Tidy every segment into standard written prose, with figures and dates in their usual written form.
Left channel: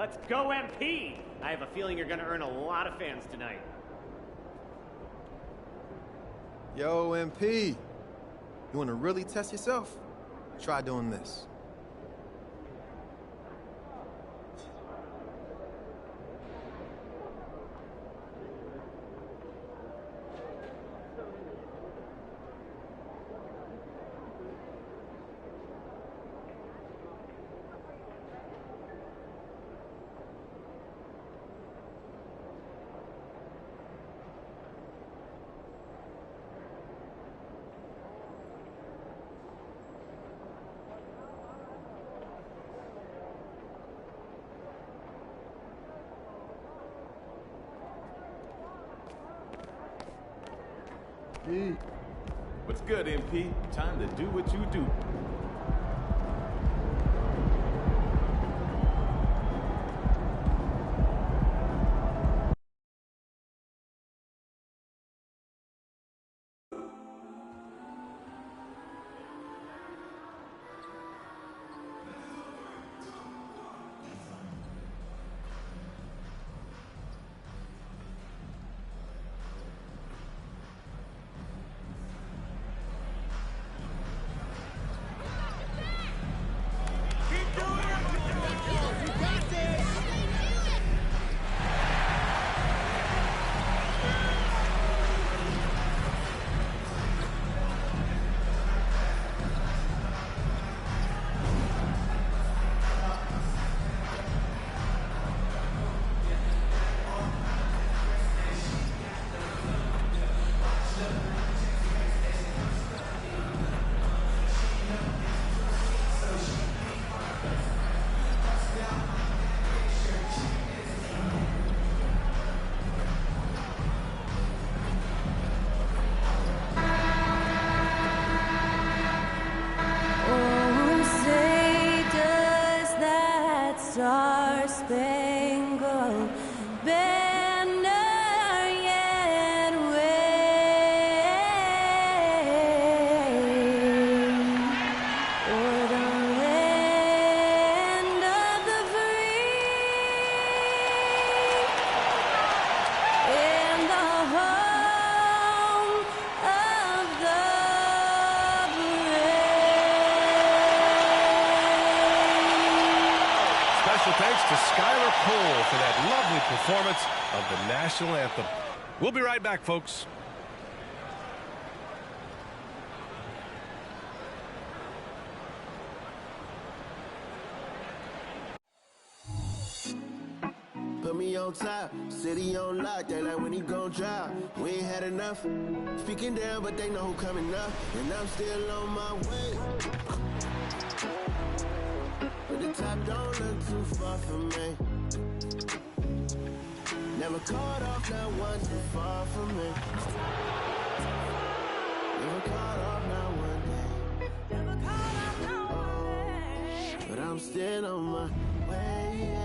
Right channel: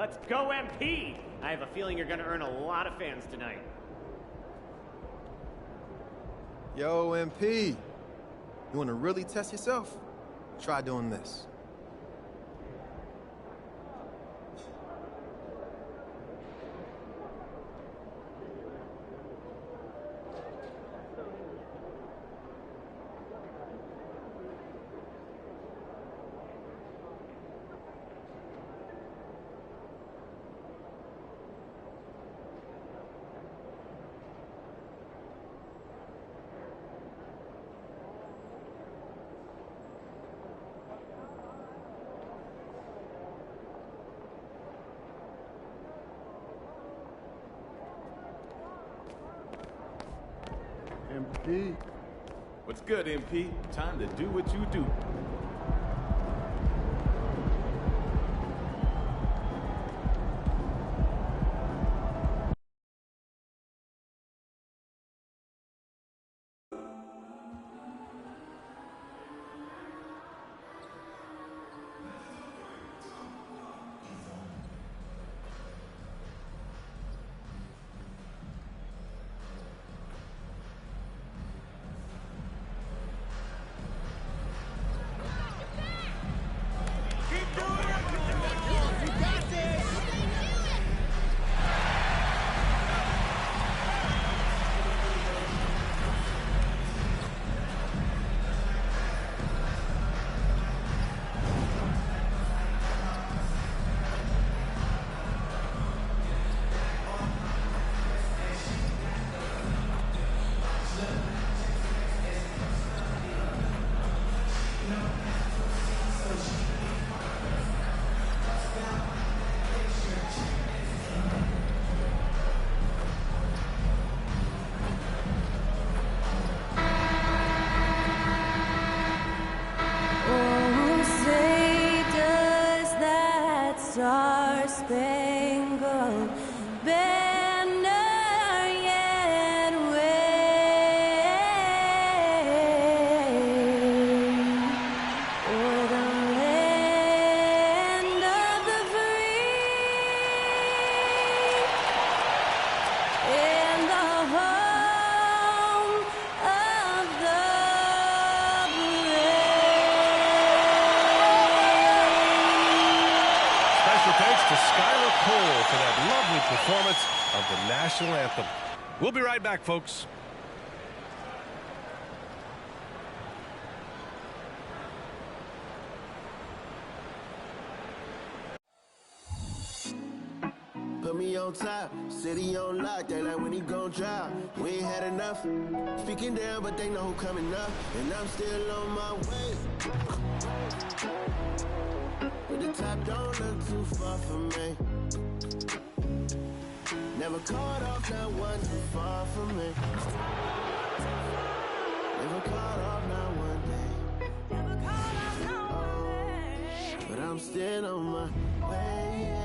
Let's go, MP! I have a feeling you're gonna earn a lot of fans tonight. Yo, MP. You want to really test yourself? Try doing this. MP. What's good, MP? Time to do what you do. Star-Spangled Banner yet wave o'er the land of the free and the home of the brave. Special thanks to Skylar Cole for that lovely performance of the national anthem. We'll be right back, folks. Put me on top, city on lock, they like when he gon' drop. We ain't had enough, speaking down, but they know who coming up, and I'm still on my way. But the top don't look too far from me. Never caught off, not one too far from me. Never caught off, not one day. Never caught off, not one day. But I'm still on my way.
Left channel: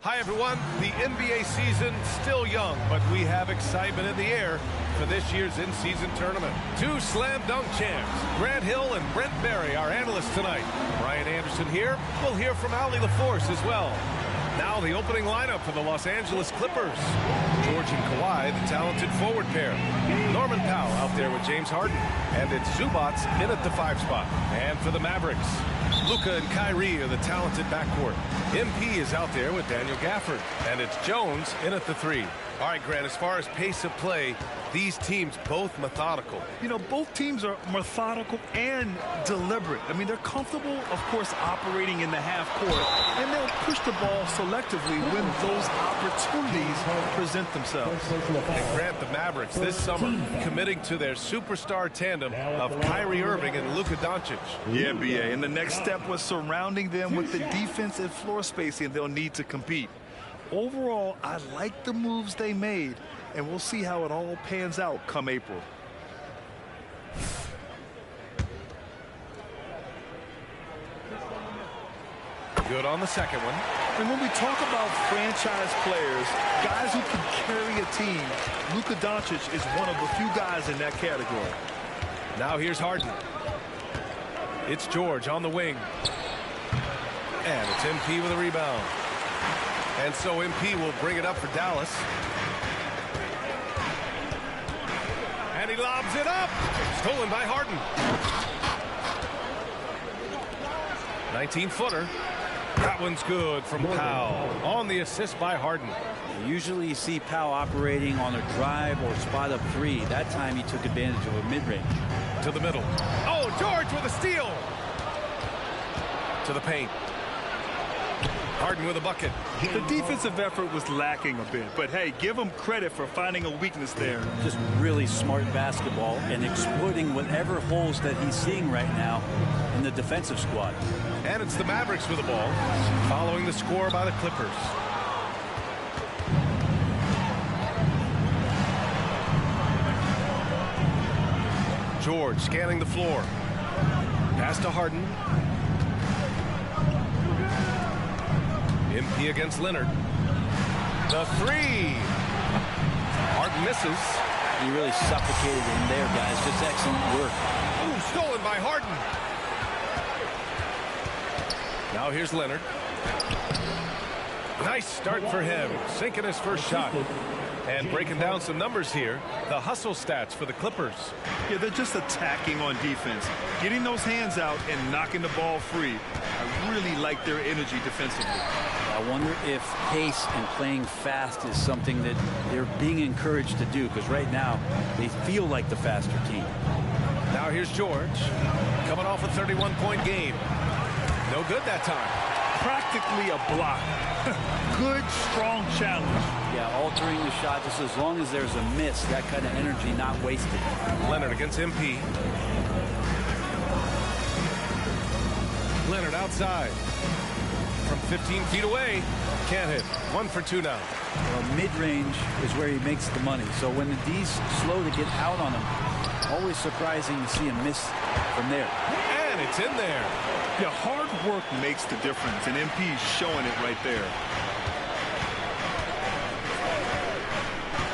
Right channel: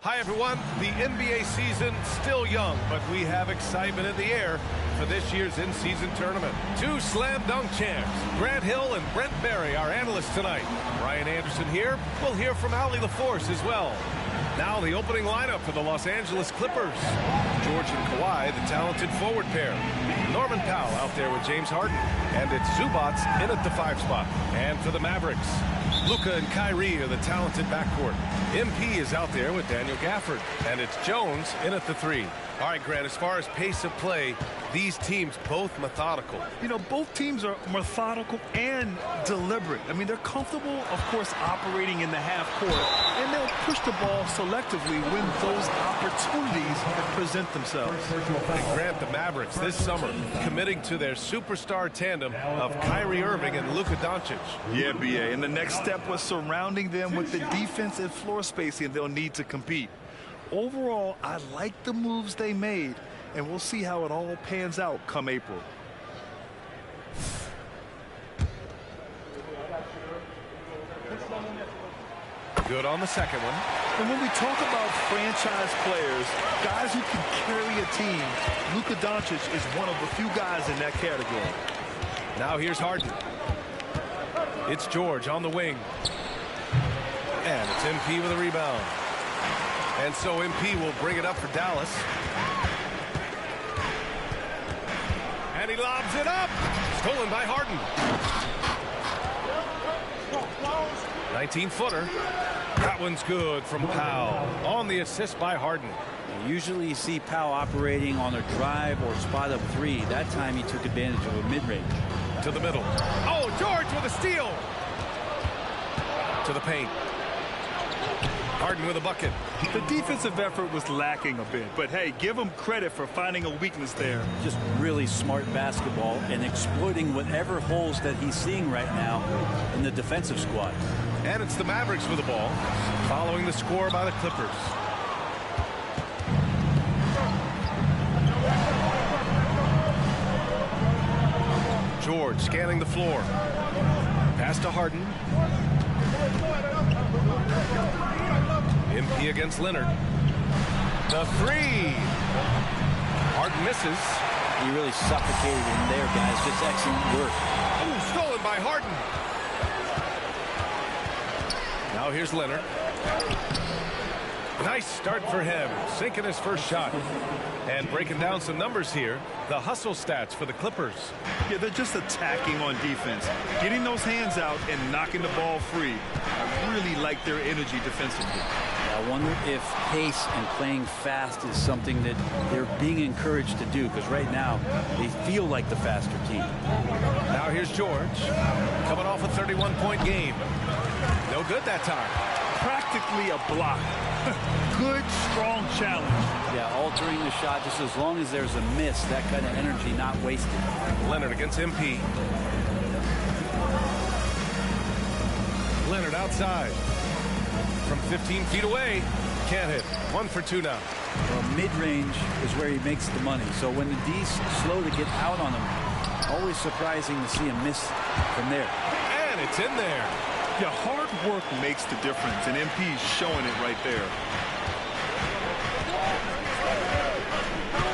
Hi, everyone. The NBA season still young, but we have excitement in the air for this year's in-season tournament. Two slam dunk champs, Grant Hill and Brent Barry, our analysts tonight. Brian Anderson here. We'll hear from Allie LaForce as well. Now the opening lineup for the Los Angeles Clippers. George and Kawhi, the talented forward pair. Norman Powell out there with James Harden. And it's Zubats in at the 5 spot. And for the Mavericks, Luka and Kyrie are the talented backcourt. MP is out there with Daniel Gafford. And it's Jones in at the 3. All right, Grant, as far as pace of play, these teams both methodical. You know, both teams are methodical and deliberate. I mean, they're comfortable, of course, operating in the half court, and they'll push the ball selectively when those opportunities present themselves. And Grant, the Mavericks this summer committing to their superstar tandem of Kyrie Irving and Luka Doncic. Yeah, B.A., and the next step was surrounding them with the defense and floor spacing they'll need to compete. Overall, I like the moves they made, and we'll see how it all pans out come April. Good on the second one. And when we talk about franchise players, guys who can carry a team, Luka Doncic is one of the few guys in that category. Now here's Harden. It's George on the wing. And it's MP with a rebound. And so MP will bring it up for Dallas. And he lobs it up. Stolen by Harden. 19-footer. That one's good from Powell. On the assist by Harden. Usually you see Powell operating on a drive or spot up three. That time he took advantage of a mid-range. To the middle. Oh, George with a steal. To the paint. Harden with a bucket. The defensive effort was lacking a bit, but hey, give him credit for finding a weakness there. Just really smart basketball and exploiting whatever holes that he's seeing right now in the defensive squad. And it's the Mavericks with the ball, following the score by the Clippers. George scanning the floor. Pass to Harden. MP against Leonard. The three. Harden misses. He really suffocated in there, guys. Just excellent work. Oh, stolen by Harden. Now here's Leonard. Nice start for him. Sinking his first shot. And breaking down some numbers here. The hustle stats for the Clippers. Yeah, they're just attacking on defense. Getting those hands out and knocking the ball free. I really like their energy defensively. I wonder if pace and playing fast is something that they're being encouraged to do, because right now they feel like the faster team. Now here's George, coming off a 31-point game. No good that time. Practically a block. Good, strong challenge. Yeah, altering the shot just as long as there's a miss, that kind of energy not wasted. Leonard against MP. Leonard outside. From 15 feet away. Can't hit. 1 for 2 now. Well, mid-range is where he makes the money. So when the D's slow to get out on him, always surprising to see him miss from there. And it's in there. Yeah, hard work makes the difference, and MP's showing it right there.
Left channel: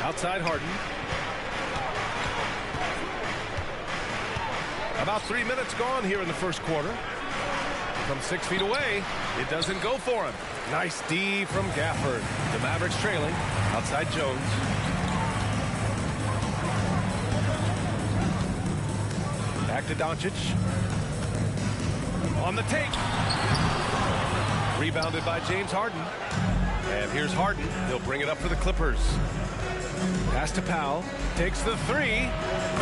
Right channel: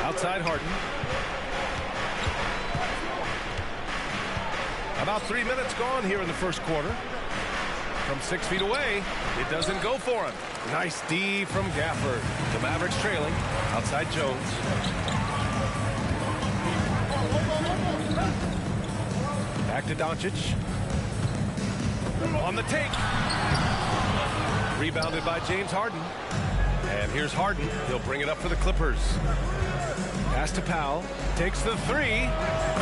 Outside Harden. About 3 minutes gone here in the first quarter. From 6 feet away, it doesn't go for him. Nice D from Gafford. The Mavericks trailing. Outside Jones. Back to Doncic. On the take. Rebounded by James Harden. And here's Harden. He'll bring it up for the Clippers. Pass to Powell. Takes the three.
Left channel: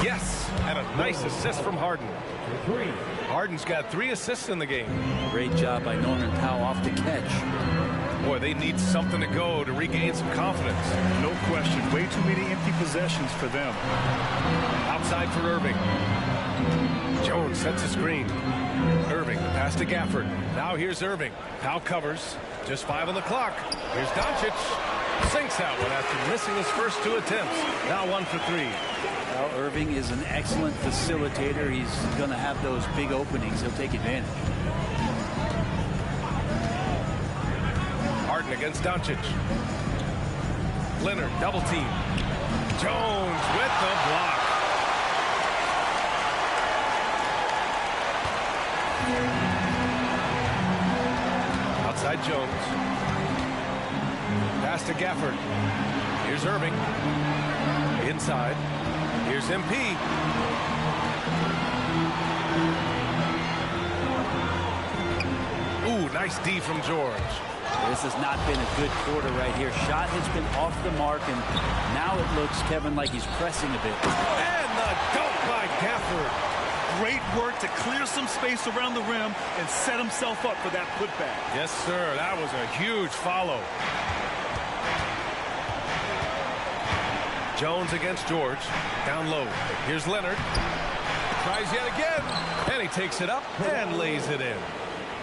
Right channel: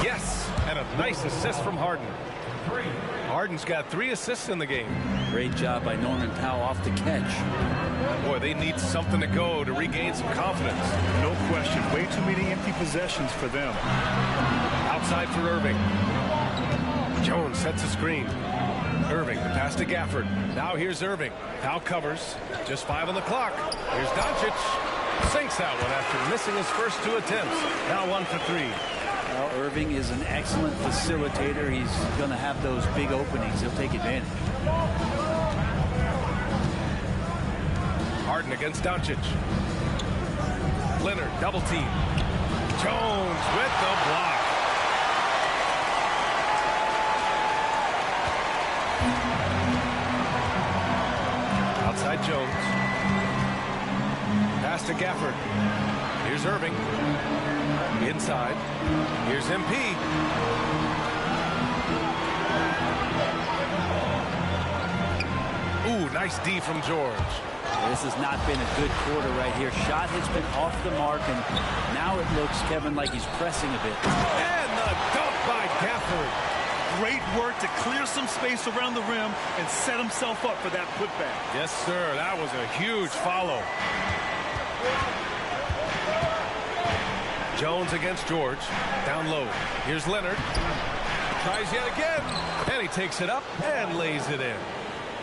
Yes. And a nice assist from Harden. Harden's got 3 assists in the game. Great job by Norman Powell off the catch. Boy, they need something to go to regain some confidence. No question. Way too many empty possessions for them. Outside for Irving. Jones sets a screen. Irving, the pass to Gafford. Now here's Irving. Powell covers. Just 5 on the clock. Here's Doncic. Sinks that one after missing his first 2 attempts. Now 1 for 3. Well, Irving is an excellent facilitator. He's going to have those big openings. He'll take advantage. Harden against Doncic. Leonard, double team. Jones with the block. Outside Jones. Pass to Gafford. Here's Irving. Inside. Here's MP. Ooh, nice D from George. This has not been a good quarter right here. Shot has been off the mark, and now it looks, Kevin, like he's pressing a bit. And the dunk by Gafford. Great work to clear some space around the rim and set himself up for that putback. Yes, sir. That was a huge follow. Jones against George. Down low. Here's Leonard. Tries yet again. And he takes it up and lays it in.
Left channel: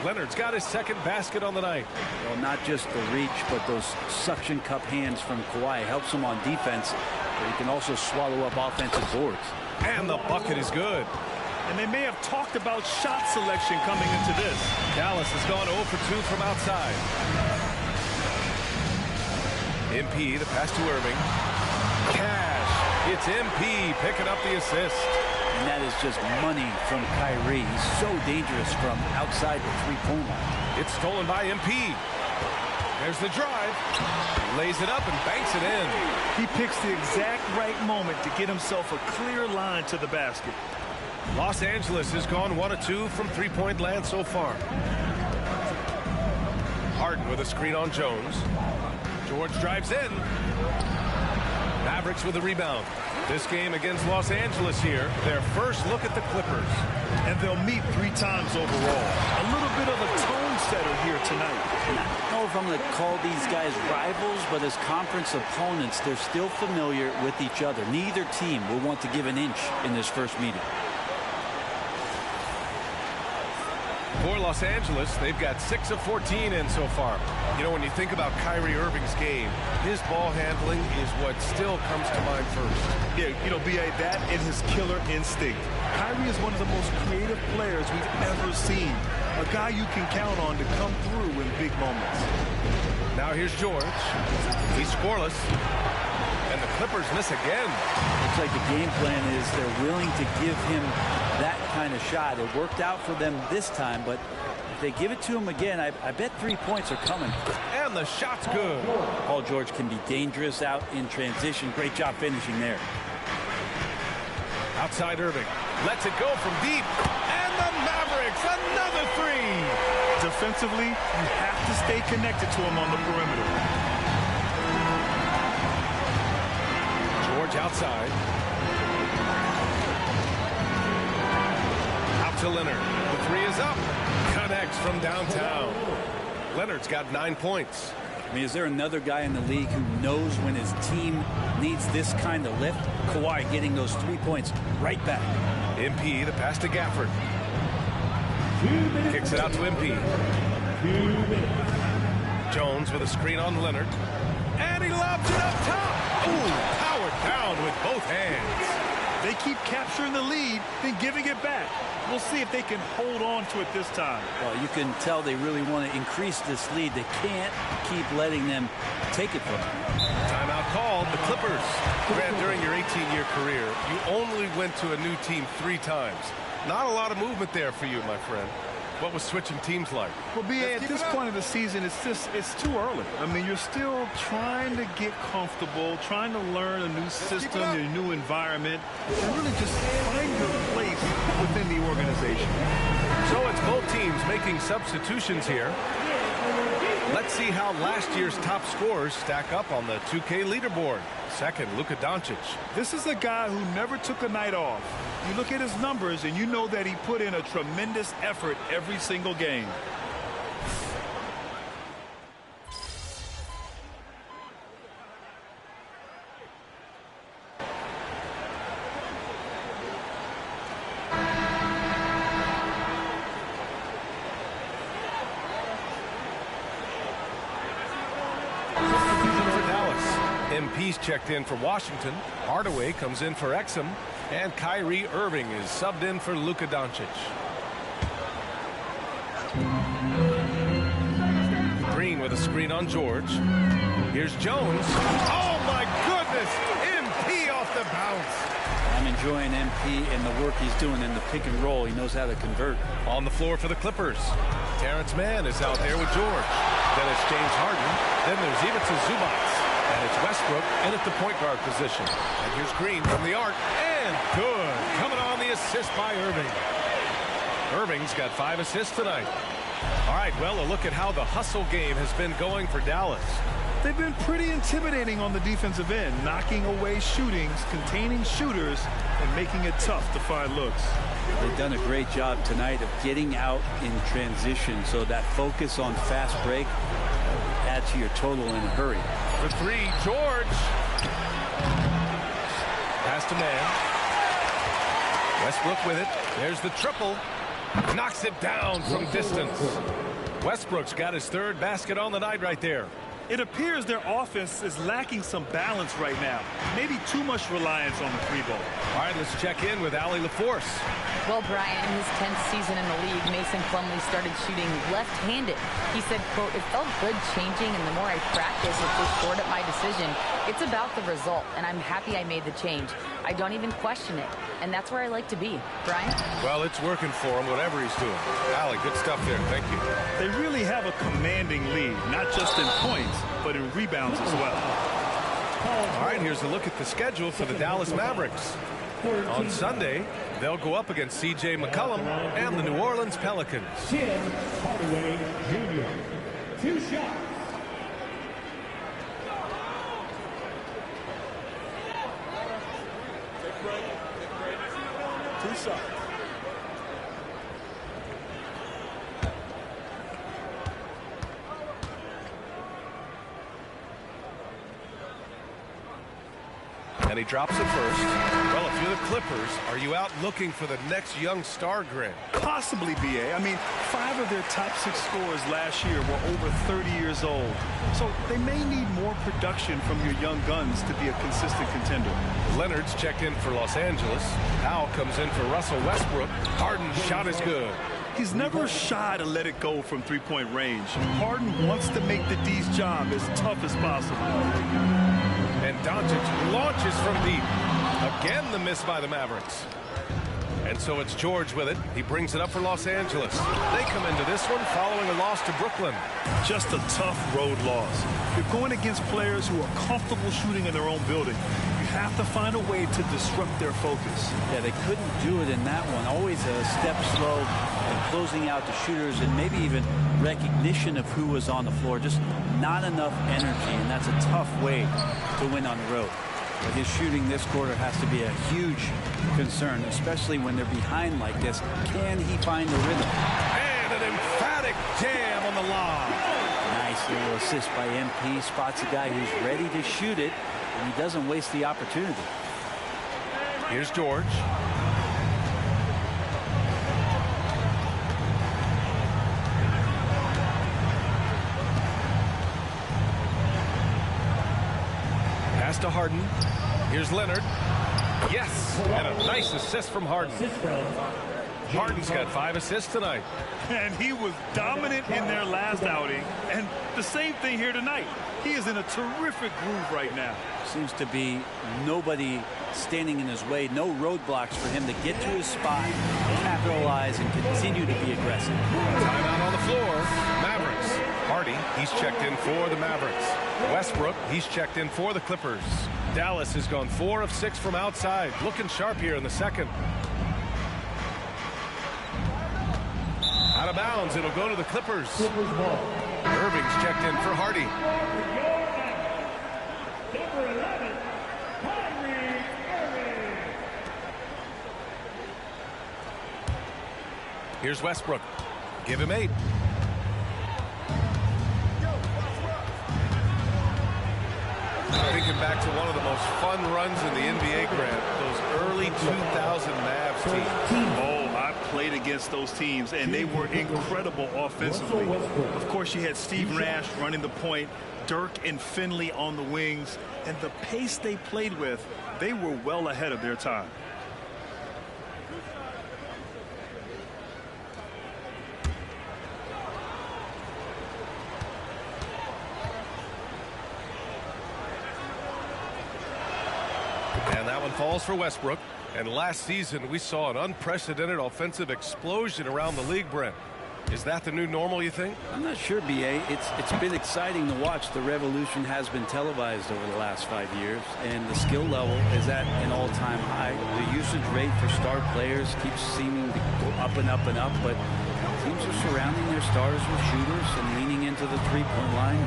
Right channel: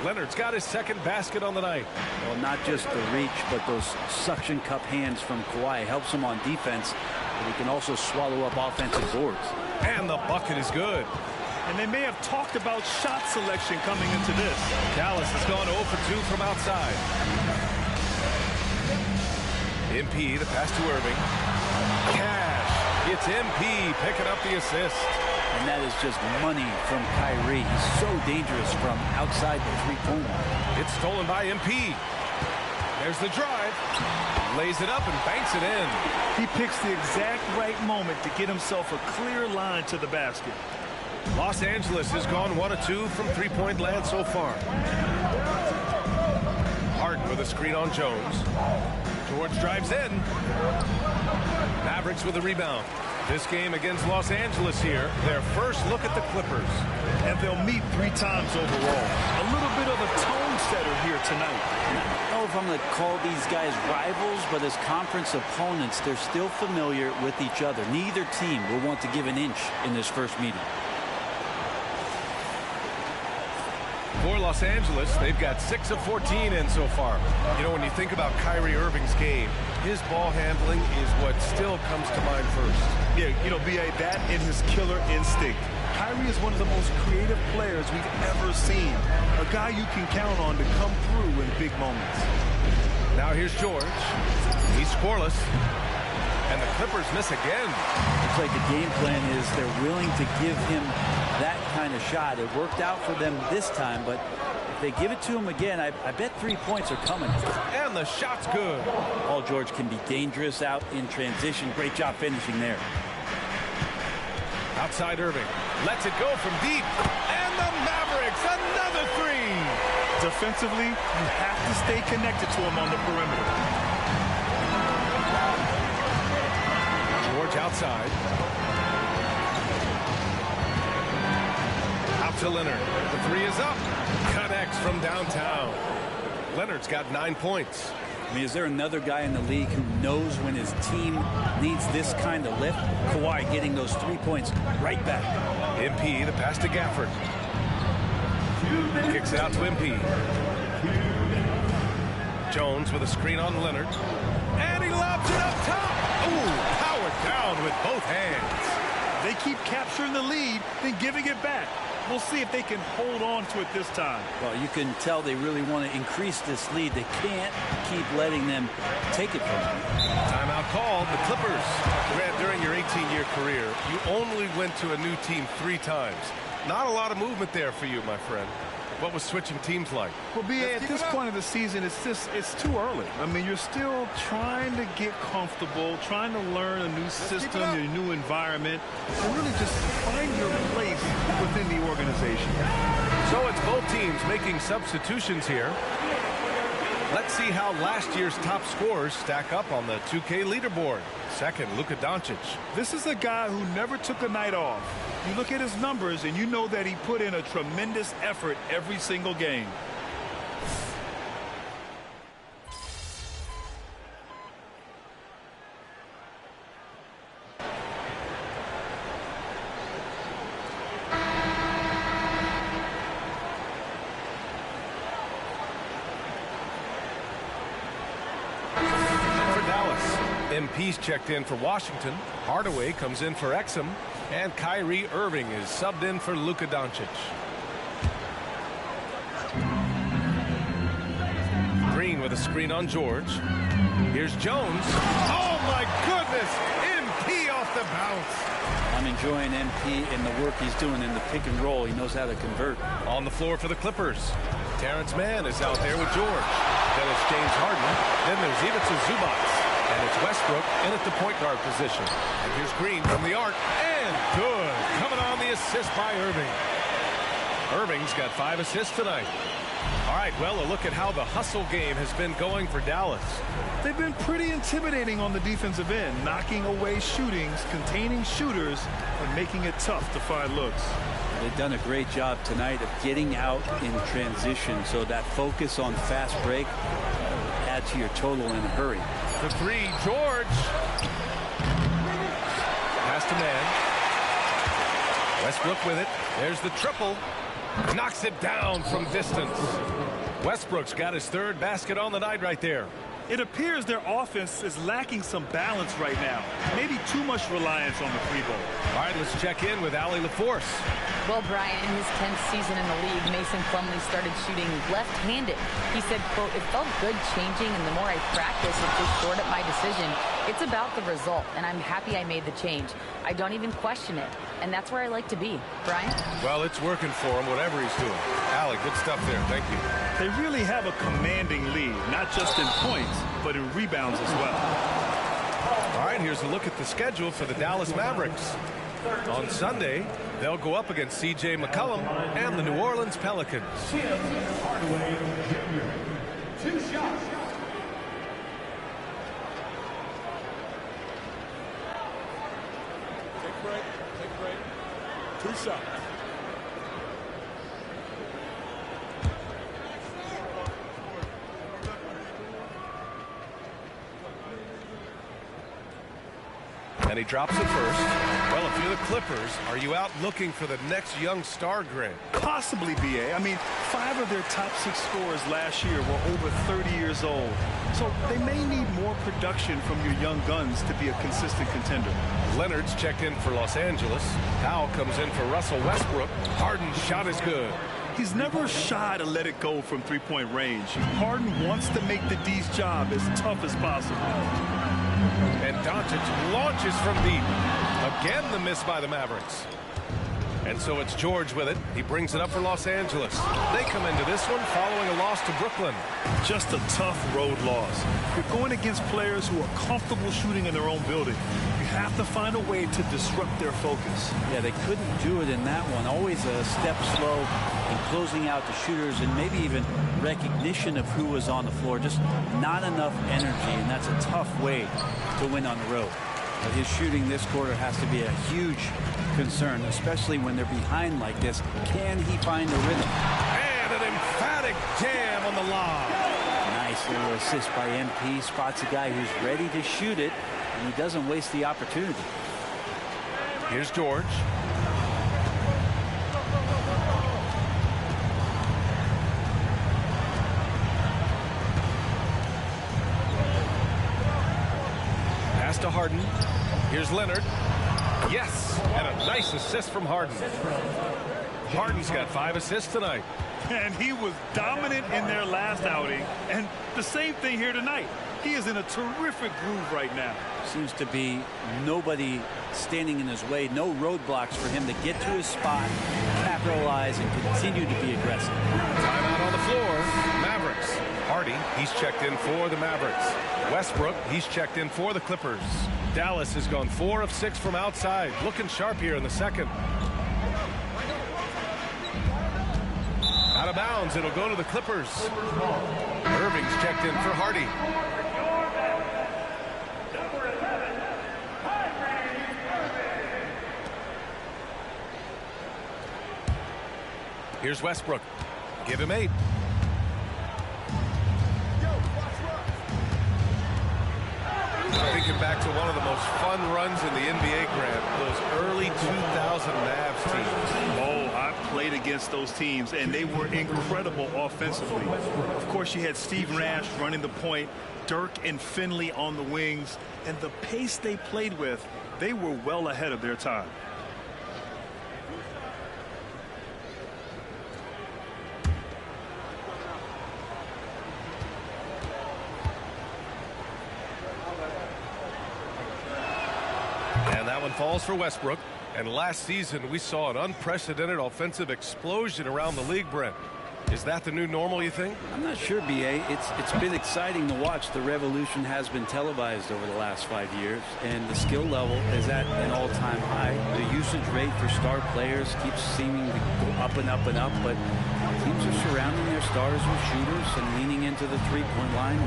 Leonard's got his second basket on the night. Well, not just the reach, but those suction cup hands from Kawhi helps him on defense, but he can also swallow up offensive boards. And the bucket is good. And they may have talked about shot selection coming into this. Dallas has gone 0 for 2 from outside. MP, the pass to Irving. Cash. It's MP picking up the assist. And that is just money from Kyrie. He's so dangerous from outside the three-point line. It's stolen by MP. There's the drive. Lays it up and banks it in. He picks the exact right moment to get himself a clear line to the basket. Los Angeles has gone 1 of 2 from three-point land so far. Harden with a screen on Jones. George drives in. Mavericks with a rebound. This game against Los Angeles here, their first look at the Clippers. And they'll meet 3 times overall. A little bit of a tone setter here tonight. And I don't know if I'm going to call these guys rivals, but as conference opponents, they're still familiar with each other. Neither team will want to give an inch in this first meeting. For Los Angeles, they've got 6 of 14 in so far. You know, when you think about Kyrie Irving's game, his ball handling is what still comes to mind first. Yeah, you know, B.A., that and his killer instinct. Kyrie is one of the most creative players we've ever seen. A guy you can count on to come through in big moments. Now here's George. He's scoreless. And the Clippers miss again. Looks like the game plan is they're willing to give him that kind of shot. It worked out for them this time, but if they give it to him again, I bet 3 points are coming. And the shot's good. Paul George can be dangerous out in transition. Great job finishing there. Outside Irving. Lets it go from deep. And the Mavericks, another 3. Defensively, you have to stay connected to him on the perimeter. George outside. Out to Leonard. The 3 is up. Connects from downtown. Leonard's got 9 points. I mean, is there another guy in the league who knows when his team needs this kind of lift? Kawhi getting those 3 points right back. MP, the pass to Gafford. Kicks it out to MP. Jones with a screen on Leonard. And he lobs it up top. Ooh, powered down with both hands. They keep capturing the lead, then giving it back. We'll see if they can hold on to it this time. Well, you can tell they really want to increase this lead. They can't keep letting them take it from them. Timeout called. The Clippers. Grant, during your 18-year career, you only went to a new team 3 times. Not a lot of movement there for you, my friend. What was switching teams like? Well, B.A., at this point of the season, it's too early. I mean, you're still trying to get comfortable, trying to learn a new system, a new environment, and really just find your place within the organization. So it's both teams making substitutions here. Let's see how last year's top scorers stack up on the 2K leaderboard. Second, Luka Doncic. This is a guy who never took a night off. You look at his numbers and you know that he put in a tremendous effort every single game. For Dallas, MP's checked in for Washington. Hardaway comes in for Exum. And Kyrie Irving is subbed in for Luka Doncic. Green with a screen on George. Here's Jones. Oh, my goodness! MP off the bounce. I'm enjoying MP and the work he's doing in the pick and roll. He knows how to convert. On the floor for the Clippers. Terrence Mann is out there with George. Then it's James Harden. Then there's Ivica Zubac. And it's Westbrook in at the point guard position. And here's Green from the arc. And good. Coming on the assist by Irving. Irving's got 5 assists tonight. All right, well, a look at how the hustle game has been going for Dallas. They've been pretty intimidating on the defensive end, knocking away shootings, containing shooters, and making it tough to find looks. They've done a great job tonight of getting out in transition, so that focus on fast break add to your total in a hurry. For 3, George. Pass to Mann. Westbrook with it. There's the triple. Knocks it down from distance. Westbrook's got his 3rd basket on the night right there. It appears their offense is lacking some balance right now. Maybe too much reliance on the 3-ball. All right, let's check in with Allie LaForce. Well, Brian, in his 10th season in the league, Mason Plumlee started shooting left-handed. He said, quote, "It felt good changing, and the more I practice, it just shored up my decision. It's about the result, and I'm happy I made the change. I don't even question it, and that's where I like to be. Brian? Well, it's working for him, whatever he's doing. Allie, good stuff there. Thank you. They really have a commanding lead, not just in points, but in rebounds as well. All right, here's a look at the schedule for the Dallas Mavericks. On Sunday, they'll go up against C.J. McCollum and the New Orleans Pelicans. Hardaway Jr. 2 shots. Take a break. Take a break. 2 shots. And he drops it first. Well, if you're the Clippers, are you out looking for the next young star, Grant? Possibly, B.A. I mean, 5 of their top 6 scorers last year were over 30 years old. So they may need more production from your young guns to be a consistent contender. Leonard's checked in for Los Angeles. Powell comes in for Russell Westbrook. Harden's shot is good. He's never shy to let it go from three-point range. Harden wants to make the D's job as tough as possible. And Doncic launches from deep. Again, the miss by the Mavericks. And so it's George with it. He brings it up for Los Angeles. They come into this one following a loss to Brooklyn. Just a tough road loss. You're going against players who are comfortable shooting in their own building. You have to find a way to disrupt their focus. Yeah, they couldn't do it in that one. Always a step slow and closing out the shooters, and maybe even recognition of who was on the floor. Just not enough energy, and that's a tough way to win on the road. But his shooting this quarter has to be a huge concern, especially when they're behind like this. Can he find the rhythm? And an emphatic jam on the lob. Nice little assist by MP. Spots a guy who's ready to shoot it, and he doesn't waste the opportunity. Here's George. Pass to Harden. Here's Leonard. Yes, and a nice assist from Harden. Harden's got 5 assists tonight. And he was dominant in their last outing, and the same thing here tonight. He is in a terrific groove right now. Seems to be nobody standing in his way, no roadblocks for him to get to his spot, capitalize, and continue to be aggressive. Timeout on the floor. Mavericks. Hardy, he's checked in for the Mavericks. Westbrook, he's checked in for the Clippers. Dallas has gone 4 of 6 from outside. Looking sharp here in the second. Out of bounds, it'll go to the Clippers. Irving's checked in for Hardy. Here's Westbrook. Give him 8. Thinking back to one of the most fun runs in the NBA, Grant, those early 2000 Mavs teams. Oh, I played against those teams, and they were incredible offensively. Of course, you had Steve Nash running the point, Dirk and Finley on the wings, and the pace they played with, they were well ahead of their time. And that one falls for Westbrook. And last season, we saw an unprecedented offensive explosion around the league, Brent. Is that the new normal, you think? I'm not sure, B.A. It's been exciting to watch. The revolution has been televised over the last 5 years, and the skill level is at an all-time high. The usage rate for star players keeps seeming to go up and up and up, but teams are surrounding their stars with shooters and leaning into the three-point line.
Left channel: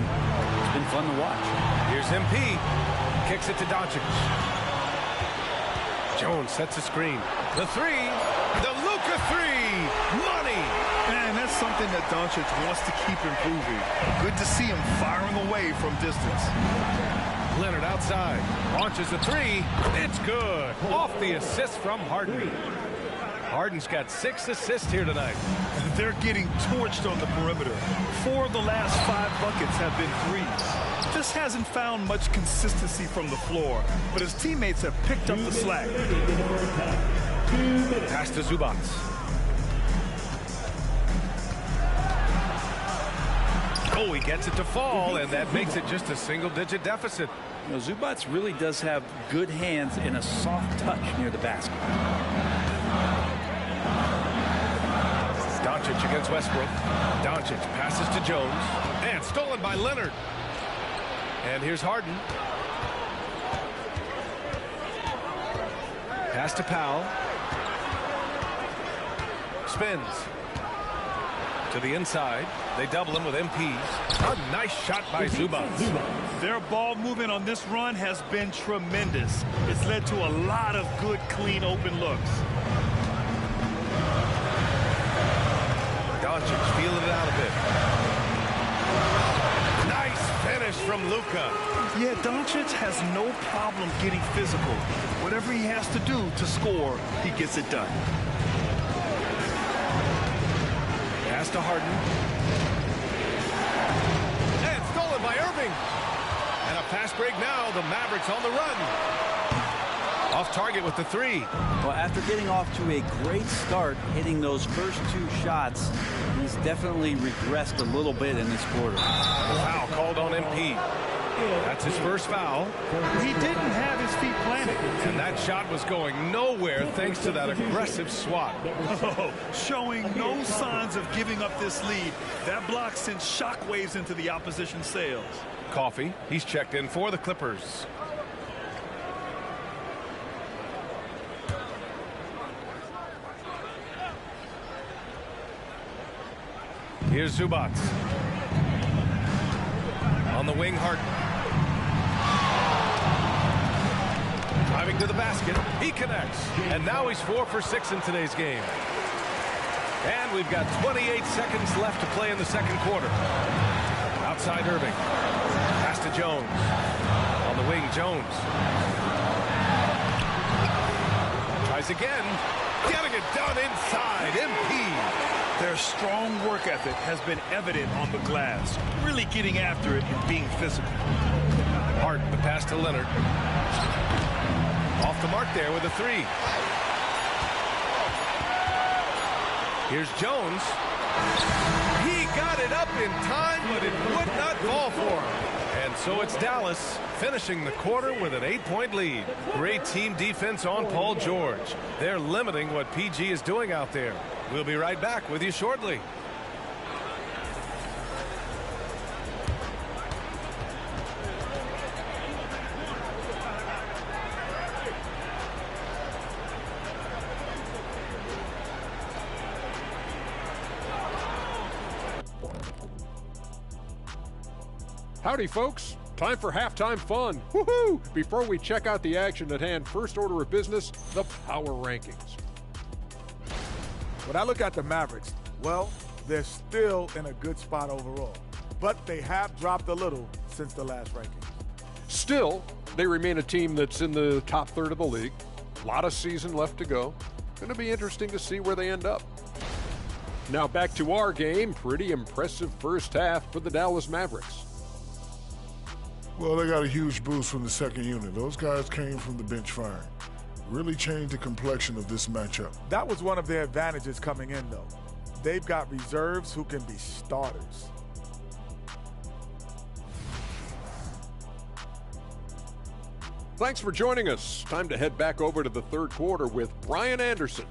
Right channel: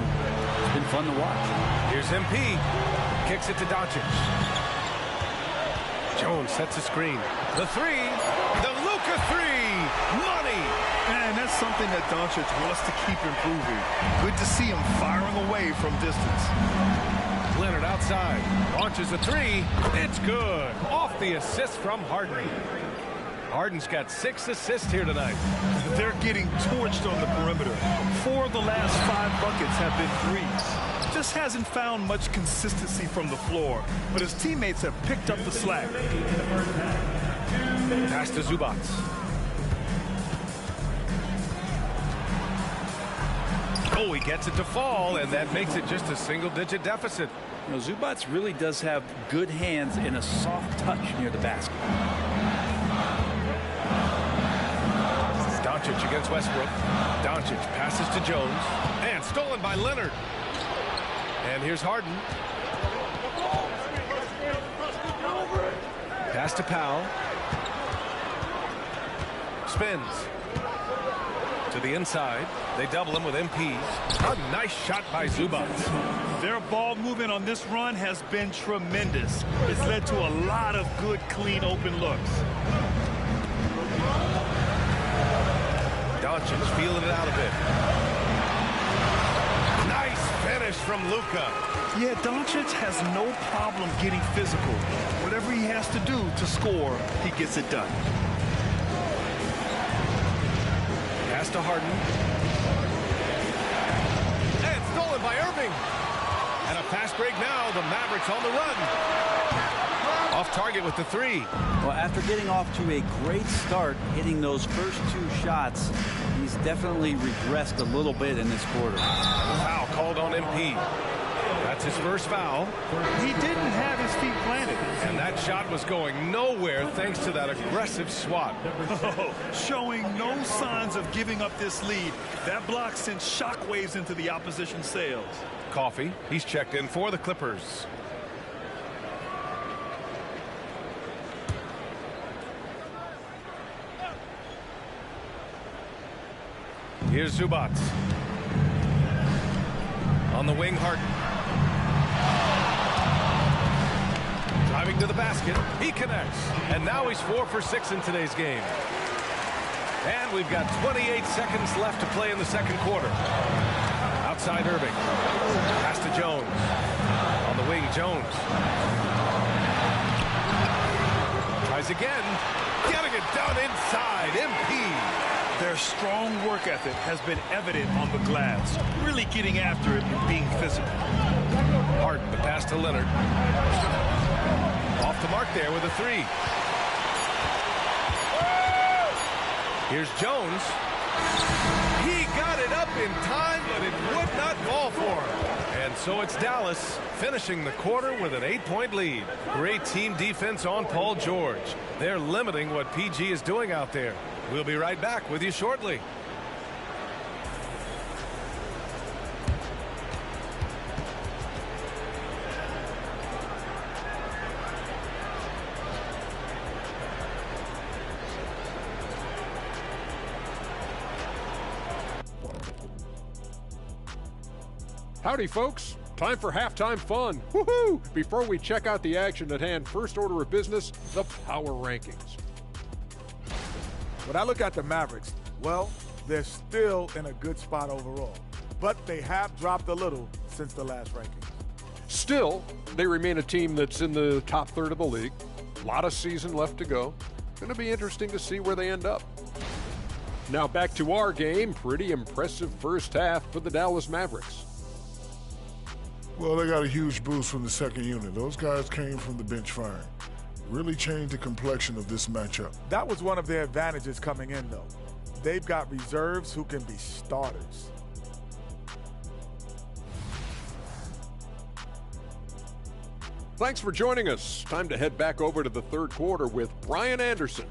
It's been fun to watch. Here's MP. Kicks it to Doncic. Jones sets a screen. The 3. The Luka 3. Money. And that's something that Doncic wants to keep improving. Good to see him firing away from distance. Leonard outside. Launches a 3. It's good. Off the assist from Harden. Harden's got 6 assists here tonight. They're getting torched on the perimeter. 4 of the last 5 buckets have been threes. Just hasn't found much consistency from the floor, but his teammates have picked up the slack. Pass to Zubac. Oh, he gets it to fall, and that makes it just a single-digit deficit. You know, Zubac really does have good hands and a soft touch near the basket. Doncic against Westbrook. Doncic passes to Jones. And stolen by Leonard. And here's Harden. Pass to Powell. Spins. To the inside. They double him with MP. A nice shot by Zubac. Their ball movement on this run has been tremendous. It's led to a lot of good, clean, open looks. Doncic feeling it out a bit. Nice finish from Luka. Yeah, Doncic has no problem getting physical. Whatever he has to do to score, he gets it done. Pass to Harden. And stolen by Irving. And a fast break now. The Mavericks on the run. Off target with the three. Well, after getting off to a great start, hitting those first two shots, he's definitely regressed a little bit in this quarter. And the foul called on MP. That's his first foul. He didn't have his feet planted. And that shot was going nowhere thanks to that aggressive swat. Showing no signs of giving up this lead. That block sent shockwaves into the opposition sails. Coffee, he's checked in for the Clippers. Here's Zubac. On the wing, Harden. Driving to the basket. He connects. And now he's 4 for 6 in today's game. And we've got 28 seconds left to play in the second quarter. Outside Irving. Pass to Jones. On the wing, Jones. Tries again. Getting it done inside. MP. Their strong work ethic has been evident on the glass. Really getting after it and being physical. Harden, the pass to Leonard. Off the mark there with a three. Here's Jones. He got it up in time, but it would not fall for him. And so it's Dallas finishing the quarter with an 8-point lead. Great team defense on Paul George. They're limiting what PG is doing out there. We'll be right back with you shortly. Howdy, folks. Time for halftime fun. Woohoo! Before we check out the action at hand, first order of business, the power rankings. When I look at the Mavericks, well, they're still in a good spot overall. But they have dropped a little since the last rankings. Still, they remain a team that's in the top third of the league. A lot of season left to go. Going to be interesting to see where they end up. Now back to our game. Pretty impressive first half for the Dallas Mavericks. Well, they got a huge boost from the second unit. Those guys came from the bench firing. Really changed the complexion of this matchup. That was one of their advantages coming in, though. They've got reserves who can be starters. Thanks for joining us. Time to head back over to the third quarter with Brian Anderson.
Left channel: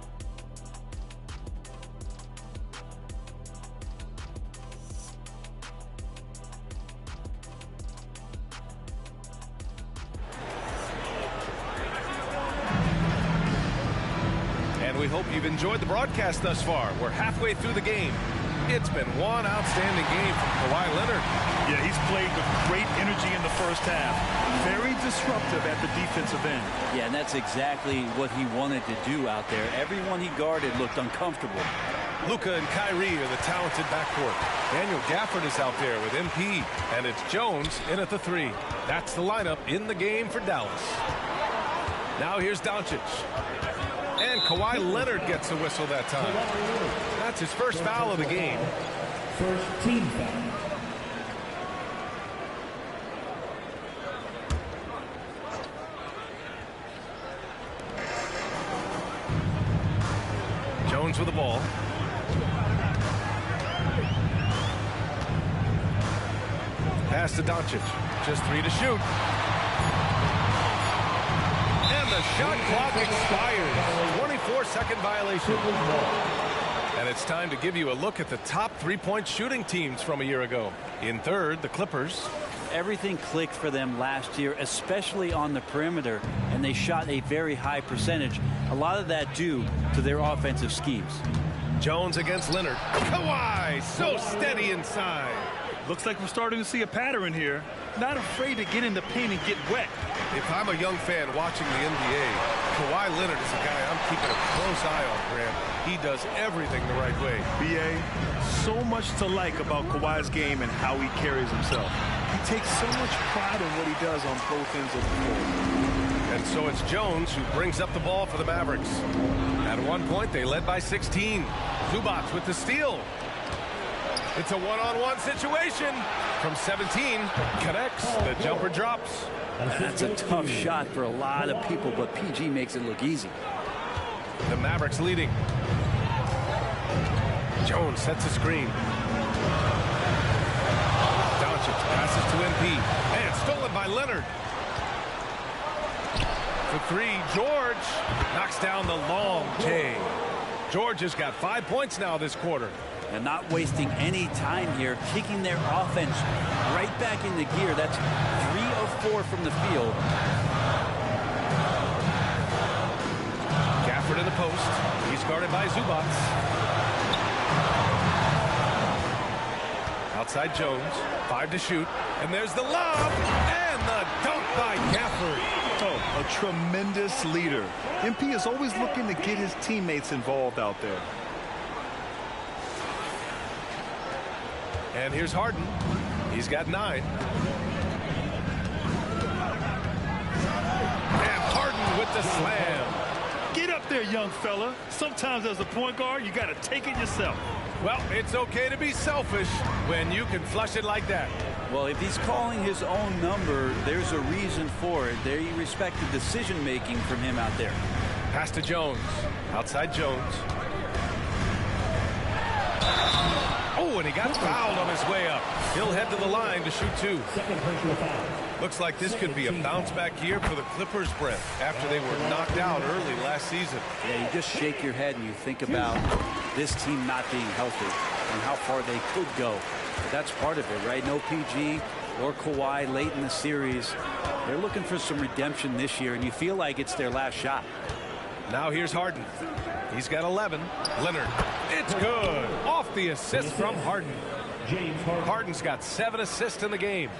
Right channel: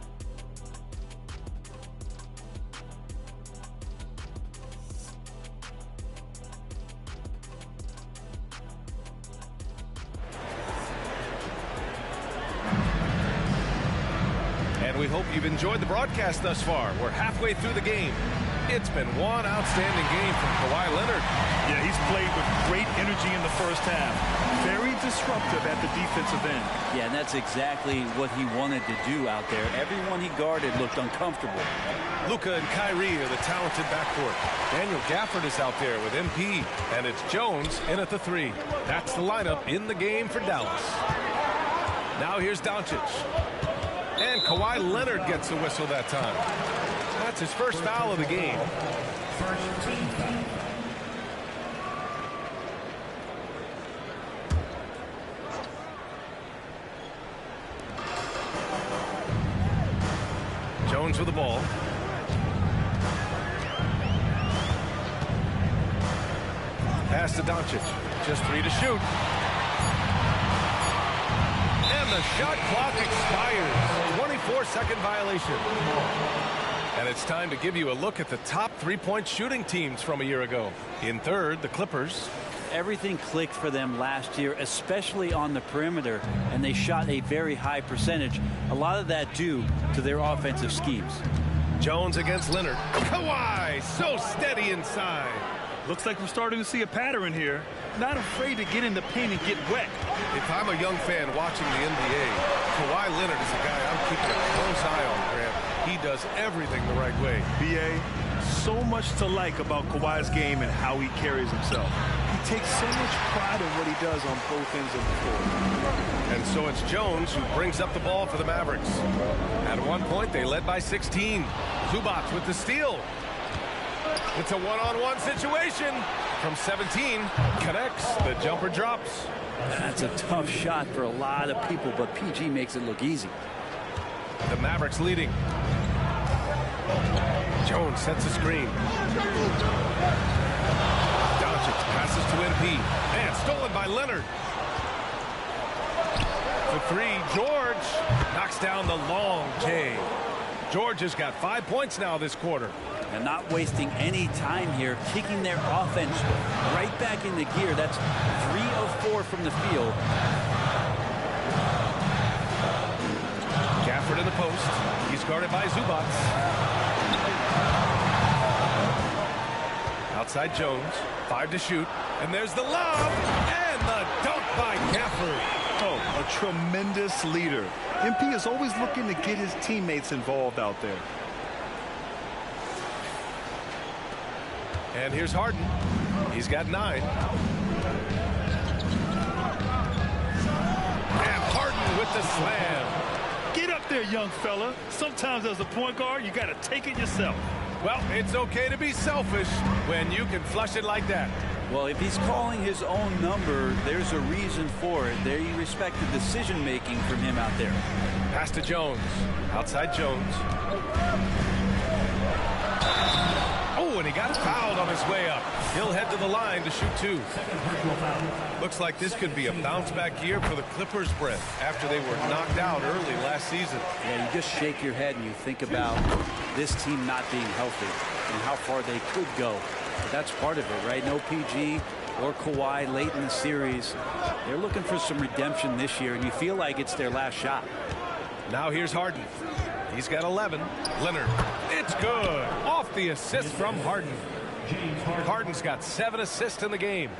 And we hope you've enjoyed the broadcast thus far. We're halfway through the game. It's been one outstanding game from Kawhi Leonard. Yeah, he's played with great energy in the first half. Very disruptive at the defensive end. Yeah, and that's exactly what he wanted to do out there. Everyone he guarded looked uncomfortable. Luka and Kyrie are the talented backcourt. Daniel Gafford is out there with MP. And it's Jones in at the three. That's the lineup in the game for Dallas. Now here's Doncic. And Kawhi Leonard gets a whistle that time. That's his first foul of the game. First team foul. Jones with the ball. Pass to Doncic. Just three to shoot. And the shot clock expires. 24-second violation. And it's time to give you a look at the top three-point shooting teams from a year ago. In third, the Clippers. Everything clicked for them last year, especially on the perimeter, and they shot a very high percentage. A lot of that due to their offensive schemes. Jones against Leonard. Kawhi, so steady inside. Looks like we're starting to see a pattern here. Not afraid to get in the paint and get wet. If I'm a young fan watching the NBA, Kawhi Leonard is a guy I'm keeping a close eye on, Grant. He does everything the right way. B.A., so much to like about Kawhi's game and how he carries himself. He takes so much pride in what he does on both ends of the floor. And so it's Jones who brings up the ball for the Mavericks. At one point, they led by 16. Zubac with the steal. It's a one-on-one situation. From 17, connects. The jumper drops. That's a tough shot for a lot of people, but PG makes it look easy. The Mavericks leading. Jones sets a screen. Doncic passes to MP. And stolen by Leonard. For three, George knocks down the long J. George has got 5 points now this quarter. And not wasting any time here, kicking their offense right back into gear. That's 3 of 4 from the field. Gafford in the post. He's guarded by Zubac. Outside Jones. 5 to shoot. And there's the lob. And the dunk by Gafford. Oh, a tremendous leader. MP is always looking to get his teammates involved out there. And here's Harden. He's got 9. And Harden with the slam. Get up there, young fella. Sometimes as a point guard, you got to take it yourself. Well, it's okay to be selfish when you can flush it like that. Well, if he's calling his own number, there's a reason for it. They respect the decision-making from him out there. Pass to Jones. Outside Jones. Oh, and he got fouled on his way up. He'll head to the line to shoot 2. Looks like this could be a bounce-back year for the Clippers, Brent, after they were knocked out early last season. Yeah, you just shake your head and you think about this team not being healthy and how far they could go. But that's part of it, right? No PG or Kawhi late in the series. They're looking for some redemption this year, and you feel like it's their last shot. Now here's Harden. He's got 11. Leonard. It's good. Off the assist from Harden. Harden's got 7 assists in the game.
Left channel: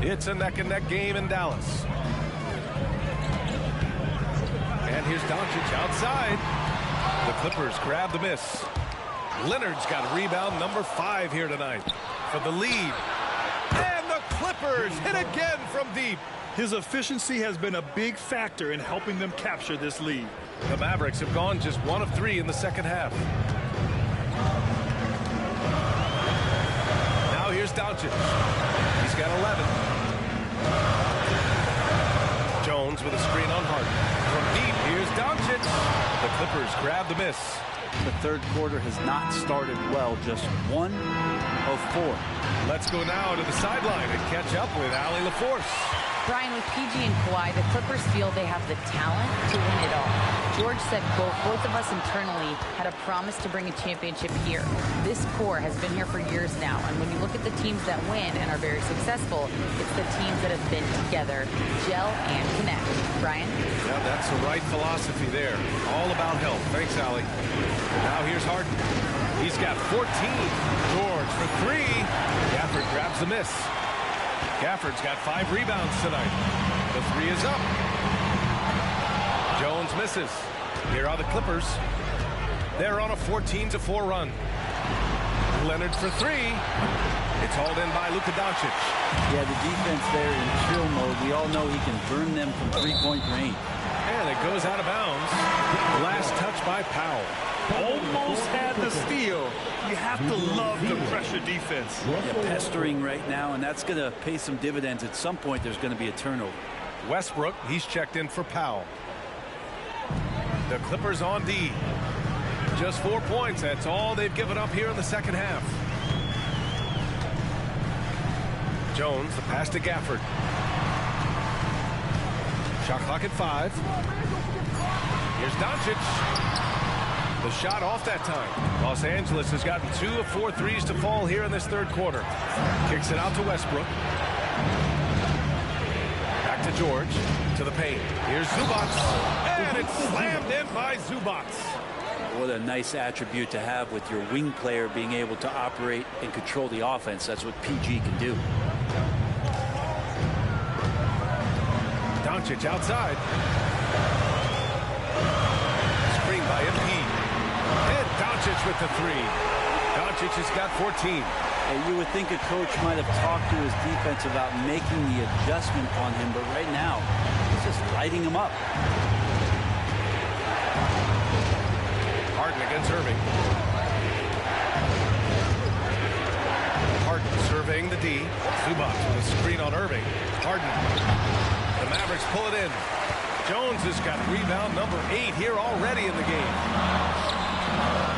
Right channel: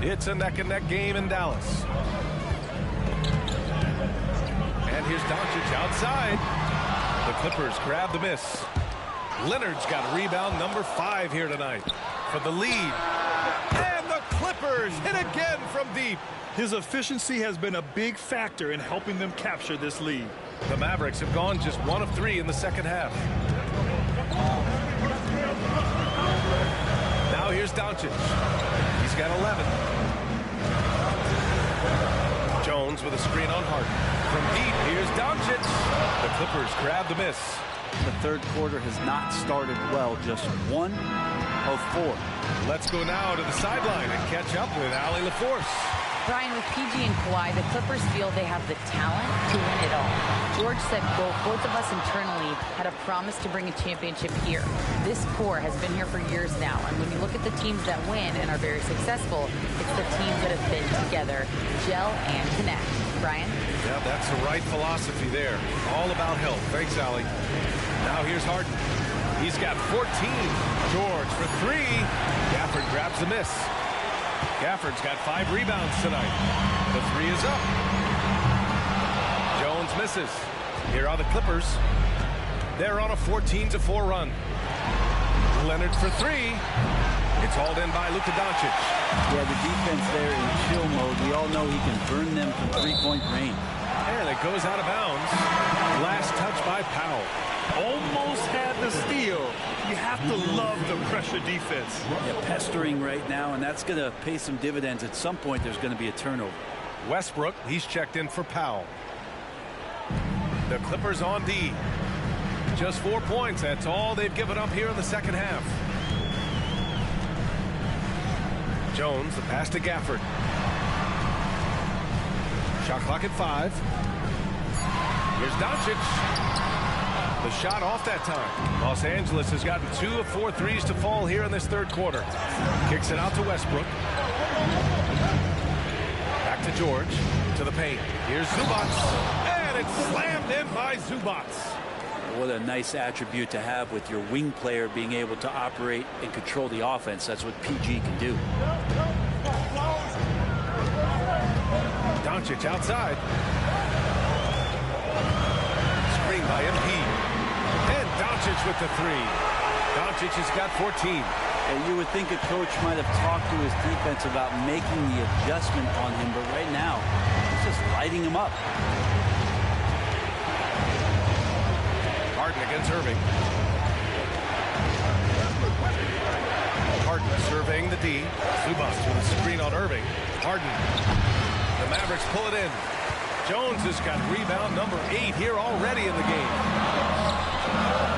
It's a neck-and-neck game in Dallas. And here's Doncic outside. The Clippers grab the miss. Leonard's got rebound number 5 here tonight for the lead. And the Clippers hit again from deep. His efficiency has been a big factor in helping them capture this lead. The Mavericks have gone just 1 of 3 in the second half. Now here's Doncic. He's got 11. Jones with a screen on Harden. From deep, here's Doncic. The Clippers grab the miss. The third quarter has not started well, just 1 of 4. Let's go now to the sideline and catch up with Allie LaForce. Brian, with PG and Kawhi, the Clippers feel they have the talent to win it all. George said, both of us internally had a promise to bring a championship here. This core has been here for years now, and when you look at the teams that win and are very successful, it's the teams that have been together, gel and connect. Brian? Yeah, that's the right philosophy there. All about health. Thanks, Allie. Now here's Harden. He's got 14. George for 3. Gafford grabs the miss. Gafford's got 5 rebounds tonight. The 3 is up. Jones misses. Here are the Clippers. They're on a 14-4 run. Leonard for 3. It's hauled in by Luka Doncic. Yeah, the defense there in chill mode. We all know he can burn them from three-point range. And it goes out of bounds. Last touch by Powell. Almost had the steal. You have to love the pressure defense. Yeah, pestering right now, and that's going to pay some dividends. At some point, there's going to be a turnover. Westbrook, he's checked in for Powell. The Clippers on D. Just 4 points. That's all they've given up here in the second half. Jones, the pass to Gafford. Shot clock at 5. Here's Doncic. The shot off that time. Los Angeles has gotten 2 of 4 threes to fall here in this third quarter. Kicks it out to Westbrook. Back to George. To the paint. Here's Zubac. And it's slammed in by Zubac. What a nice attribute to have with your wing player being able to operate and control the offense. That's what PG can do. Doncic outside. Screen by MP. And Doncic with the 3. Doncic has got 14. And you would think a coach might have talked to his defense about making the adjustment on him, but right now, he's just lighting him up. Harden against Irving. Harden surveying the D. Zubac with a screen on Irving. Harden. The Mavericks pull it in. Jones has got rebound number 8 here already in the game.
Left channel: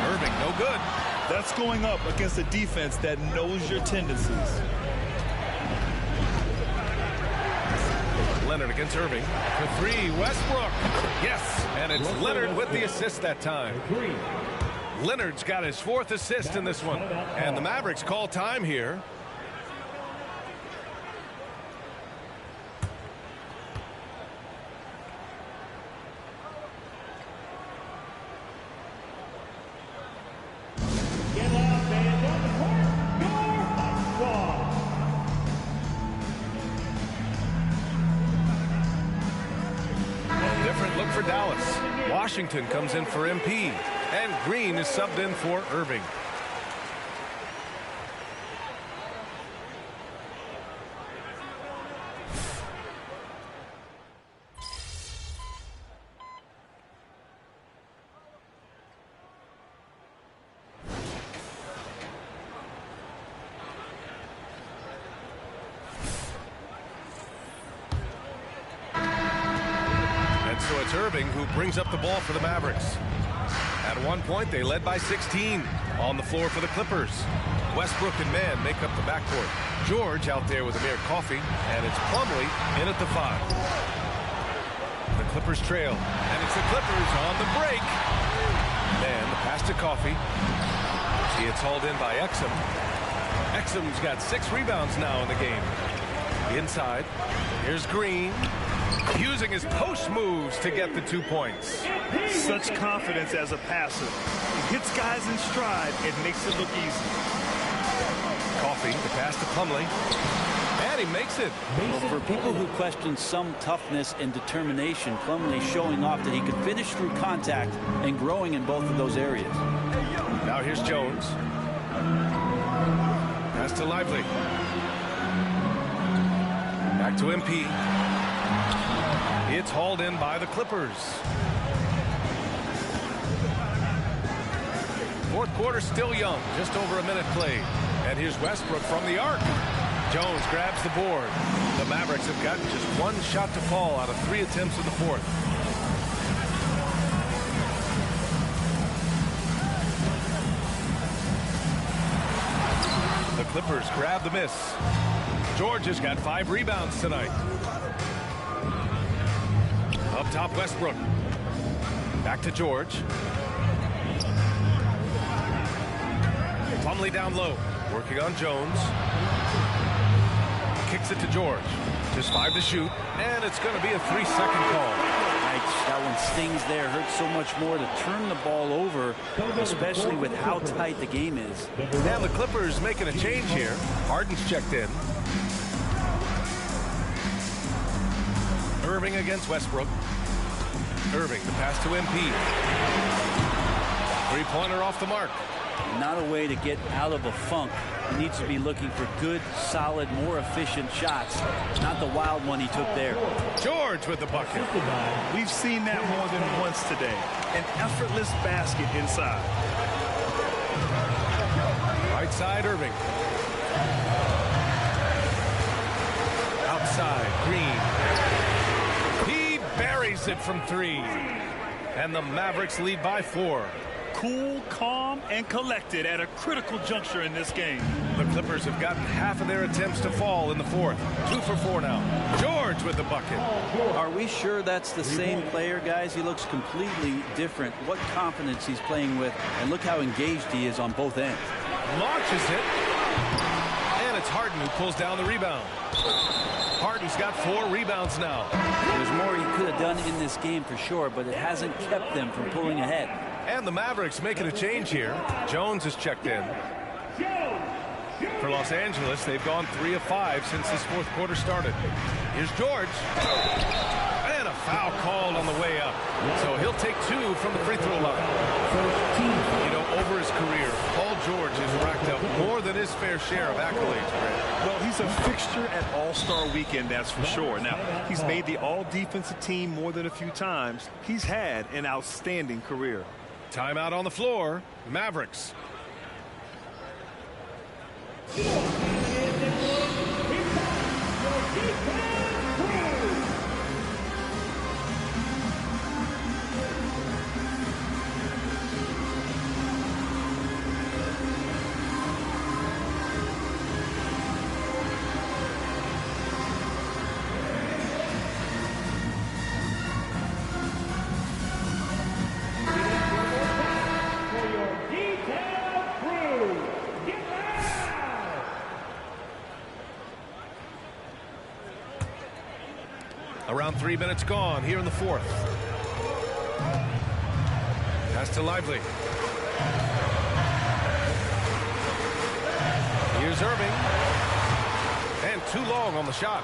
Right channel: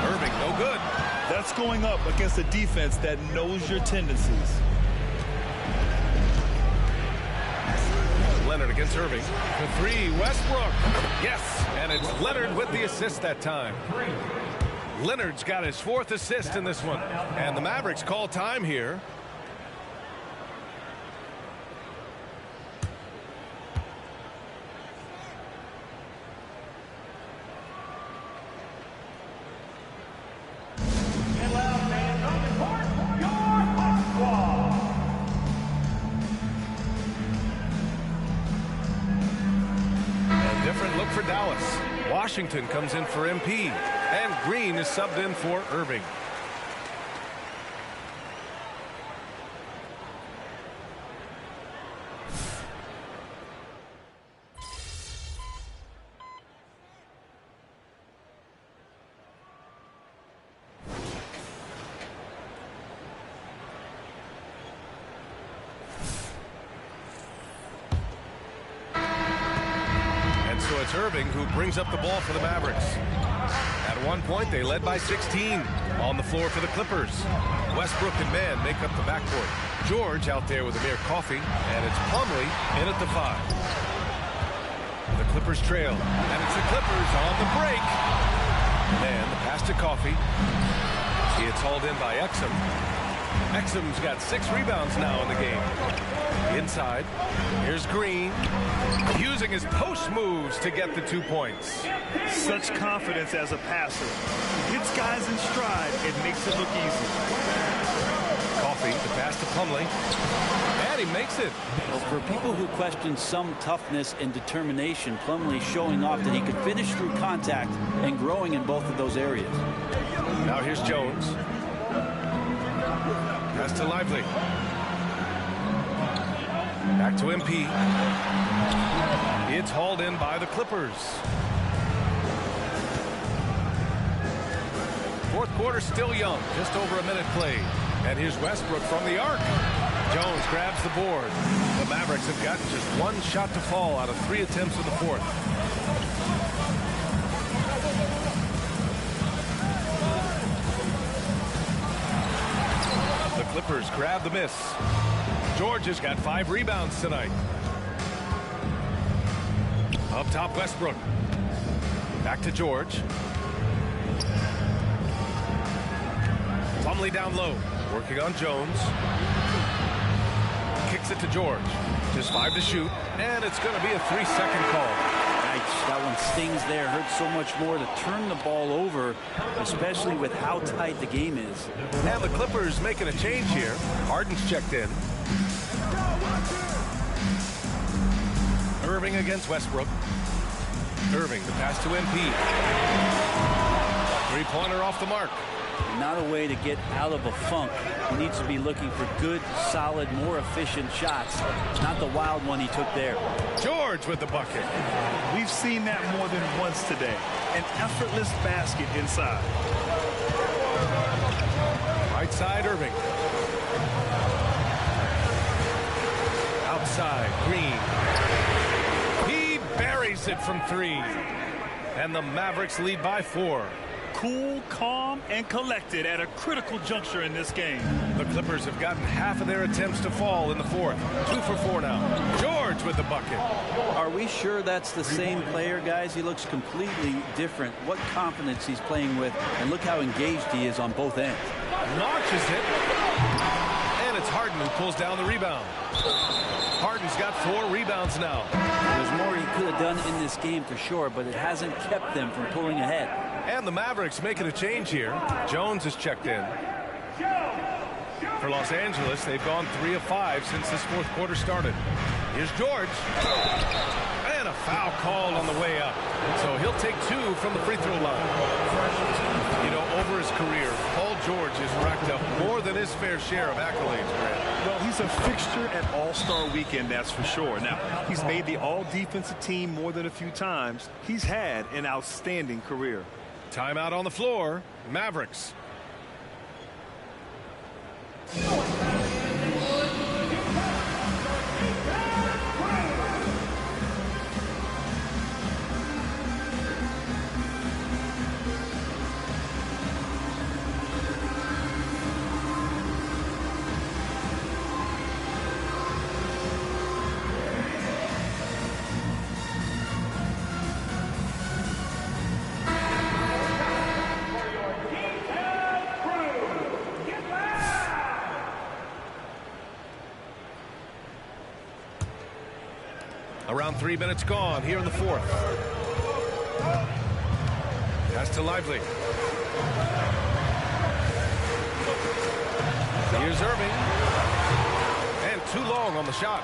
Irving, no good. That's going up against a defense that knows your tendencies. Leonard against Irving. For 3, Westbrook. Yes, and it's Leonard with the assist that time. Leonard's got his 4th assist in this one. And the Mavericks call time here. Different look for Dallas. Washington comes in for MP. And Green is subbed in for Irving. So it's Irving who brings up the ball for the Mavericks. At one point, they led by 16 on the floor for the Clippers. Westbrook and Mann make up the backcourt. George out there with Amir Coffey, and it's Plumlee in at the 5. The Clippers trail, and it's the Clippers on the break. Mann, the pass to Coffey. It's hauled in by Exum. Exum's got 6 rebounds now in the game. Inside, here's Green. Using his post moves to get the 2 points. Such confidence as a passer. He hits guys in stride and makes it look easy. Coffey, the pass to Plumlee. And he makes it. Well, for people who question some toughness and determination, Plumlee showing off that he could finish through contact and growing in both of those areas. Now here's Jones. Pass to Lively. Back to MP. It's hauled in by the Clippers. Fourth quarter still young, just over a minute played. And here's Westbrook from the arc. Jones grabs the board. The Mavericks have gotten just 1 shot to fall out of 3 attempts in the fourth. The Clippers grab the miss. George has got 5 rebounds tonight. Up top, Westbrook. Back to George. Plumlee down low. Working on Jones. Kicks it to George. Just 5 to shoot. And it's going to be a 3-second call. That one stings there. Hurts so much more to turn the ball over, especially with how tight the game is. And the Clippers making a change here. Harden's checked in. Irving against Westbrook. Irving, the pass to MP. 3-pointer off the mark. Not a way to get out of a funk. He needs to be looking for good, solid, more efficient shots. Not the wild one he took there. George with the bucket. We've seen that more than once today. An effortless basket inside. Right side, Irving. Outside, Green. He buries it from 3. And the Mavericks lead by 4. Cool, calm, and collected at a critical juncture in this game. The Clippers have gotten half of their attempts to fall in the fourth. 2 for 4 now. George with the bucket. Are we sure that's the same player, guys? He looks completely different. What confidence he's playing with, and look how engaged he is on both ends. Launches it. And it's Harden who pulls down the rebound. Harden's got 4 rebounds now. There's more he could have done in this game for sure, but it hasn't kept them from pulling ahead. And the Mavericks making a change here. Jones is checked in. For Los Angeles, they've gone 3 of 5 since this fourth quarter started. Here's George. And a foul called on the way up. So he'll take 2 from the free throw line. You know, over his career, Paul George has racked up more than his fair share of accolades, Grant. Well, he's a fixture at All-Star Weekend, that's for sure. Now, he's made the all-defensive team more than a few times. He's had an outstanding career. Timeout on the floor. Mavericks. Around 3 minutes gone here in the fourth. Pass to Lively. Here's Irving. And too long on the shot.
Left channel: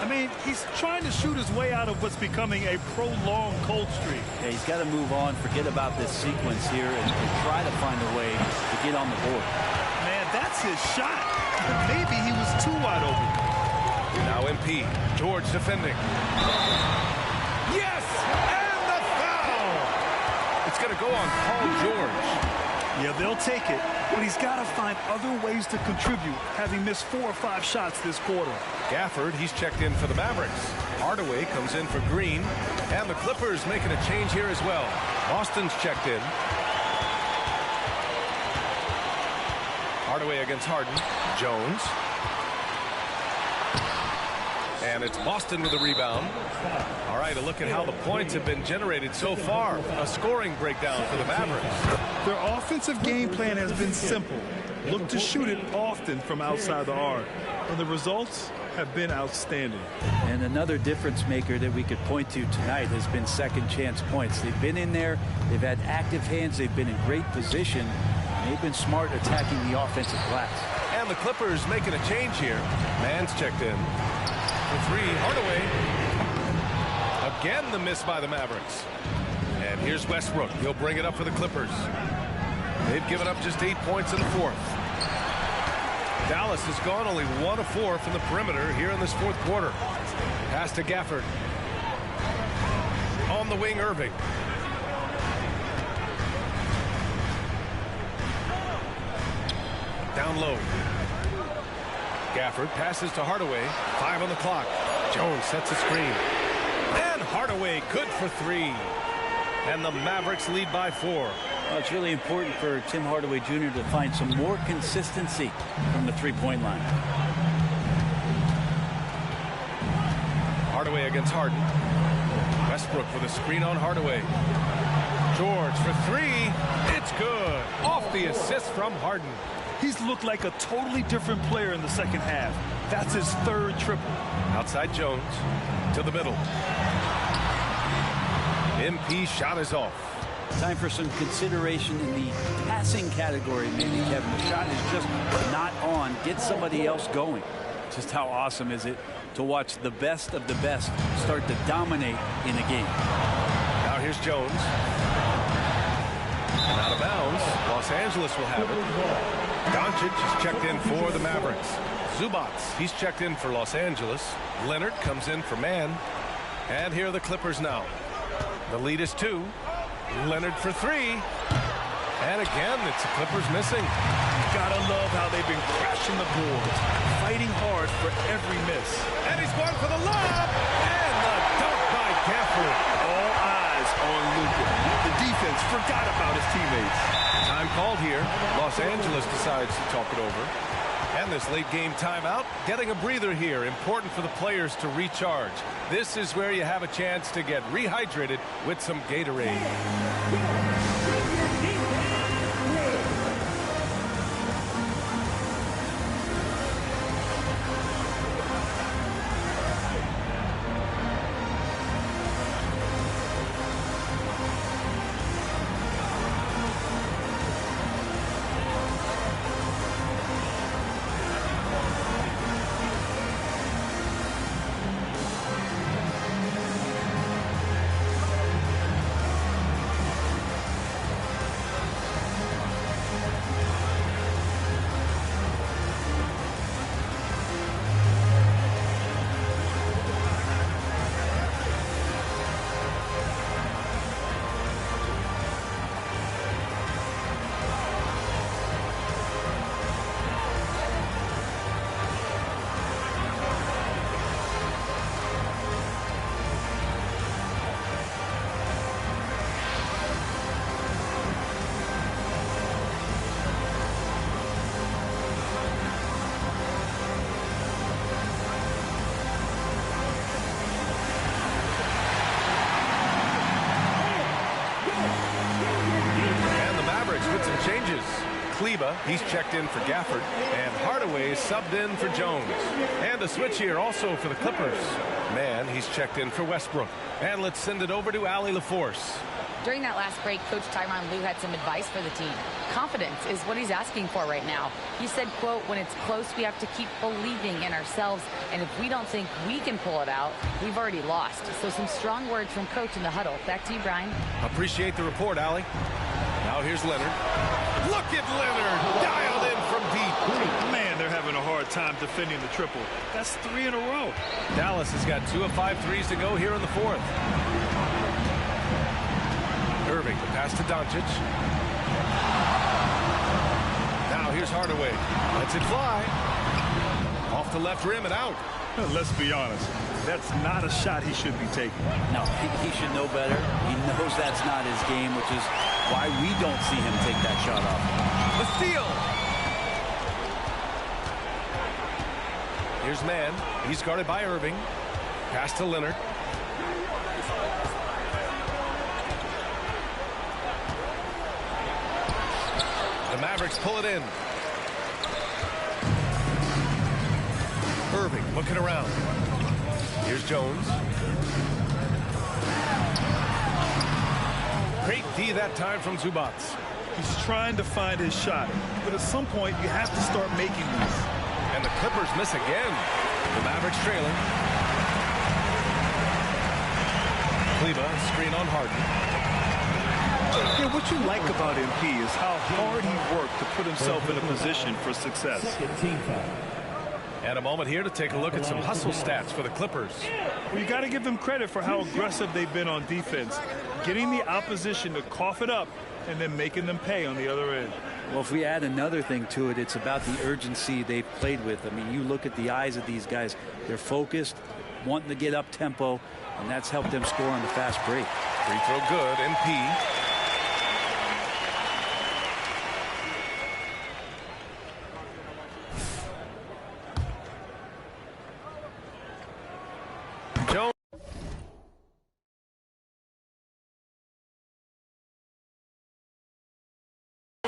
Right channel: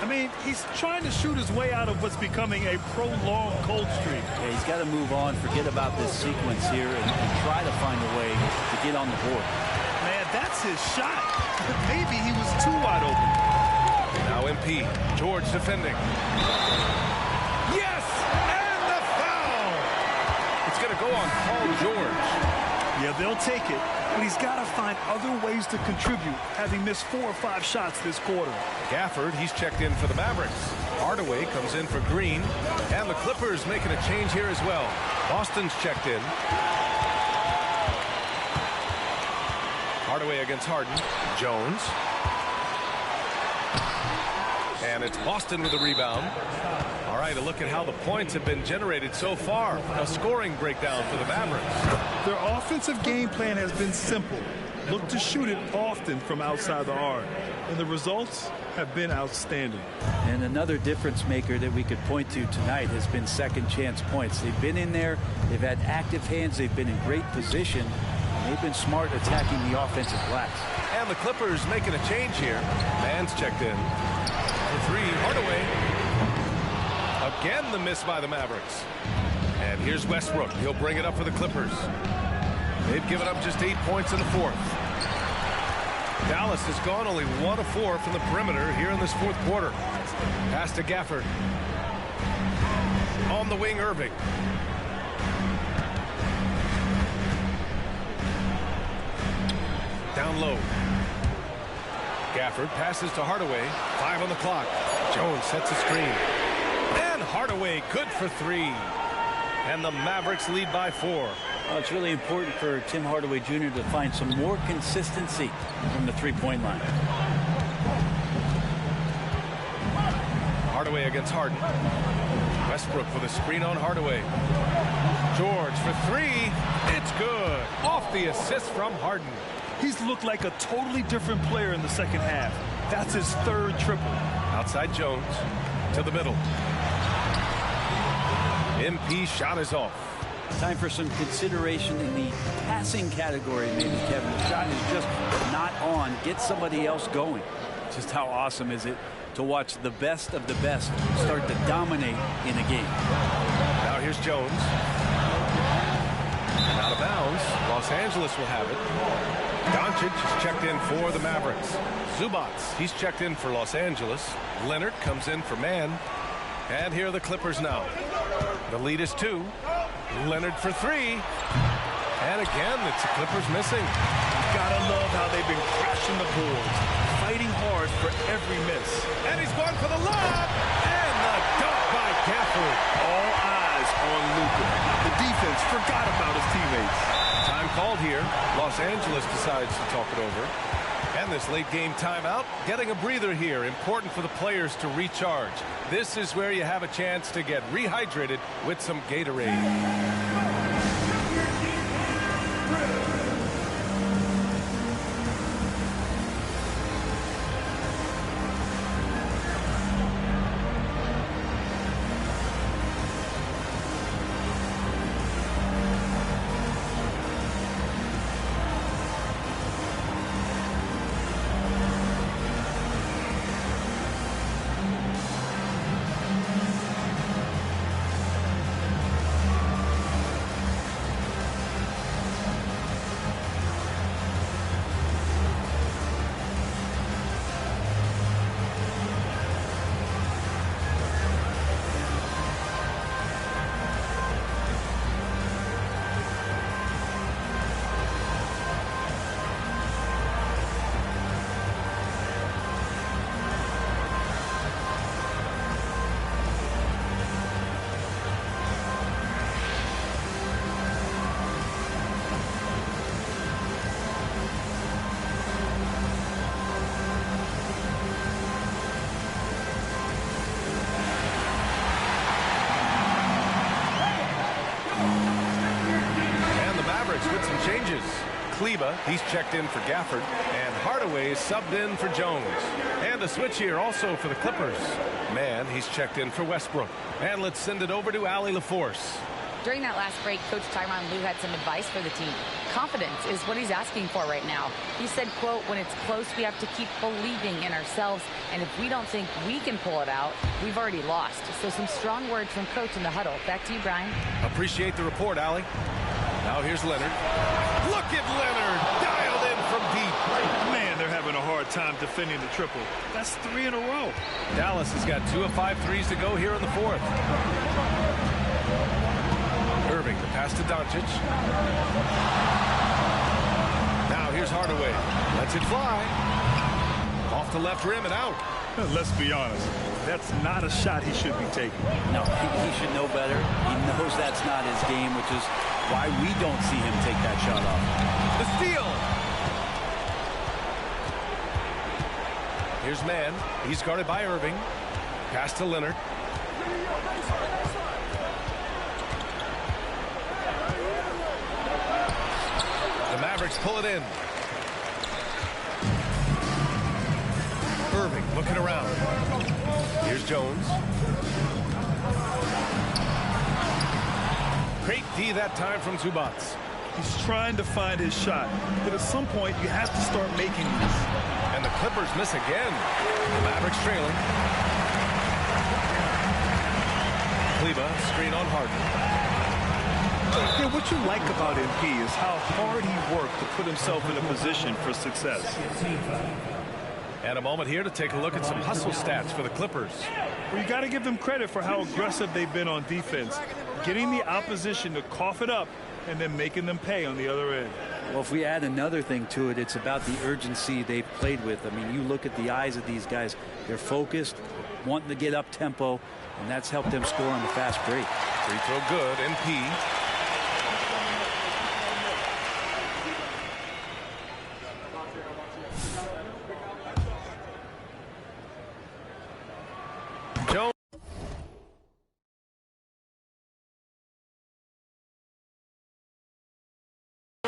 I mean, he's trying to shoot his way out of what's becoming a prolonged cold streak. Yeah, he's got to move on, forget about this sequence here, and try to find a way to get on the board. Man, that's his shot. Maybe he was too wide open. Now MP. George defending. Yes! And the foul! It's going to go on Paul George. Yeah, they'll take it, but he's got to find other ways to contribute, having missed 4 or 5 shots this quarter. Gafford, he's checked in for the Mavericks. Hardaway comes in for Green. And the Clippers making a change here as well. Boston's checked in. Hardaway against Harden. Jones. And it's Boston with the rebound. All right, a look at how the points have been generated so far. A scoring breakdown for the Mavericks. Their offensive game plan has been simple. Look to shoot it often from outside the arc. And the results have been outstanding. And another difference maker that we could point to tonight has been second chance points. They've been in there. They've had active hands. They've been in great position. And they've been smart attacking the offensive glass. And the Clippers making a change here. Mann's checked in. For 3, Hardaway. Again, the miss by the Mavericks. And here's Westbrook. He'll bring it up for the Clippers. They've given up just 8 points in the fourth. Dallas has gone only 1 of 4 from the perimeter here in this fourth quarter. Pass to Gafford. On the wing, Irving. Down low. Gafford passes to Hardaway. 5 on the clock. Jones sets a screen. And Hardaway good for 3. And the Mavericks lead by 4. Well, it's really important for Tim Hardaway Jr. to find some more consistency from the three-point line. Hardaway against Harden. Westbrook with a screen on Hardaway. George for 3. It's good. Off the assist from Harden. He's looked like a totally different player in the second half. That's his 3rd triple. Outside Jones to the middle. MP shot is off. Time for some consideration in the passing category, maybe, Kevin. The shot is just not on. Get somebody else going. Just how awesome is it to watch the best of the best start to dominate in a game. Now here's Jones. And out of bounds. Los Angeles will have it. Doncic is checked in for the Mavericks. Zubats, he's checked in for Los Angeles. Leonard comes in for Mann. And here are the Clippers now. The lead is 2. Leonard for 3. And again, it's the Clippers missing. Gotta love how they've been crashing the boards, fighting hard for every miss. And he's going for the lob. And the dunk by Gafford. All eyes on Luka. The defense forgot about his teammates. Time called here. Los Angeles decides to talk it over. And this late game timeout, getting a breather here, important for the players to recharge. This is where you have a chance to get rehydrated with some Gatorade. With some changes. Kleba, he's checked in for Gafford, and Hardaway is subbed in for Jones. And a switch here also for the Clippers. Mann, he's checked in for Westbrook. And let's send it over to Allie LaForce. During that last break, Coach Tyronn Lue had some advice for the team. Confidence is what he's asking for right now. He said, quote, when it's close, we have to keep believing in ourselves. And if we don't think we can pull it out, we've already lost. So some strong words from Coach in the huddle. Back to you, Brian. Appreciate the report, Allie. Now here's Leonard. Look at Leonard, dialed in from deep. Man, they're having a hard time defending the triple. That's 3 in a row. Dallas has got 2 of 5 threes to go here in the fourth. Irving, the pass to Doncic. Now here's Hardaway. Lets it fly. Off the left rim and out. Let's be honest. That's not a shot he should be taking. No, he should know better. He knows that's not his game, which is why we don't see him take that shot off. The steal. Here's Mann. He's guarded by Irving. Pass to Leonard. The Mavericks pull it in. Irving looking around. Here's Jones. Great D that time from Zubac. He's trying to find his shot, but at some point you have to start making these. And the Clippers miss again. The Mavericks trailing. Kleba, screen on Harden. Yeah, what you like about MP is how hard he worked to put himself in a position for success. And a moment here to take a look at some hustle stats for the Clippers. Well, you got to give them credit for how aggressive they've been on defense, getting the opposition to cough it up and then making them pay on the other end. Well, if we add another thing to it, it's about the urgency they've played with. I mean, you look at the eyes of these guys. They're focused, wanting to get up tempo, and that's helped them score on the fast break. Free throw good, MP.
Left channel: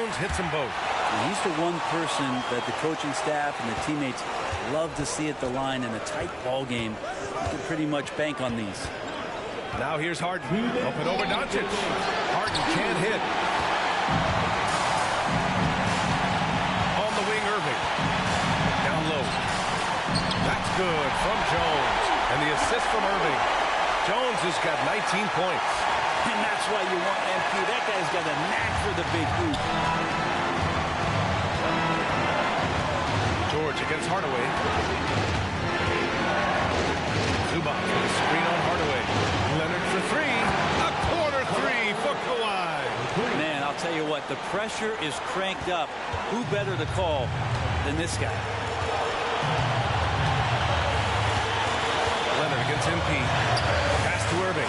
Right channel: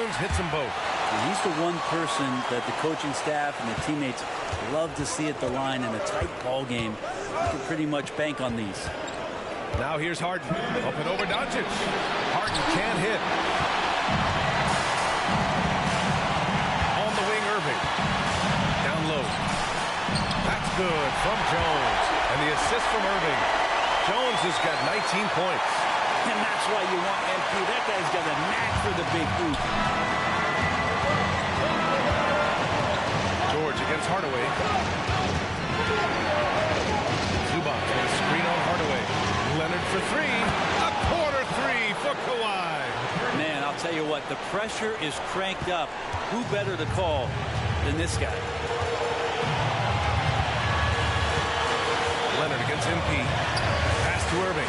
Jones hits them both. And he's the one person that the coaching staff and the teammates love to see at the line in a tight ball game. You can pretty much bank on these. Now here's Harden. Up and over Doncic. Harden can't hit. On the wing, Irving. Down low. That's good from Jones. And the assist from Irving. Jones has got 19 points. And that's why you want MP. That guy's got a knack for the big hoop. George against Hardaway. Zubac with a screen on Hardaway. Leonard for three. A corner three for Kawhi. Man, I'll tell you what, the pressure is cranked up. Who better to call than this guy? Leonard against MP. Pass to Irving.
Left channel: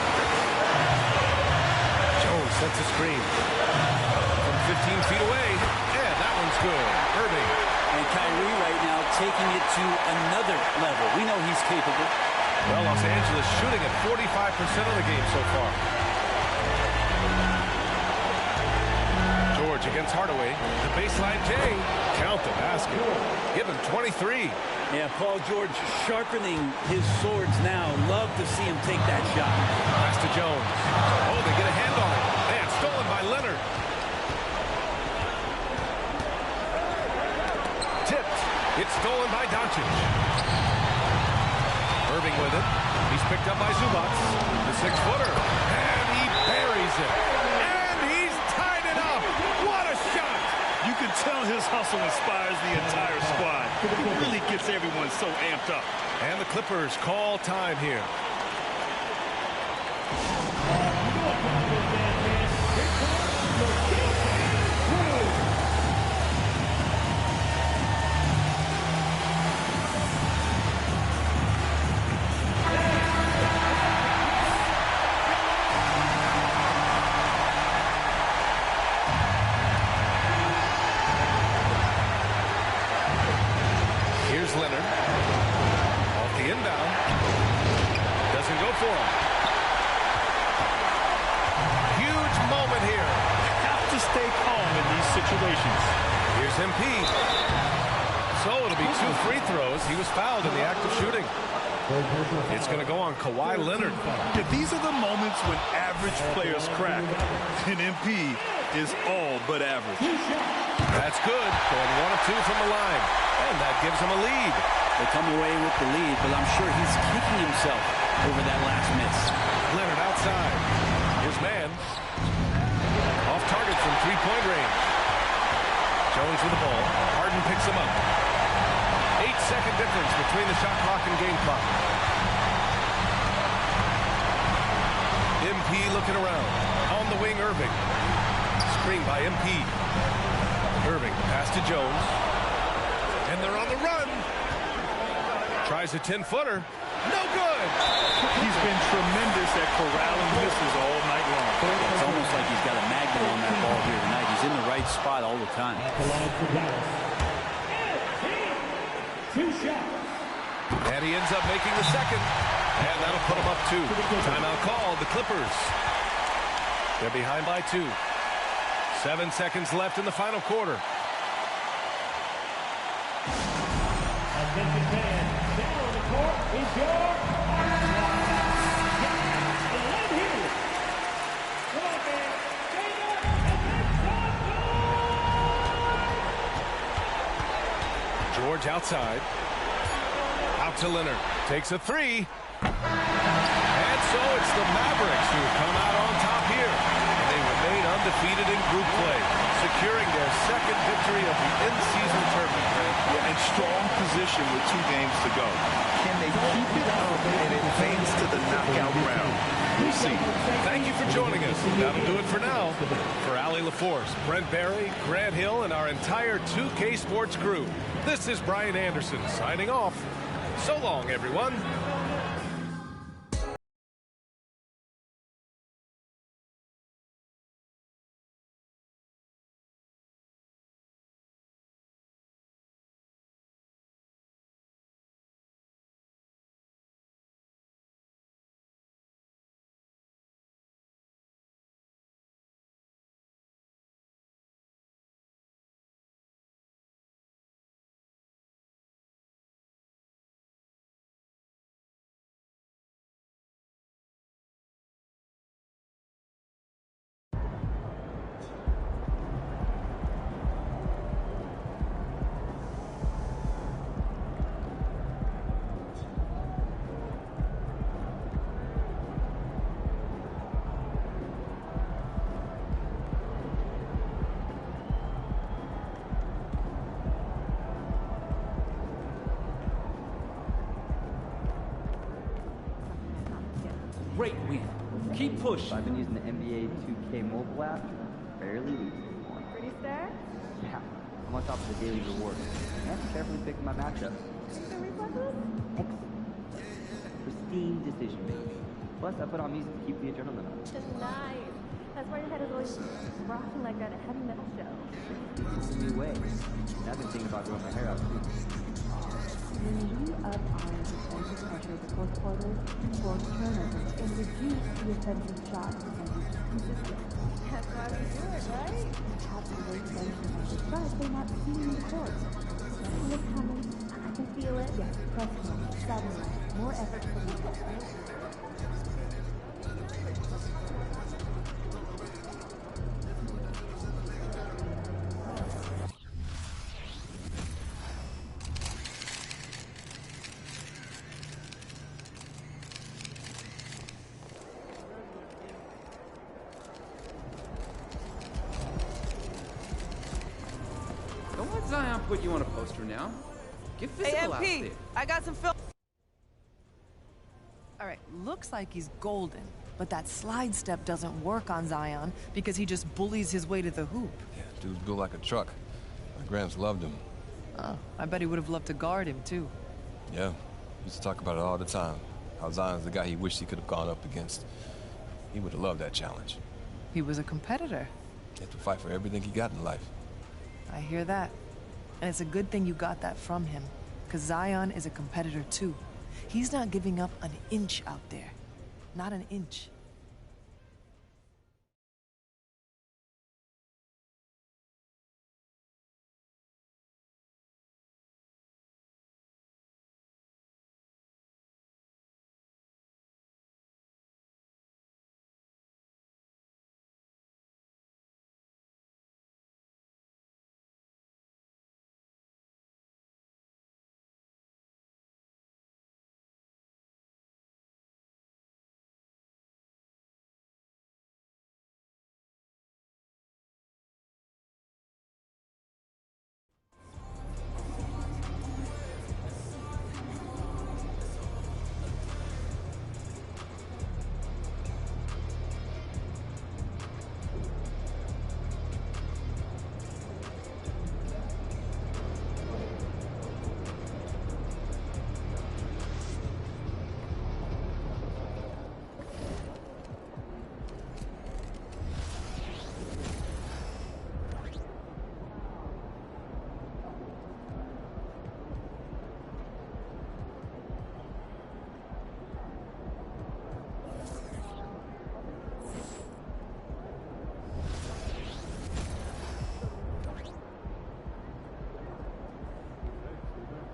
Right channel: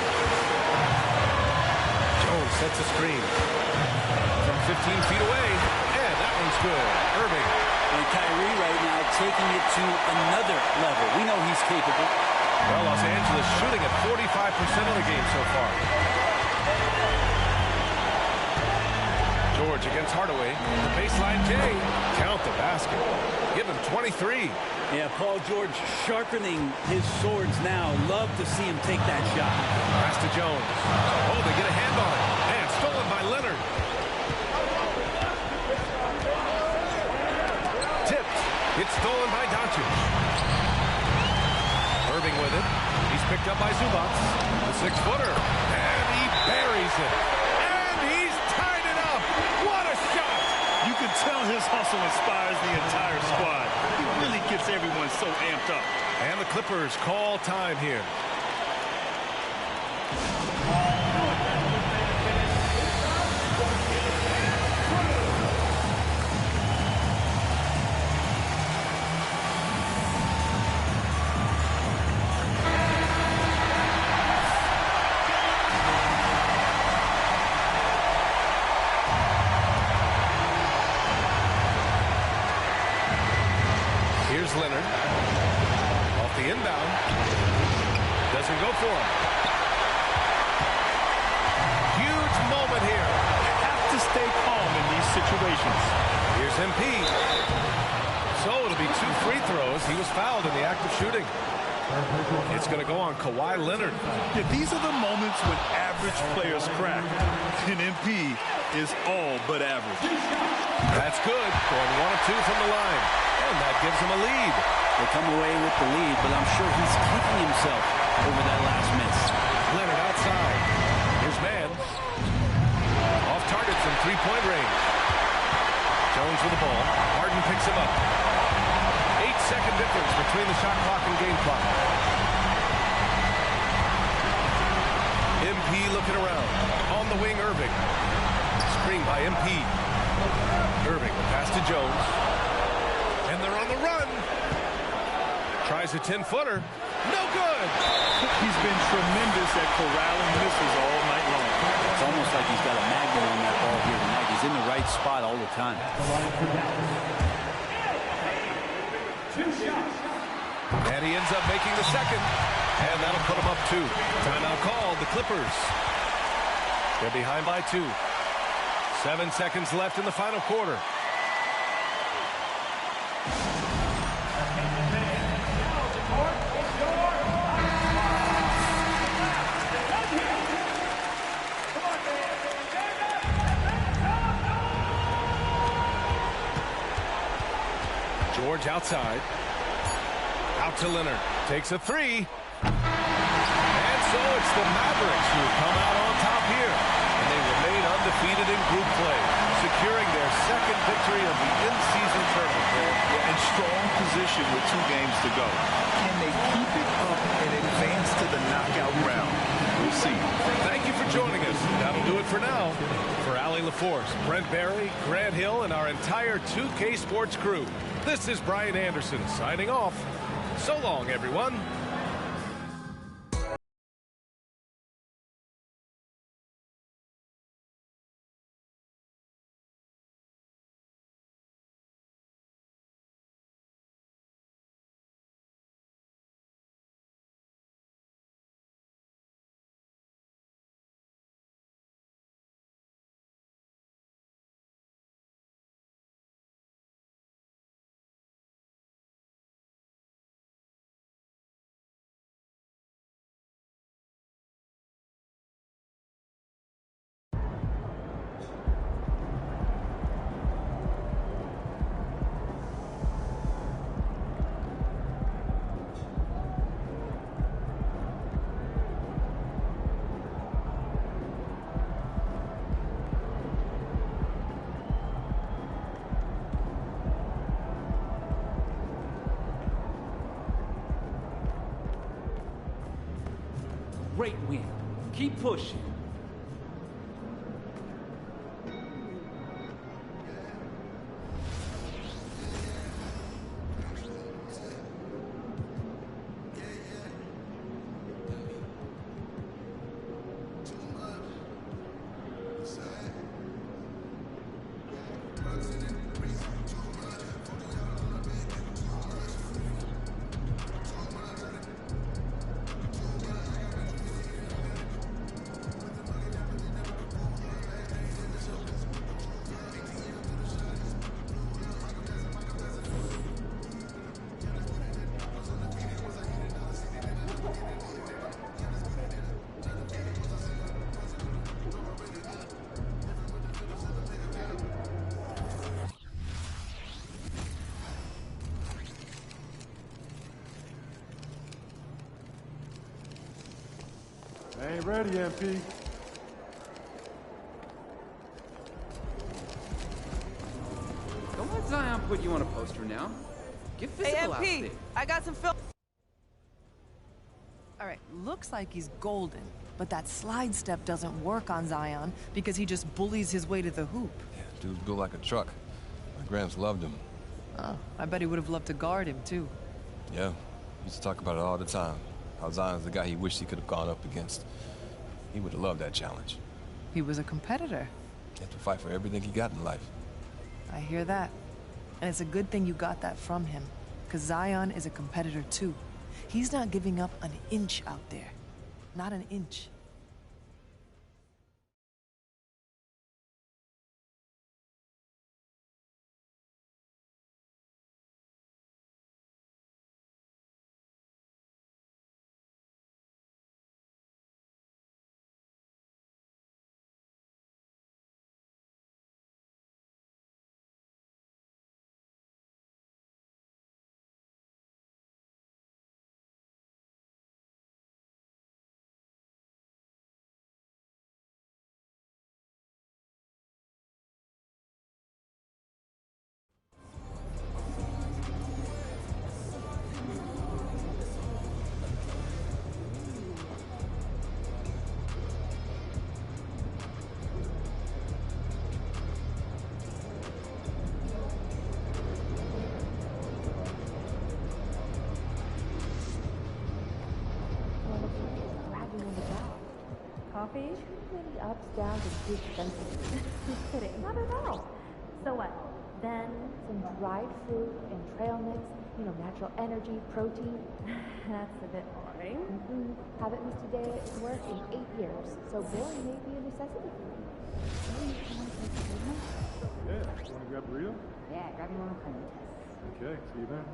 Jones sets a screen from 15 feet away, and that one's good. Irving And Kyrie right now taking it to another level. We know he's capable. Well, Los Angeles shooting at 45% of the game so far. George against Hardaway. The baseline J. Count the basket. Give him 23. Yeah, Paul George sharpening his swords now. Love to see him take that shot. Pass to Jones. Oh, they get a hand on it. And stolen by Leonard. Tipped. It's stolen by Doncic. Irving with it. He's picked up by Zubac. The 6-footer. And he buries it. And he's tied it up. What a shot! You can tell his hustle inspires the entire squad. He really gets everyone so amped up. And the Clippers call time here. Here's Leonard. Off the inbound. Doesn't go for him. Huge moment here. Have to stay calm in these situations. Here's MP. So it'll be 2 free throws. He was fouled in the act of shooting. It's going to go on Kawhi Leonard. Yeah, these are the moments when average players crack. And MP is all but average. That's good. Going 1 of 2 from the line. And that gives him a lead. They come away with the lead, but I'm sure he's kicking himself over that last miss. Leonard outside. Here's Mann. Off target from 3-point range. Jones with the ball. Harden picks him up. 8-second difference between the shot clock and game clock. MP looking around. On the wing, Irving. Screen by MP. Irving, the pass to Jones. And they're on the run. Tries a 10-footer. No good. He's been tremendous at corralling misses all night long. Yeah, it's almost like he's got a magnet on that ball here tonight. He's in the right spot all the time. And he ends up making the second. And that'll put him up 2. Timeout called. The Clippers. They're behind by 2. 7 seconds left in the final quarter. Attention fans, now on the court is your Love you. Come on, man. Stand up and make some noise. George outside. Out to Leonard. Takes a 3. And so it's the Mavericks who come out on top here. And they remain undefeated in group play, securing their second victory of the in-season tournament. Yeah, in strong position with 2 games to go. Can they keep it up and advance to the knockout round? We'll see. Thank you for joining us. That'll do it for now. For Allie LaForce, Brent Barry, Grant Hill, and our entire 2K Sports crew, this is Brian Anderson signing off. So long, everyone. Great win. Keep pushing. I've been using the NBA 2K mobile app fairly recently. Pretty sad? Yeah. I'm on top of the daily rewards. That's definitely fixed my matchup. Pristine decision. Plus, I put on music to keep the adrenaline. Nice. That's why your head is always rocking like that heavy metal show. Anyway, that's the thing about going to ready, MP. Don't let Zion put you on a poster now. Get physical out there. I got some film. All right, looks like he's golden, but that slide step doesn't work on Zion because he just bullies his way to the hoop. Yeah, dude's built like a truck. My Gramps loved him. Oh, I bet he would have loved to guard him, too. Yeah, used to talk about it all the time. How Zion's the guy he wished he could have gone up against. He would have loved that challenge. He was a competitor. He had to fight for everything he got in life. I hear that. And it's a good thing you got that from him, because Zion is a competitor, too. He's not giving up an inch out there. Not an inch. Energy, protein. That's a bit boring. Haven't eaten today at work in 8 years, so this may be a necessity. Grab a burrito? Yeah, grabbing one. Okay, see you there.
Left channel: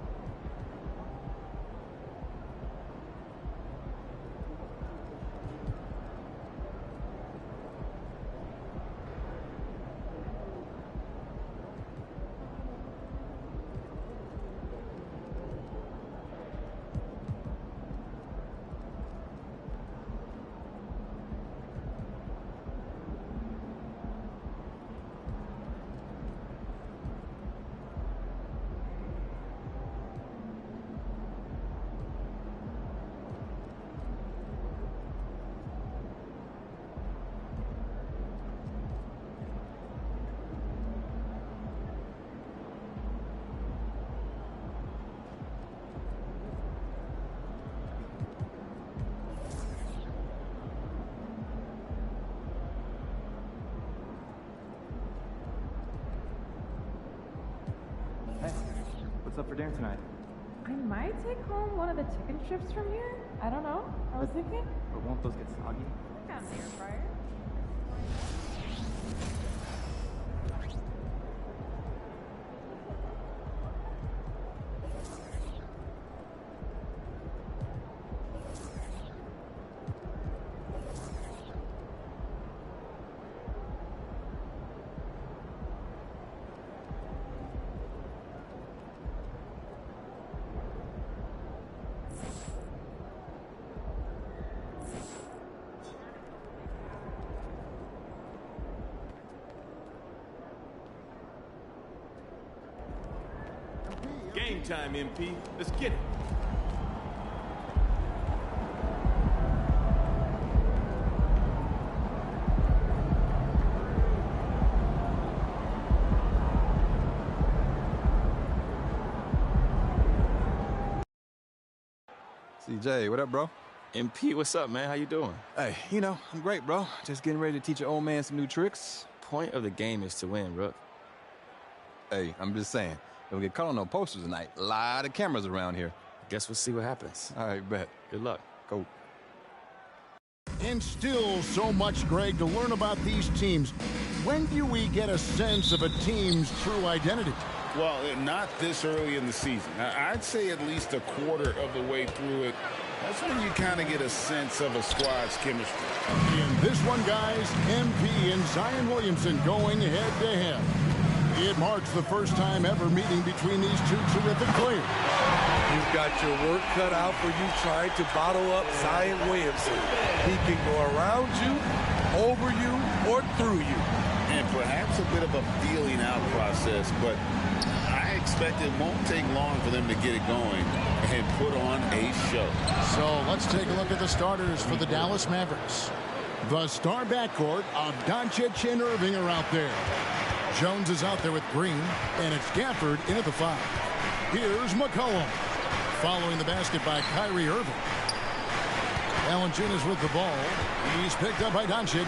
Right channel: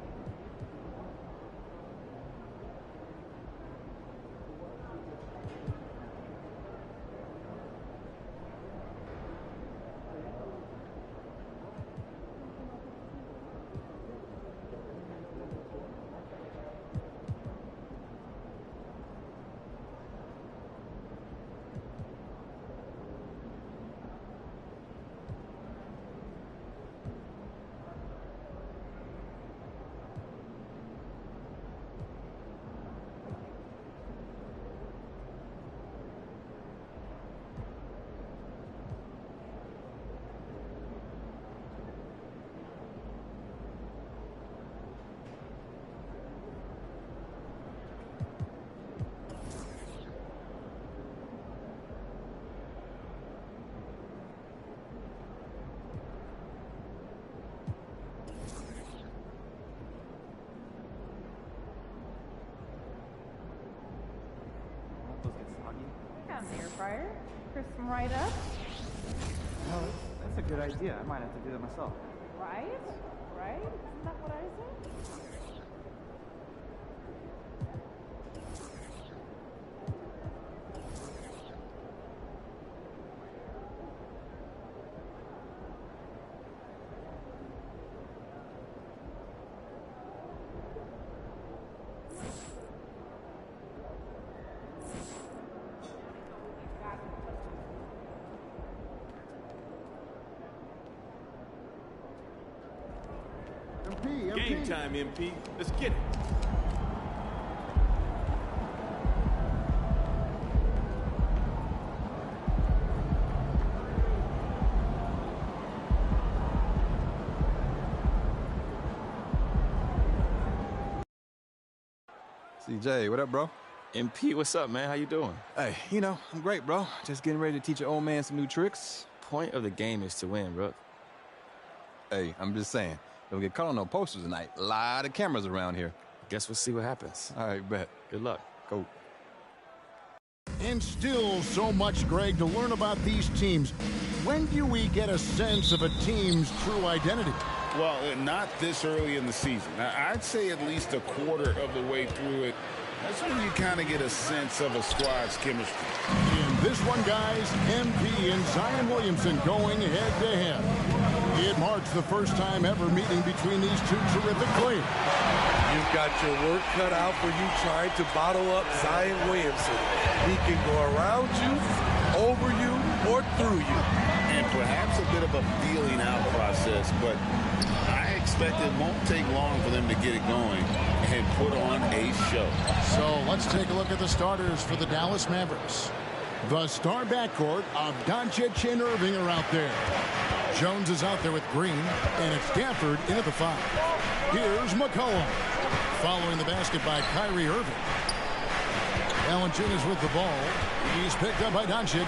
What's up for dinner tonight? I might take home one of the chicken strips from here. I don't know. I was thinking. But won't those get soggy? I got an air fryer. Crisp them right up. Oh, that's a good idea. I might have to do that myself. Right? Right? Isn't that what I said? Game time, MP. Let's get it. CJ, what up, bro? MP, what's up, man? How you doing? Hey, you know, I'm great, bro. Just getting ready to teach your old man some new tricks. Point of the game is to win, Rook. Hey, I'm just saying. Don't get caught on no posters tonight. A lot of cameras around here. Guess we'll see what happens. All right, bet. Good luck. Go. And still so much, Greg, to learn about these teams. When do we get a sense of a team's true identity? Well, not this early in the season. I'd say at least a quarter of the way through it. That's when you kind of get a sense of a squad's chemistry. In this one, guys, MP and Zion Williamson going head-to-head. It marks the first time ever meeting between these two terrific players. You've got your work cut out for you trying to bottle up Zion Williamson. He can go around you, over you, or through you. And perhaps a bit of a feeling out process, but I expect it won't take long for them to get it going and put on a show. So let's take a look at the starters for the Dallas Mavericks. The star backcourt of Doncic and Irving are out there. Jones is out there with Green, and it's Gafford in at the 5. Here's McCollum. Following the basket by Kyrie Irving. Valanciunas with the ball. He's picked up by Doncic.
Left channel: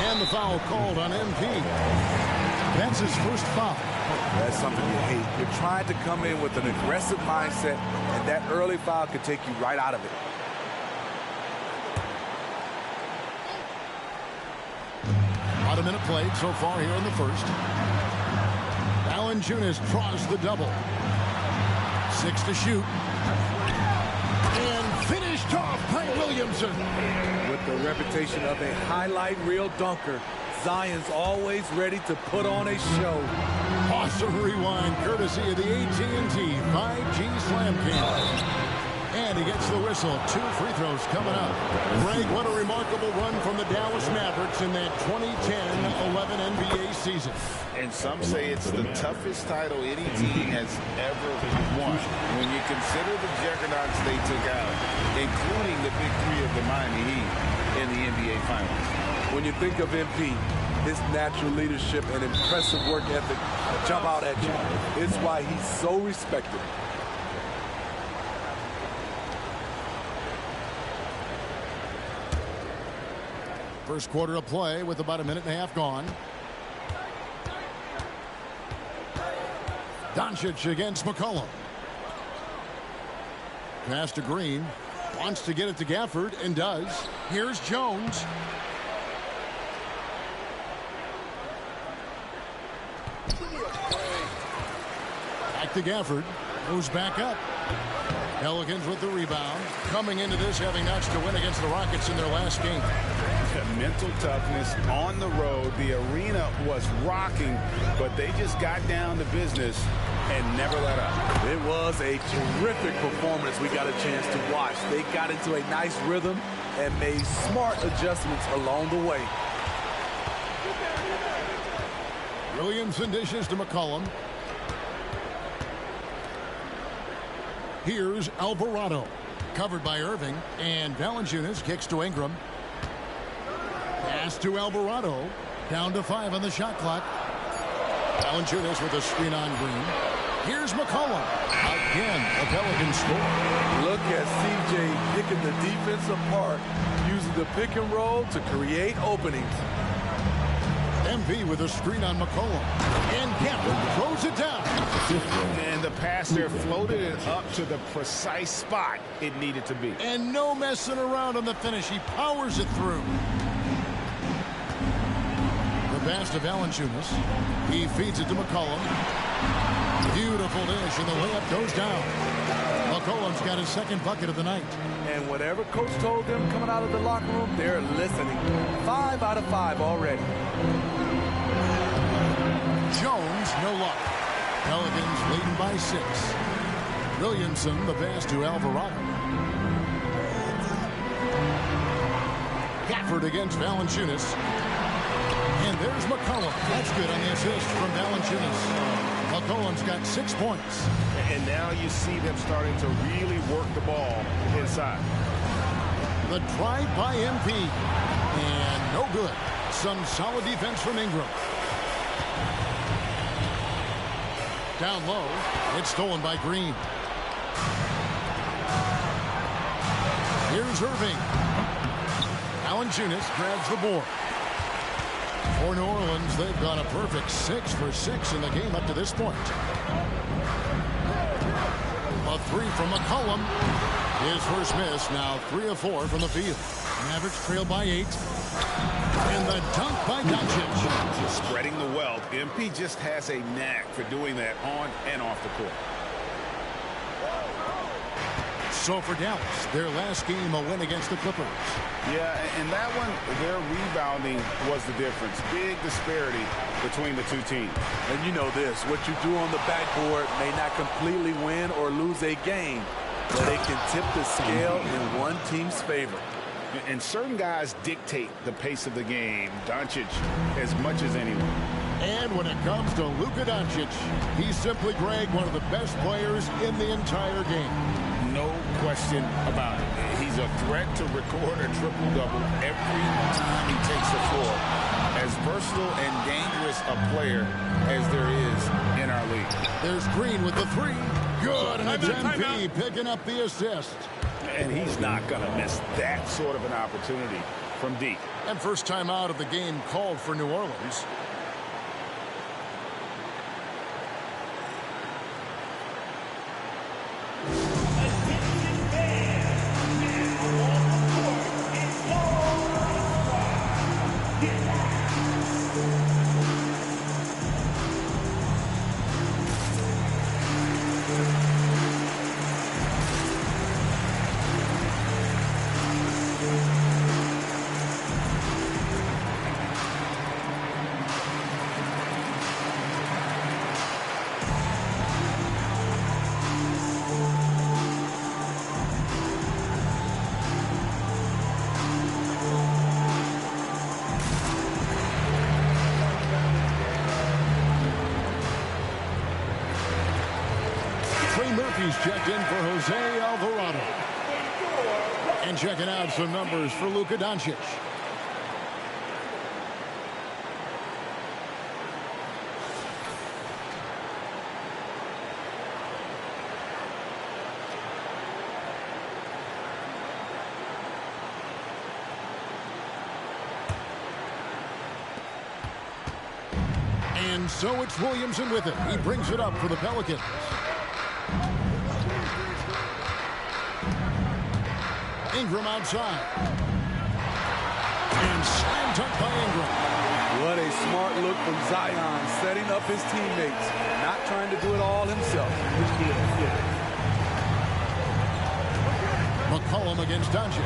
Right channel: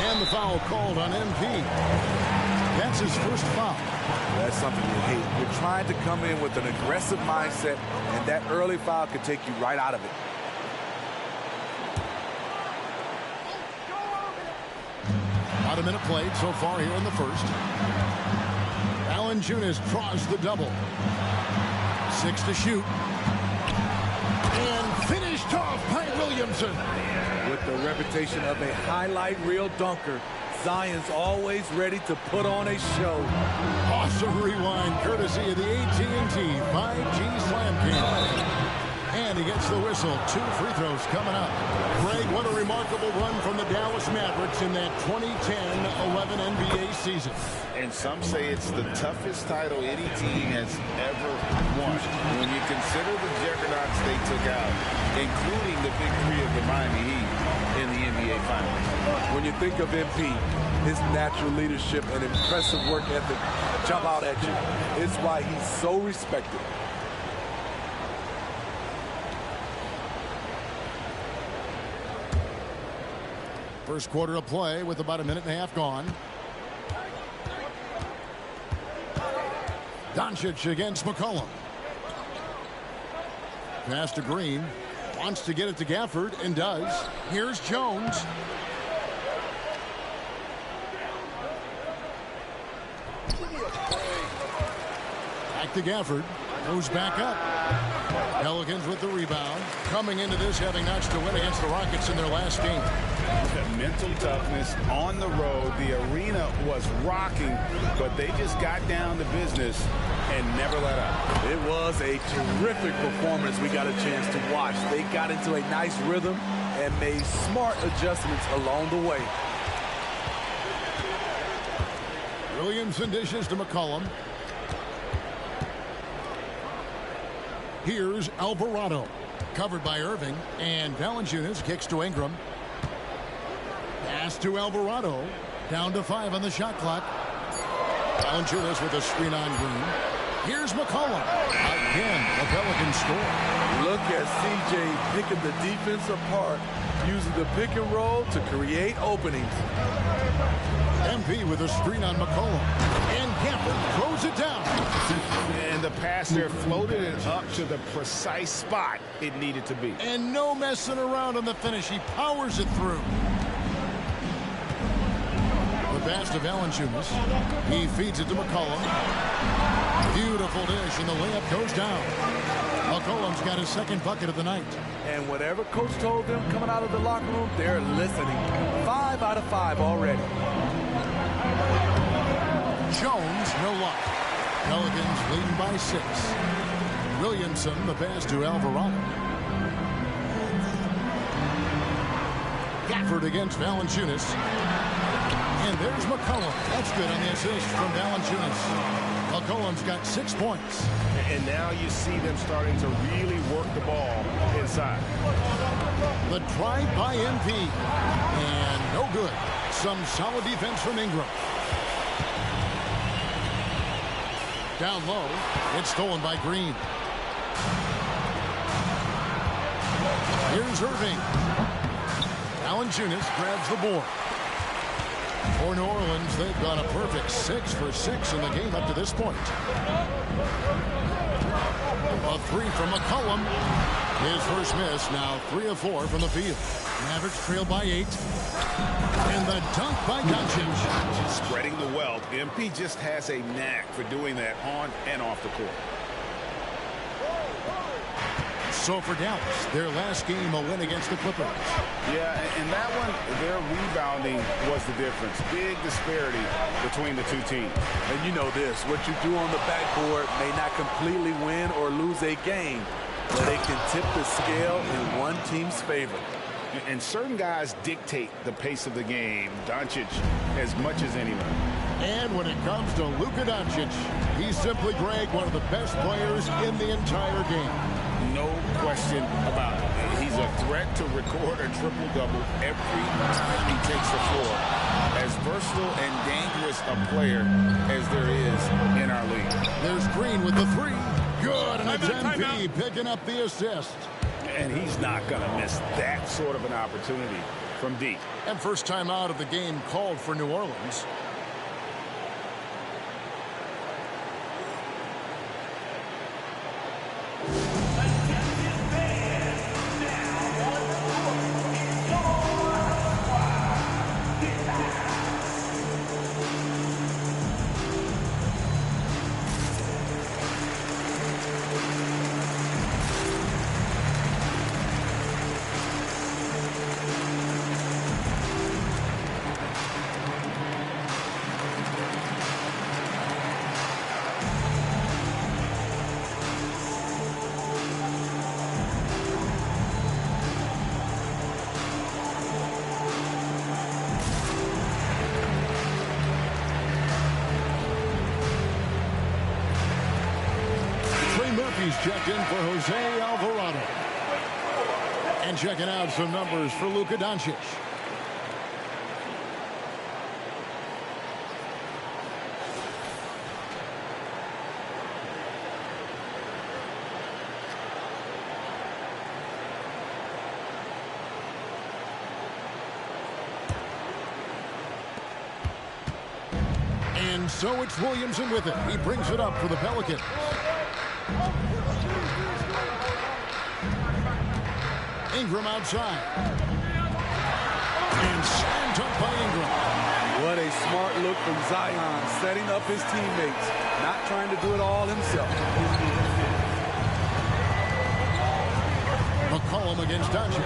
And the foul called on MP. That's his first foul. That's something you hate. You're trying to come in with an aggressive mindset, and that early foul could take you right out of it. About a minute played so far here in the first. Valanciunas draws the double. 6 to shoot. And finished off by Williamson. With the reputation of a highlight reel dunker, Zion's always ready to put on a show. Awesome rewind courtesy of the AT&T 5G Slam Cam. And he gets the whistle. 2 free throws coming up. Greg, what a remarkable run from the Dallas Mavericks in that 2010-11 NBA season. And some say it's the toughest title any team has ever won. When you consider the juggernauts they took out, including the big 3 of the Miami Heat in the NBA Finals. When you think of MP, his natural leadership and impressive work ethic jump out at you. It's why he's so respected. First quarter of play with about a minute and a half gone. Doncic against McCollum. Pass to Green. Wants to get it to Gafford and does. Here's Jones. Back to Gafford. Moves back up. Pelicans with the rebound. Coming into this having notched a win against the Rockets in their last game. Mental toughness on the road. The arena was rocking, but they just got down to business and never let up. It was a terrific performance we got a chance to watch. They got into a nice rhythm and made smart adjustments along the way. Williamson dishes to McCollum. Here's Alvarado. Covered by Irving. And Valanciunas kicks to Ingram. Pass to Alvarado. Down to 5 on the shot clock. Valanciunas with a screen on Green. Here's McCollum. Again, the Pelicans score. Look at CJ picking the defense apart, using the pick and roll to create openings. MP with a screen on McCollum. And Gafford throws it down. And the pass there floated it up to the precise spot it needed to be. And no messing around on the finish. He powers it through. The pass to Valanciunas. He feeds it to McCollum. Beautiful dish, and the layup goes down. McCollum's got his second bucket of the night. And whatever coach told them coming out of the locker room, they're listening. 5 out of 5 already. Jones, no luck. Pelicans leading by 6. Williamson, the pass to Alvarado. Gafford against Valanciunas. And there's McCollum. That's good on the assist from Valanciunas. McCollum's got 6 points. And now you see them starting to really work the ball inside. The drive by MP. And no good. Some solid defense from Ingram. Down low. It's stolen by Green. Here's Irving. Valanciunas grabs the board. For New Orleans, they've gone a perfect 6 for 6 in the game up to this point. A 3 from McCollum. His first miss, now 3 of 4 from the field. Mavericks trail by 8. And the dunk by Doncic. Spreading the wealth. MP just has a knack for doing that on and off the court. So for Dallas, their last game a win against the Clippers. Yeah, and that one, their rebounding was the difference. Big disparity between the two teams. And you know this, what you do on the backboard may not completely win or lose a game, but it can tip the scale in one team's favor. And certain guys dictate the pace of the game. Doncic as much as anyone. And when it comes to Luka Doncic, he's simply, Greg, one of the best players in the entire game. No question about it. He's a threat to record a triple-double every time he takes the floor. As versatile and dangerous a player as there is in our league. There's Green with the three. Good, and it's MP picking up the assist. And he's not going to miss that sort of an opportunity from deep. And first time out of the game called for New Orleans. Murphy's checked in for Jose Alvarado. And checking out some numbers for Luka Doncic. And so it's Williamson with it. He brings it up for the Pelicans. Ingram outside. And slam dunk by Ingram. What a smart look from Zion, setting up his teammates, not trying to do it all himself. McCollum against Doncic.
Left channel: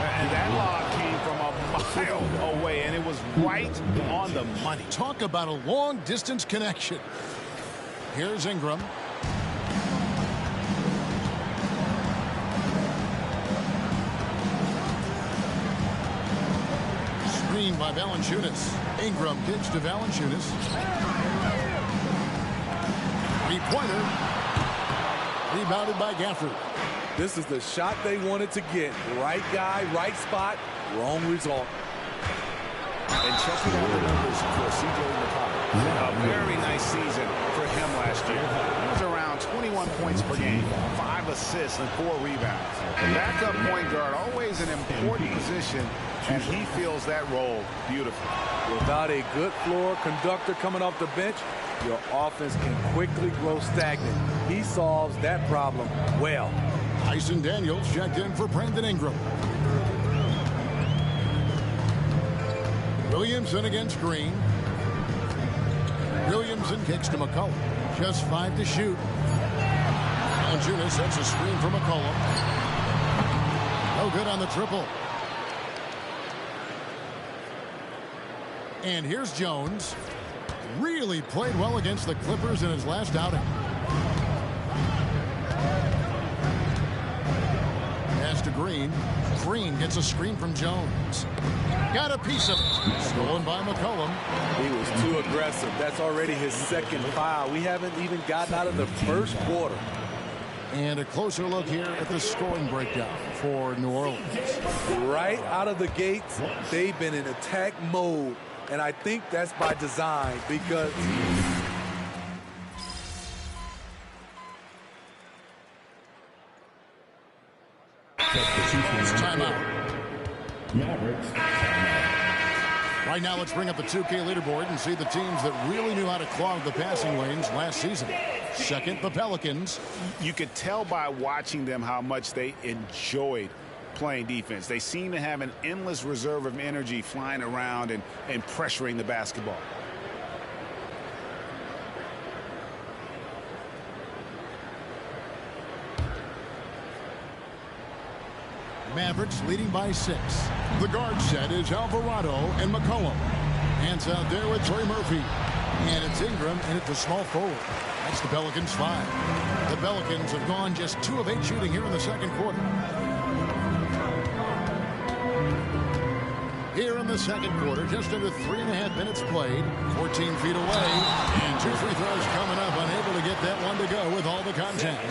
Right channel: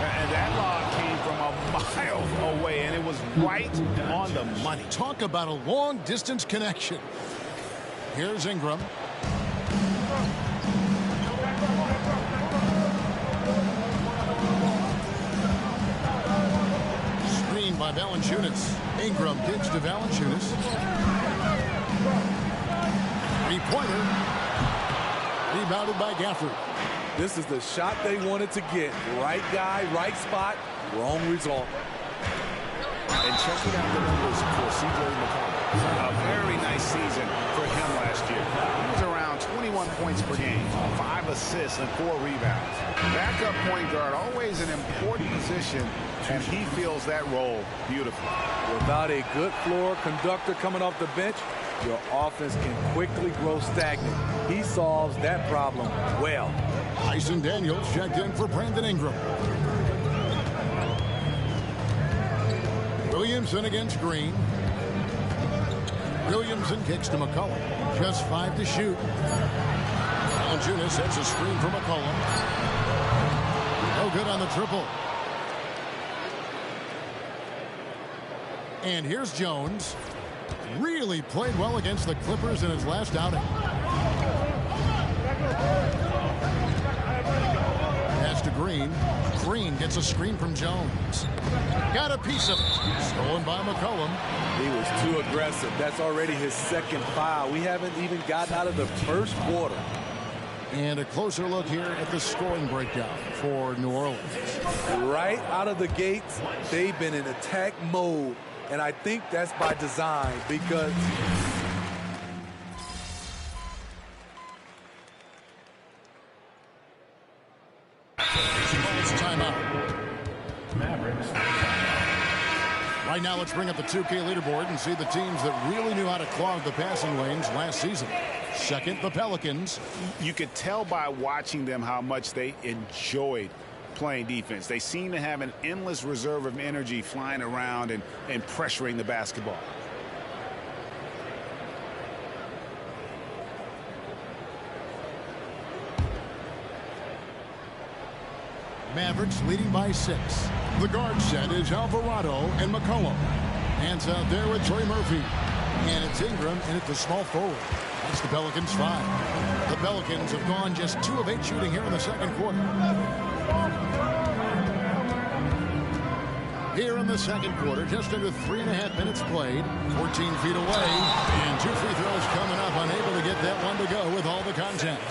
And that lob came from a mile away, and it was right on the money. Talk about a long-distance connection. Here's Ingram. Screen by Valanciunas. Ingram kicks to Valanciunas. Three-pointer. Rebounded by Gafford. This is the shot they wanted to get. Right guy, right spot, wrong result. And checking out the numbers for C.J. McCollum. A very nice season for him last year. He was around 21 points per game, 5 assists, and 4 rebounds. Backup point guard, always an important position, and he fills that role beautifully. Without a good floor conductor coming off the bench, your offense can quickly grow stagnant. He solves that problem well. Tyson Daniels checked in for Brandon Ingram. Williamson against Green. Williamson kicks to McCollum. Just 5 to shoot. Valanciunas sets a screen for McCollum. No good on the triple. And here's Jones. Really played well against the Clippers in his last outing. Pass to Green. Green gets a screen from Jones. Got a piece of it. Stolen by McCollum. He was too aggressive. That's already his second foul. We haven't even gotten out of the first quarter. And a closer look here at the scoring breakdown for New Orleans. Right out of the gates, they've been in attack mode. And I think that's by design because timeout. Mavericks. Right now, let's bring up the 2K leaderboard and see the teams that really knew how to clog the passing lanes last season. Second, the Pelicans. You could tell by watching them how much they enjoyed playing defense. They seem to have an endless reserve of energy flying around and pressuring the basketball. Mavericks leading by 6. The guard set is Alvarado and McCollum. Hands out there with Trey Murphy. And it's Ingram in at the small forward. That's the Pelicans 5. The Pelicans have gone just 2 of 8 shooting here in the second quarter. Here in the second quarter, just under 3.5 minutes played, 14 feet away, and 2 free throws coming up, unable to get that one to go with all the contact.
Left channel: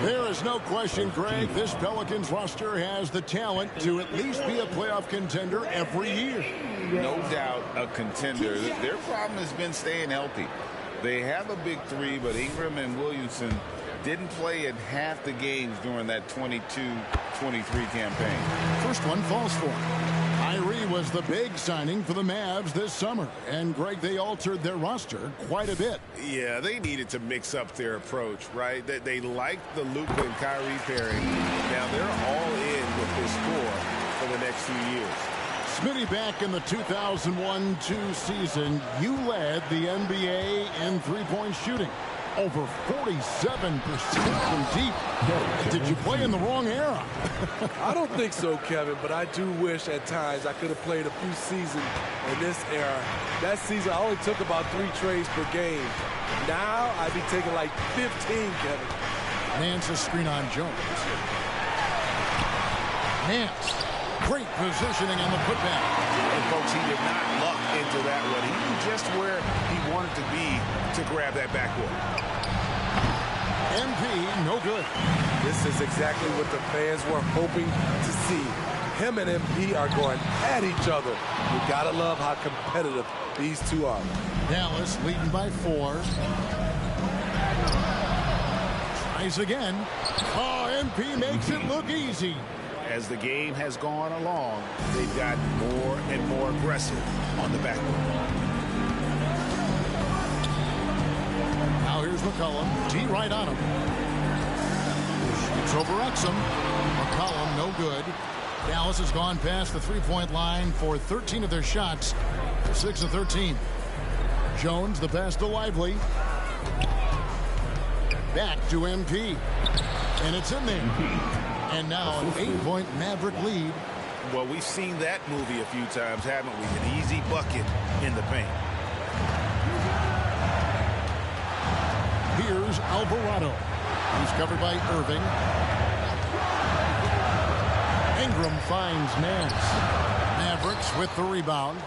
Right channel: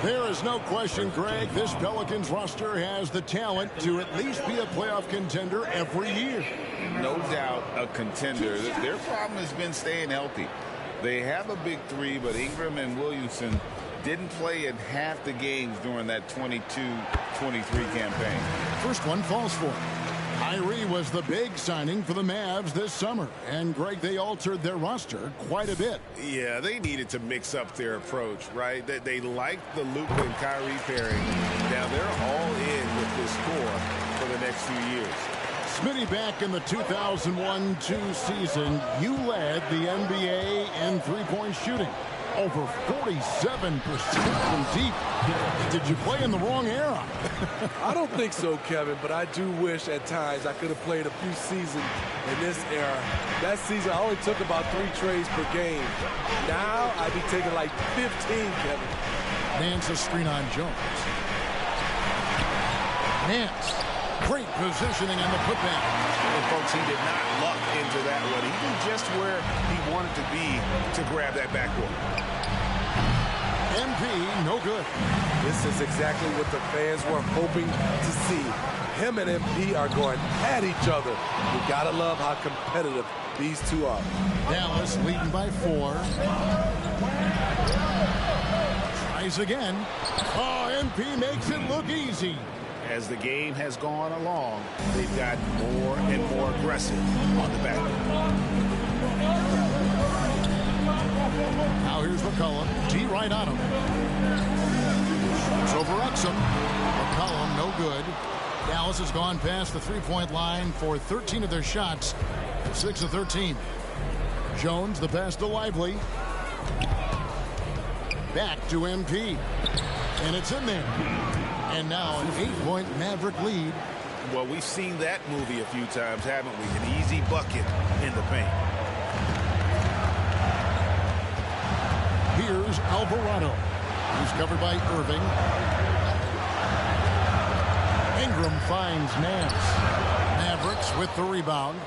There is no question, Greg, this Pelicans roster has the talent to at least be a playoff contender every year. No doubt a contender. Their problem has been staying healthy. They have a big 3, but Ingram and Williamson didn't play in half the games during that 22-23 campaign. First one falls for him. Kyrie was the big signing for the Mavs this summer. And, Greg, they altered their roster quite a bit. Yeah, they needed to mix up their approach, right? They liked the Luka and Kyrie pairing. Now they're all in with this core for the next few years. Smitty, back in the 2001-2 season, you led the NBA in three-point shooting. Over 47% from deep. Did you play in the wrong era? I don't think so, Kevin, but I do wish at times I could have played a few seasons in this era. That season, I only took about 3 trades per game. Now, I'd be taking like 15, Kevin. Nance a screen on Jones. Nance. Great positioning on the putback. And, folks, he did not luck into that one. Even just where he wanted to be to grab that backboard. MP, no good. This is exactly what the fans were hoping to see. Him and MP are going at each other. You gotta love how competitive these two are. Dallas leading by 4. Tries again. Oh, MP makes it look easy. As the game has gone along, they've gotten more and more aggressive on the backboard. Now here's McCollum. D right on him. Shoots over Exum. McCollum, no good. Dallas has gone past the three-point line for 13 of their shots. 6 of 13. Jones, the pass to Lively. Back to MP. And it's in there. And now an 8-point Maverick lead. Well, we've seen that movie a few times, haven't we? An easy bucket in the paint. Here's Alvarado. He's covered by Irving. Ingram finds Nance. Mavericks with the rebound.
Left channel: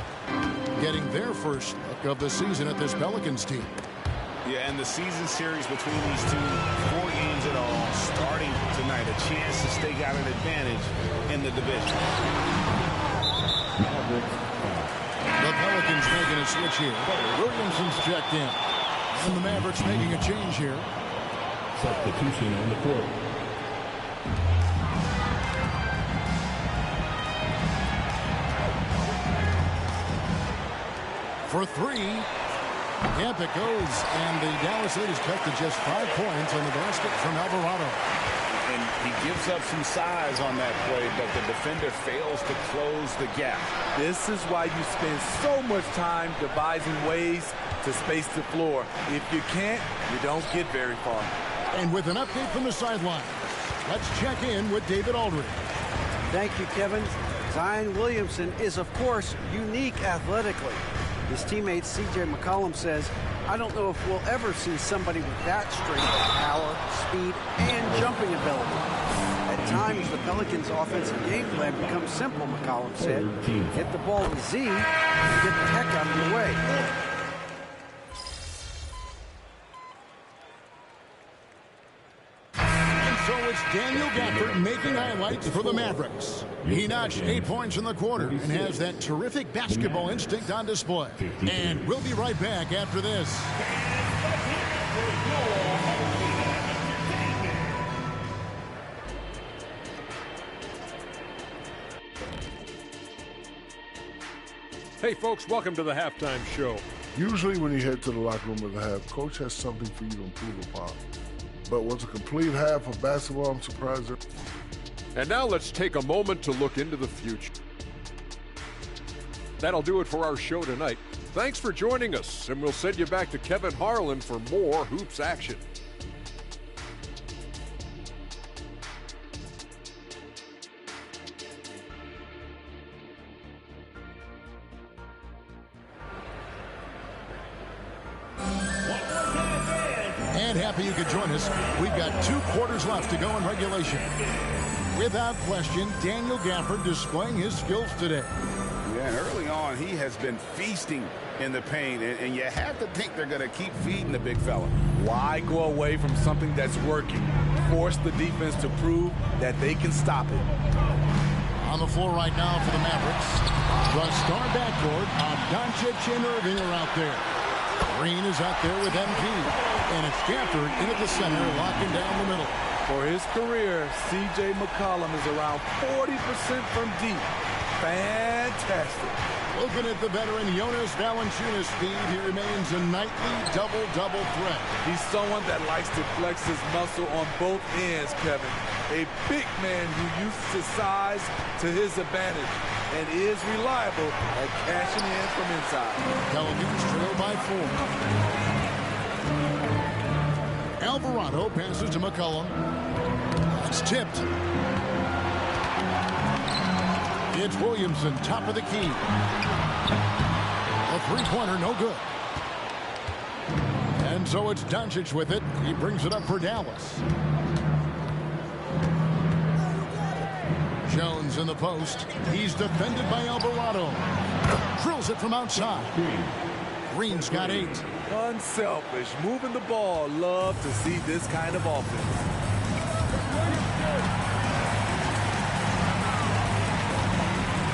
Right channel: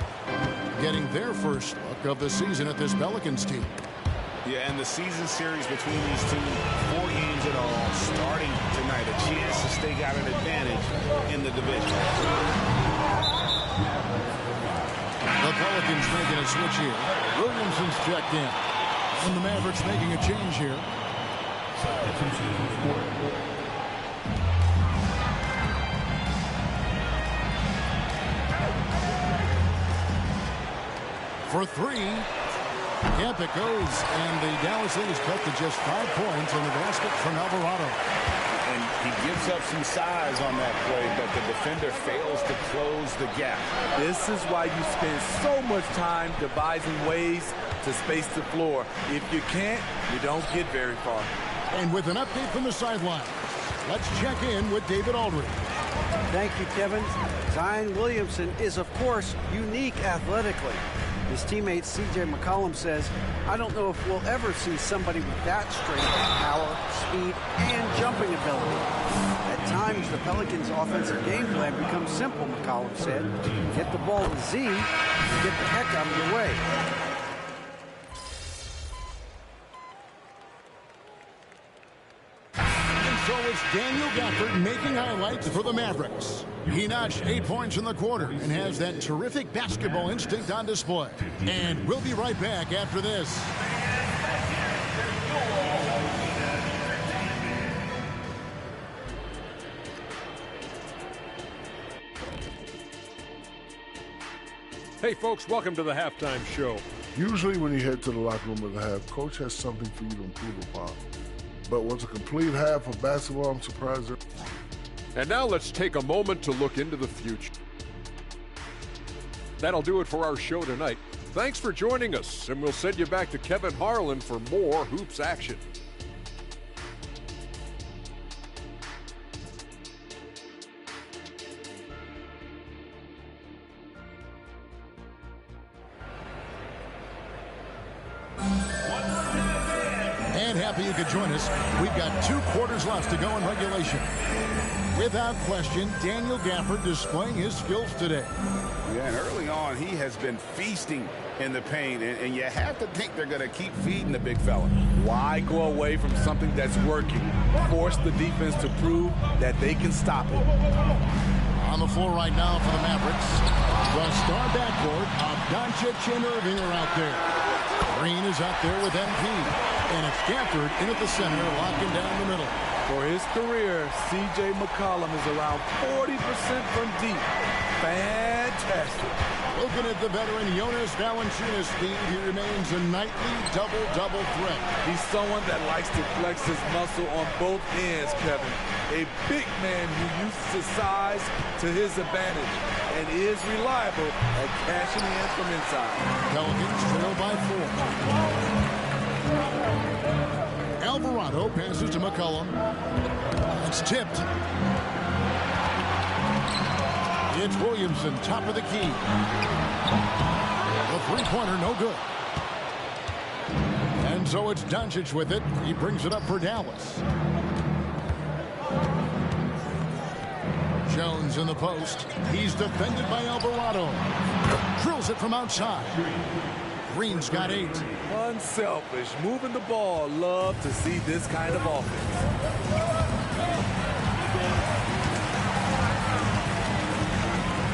Getting their first look of the season at this Pelicans team. Yeah, and the season series between these two, 4 games in all, starting tonight. A chance to stake out an advantage in the division. The Pelicans making a switch here. Williamson's checked in. And the Mavericks making a change here. Substitution on the court. For 3. Yep, it goes. And the Dallas lead is cut to just 5 points on the basket from Alvarado. And he gives up some size on that play, but the defender fails to close the gap. This is why you spend so much time devising ways to space the floor. If you can't, you don't get very far. And with an update from the sideline, let's check in with David Aldridge. Thank you, Kevin. Zion Williamson is, of course, unique athletically. His teammate C.J. McCollum says, I don't know if we'll ever see somebody with that strength, power, speed, and jumping ability. At times, the Pelicans' offensive game plan becomes simple, McCollum said. Get the ball to Z and get the heck out of your way. So it's Daniel Gafford making highlights for the Mavericks. He notched 8 points in the quarter and has that terrific basketball instinct on display. And we'll be right back after this. Hey, folks, welcome to the halftime show. Usually when you head to the locker room at the half, coach has something for you to improve upon. But was a complete half of basketball, I'm surprised. And now let's take a moment to look into the future. That'll do it for our show tonight. Thanks for joining us, and we'll send you back to Kevin Harlan for more hoops action. And happy you could join us. We've got 2 quarters left to go in regulation. Without question, Daniel Gafford displaying his skills today. Yeah, and early on, he has been feasting in the paint, and you have to think they're going to keep feeding the big fella. Why go away from something that's working? Force the defense to prove that they can stop it. On the floor right now for the Mavericks, the star backcourt of Doncic and Irving are out there. Green is out there with MP, and it's Gafford in at the center, locking down the middle. For his career, C.J. McCollum is around 40% from deep. Fantastic. Looking at the veteran Jonas Valanciunas, Steve, he remains a nightly double-double threat. He's someone that likes to flex his muscle on both ends, Kevin. A big man who uses his size to his advantage and is reliable at cashing in from inside. Pelicans trail by 4. Alvarado passes to McCollum. It's tipped. It's Williamson, top of the key. The three-pointer, no good. And so it's Doncic with it. He brings it up for Dallas. Jones in the post. He's defended by Alvarado. Drills it from outside. Green's got 8. Unselfish, moving the ball. Love to see this kind of offense.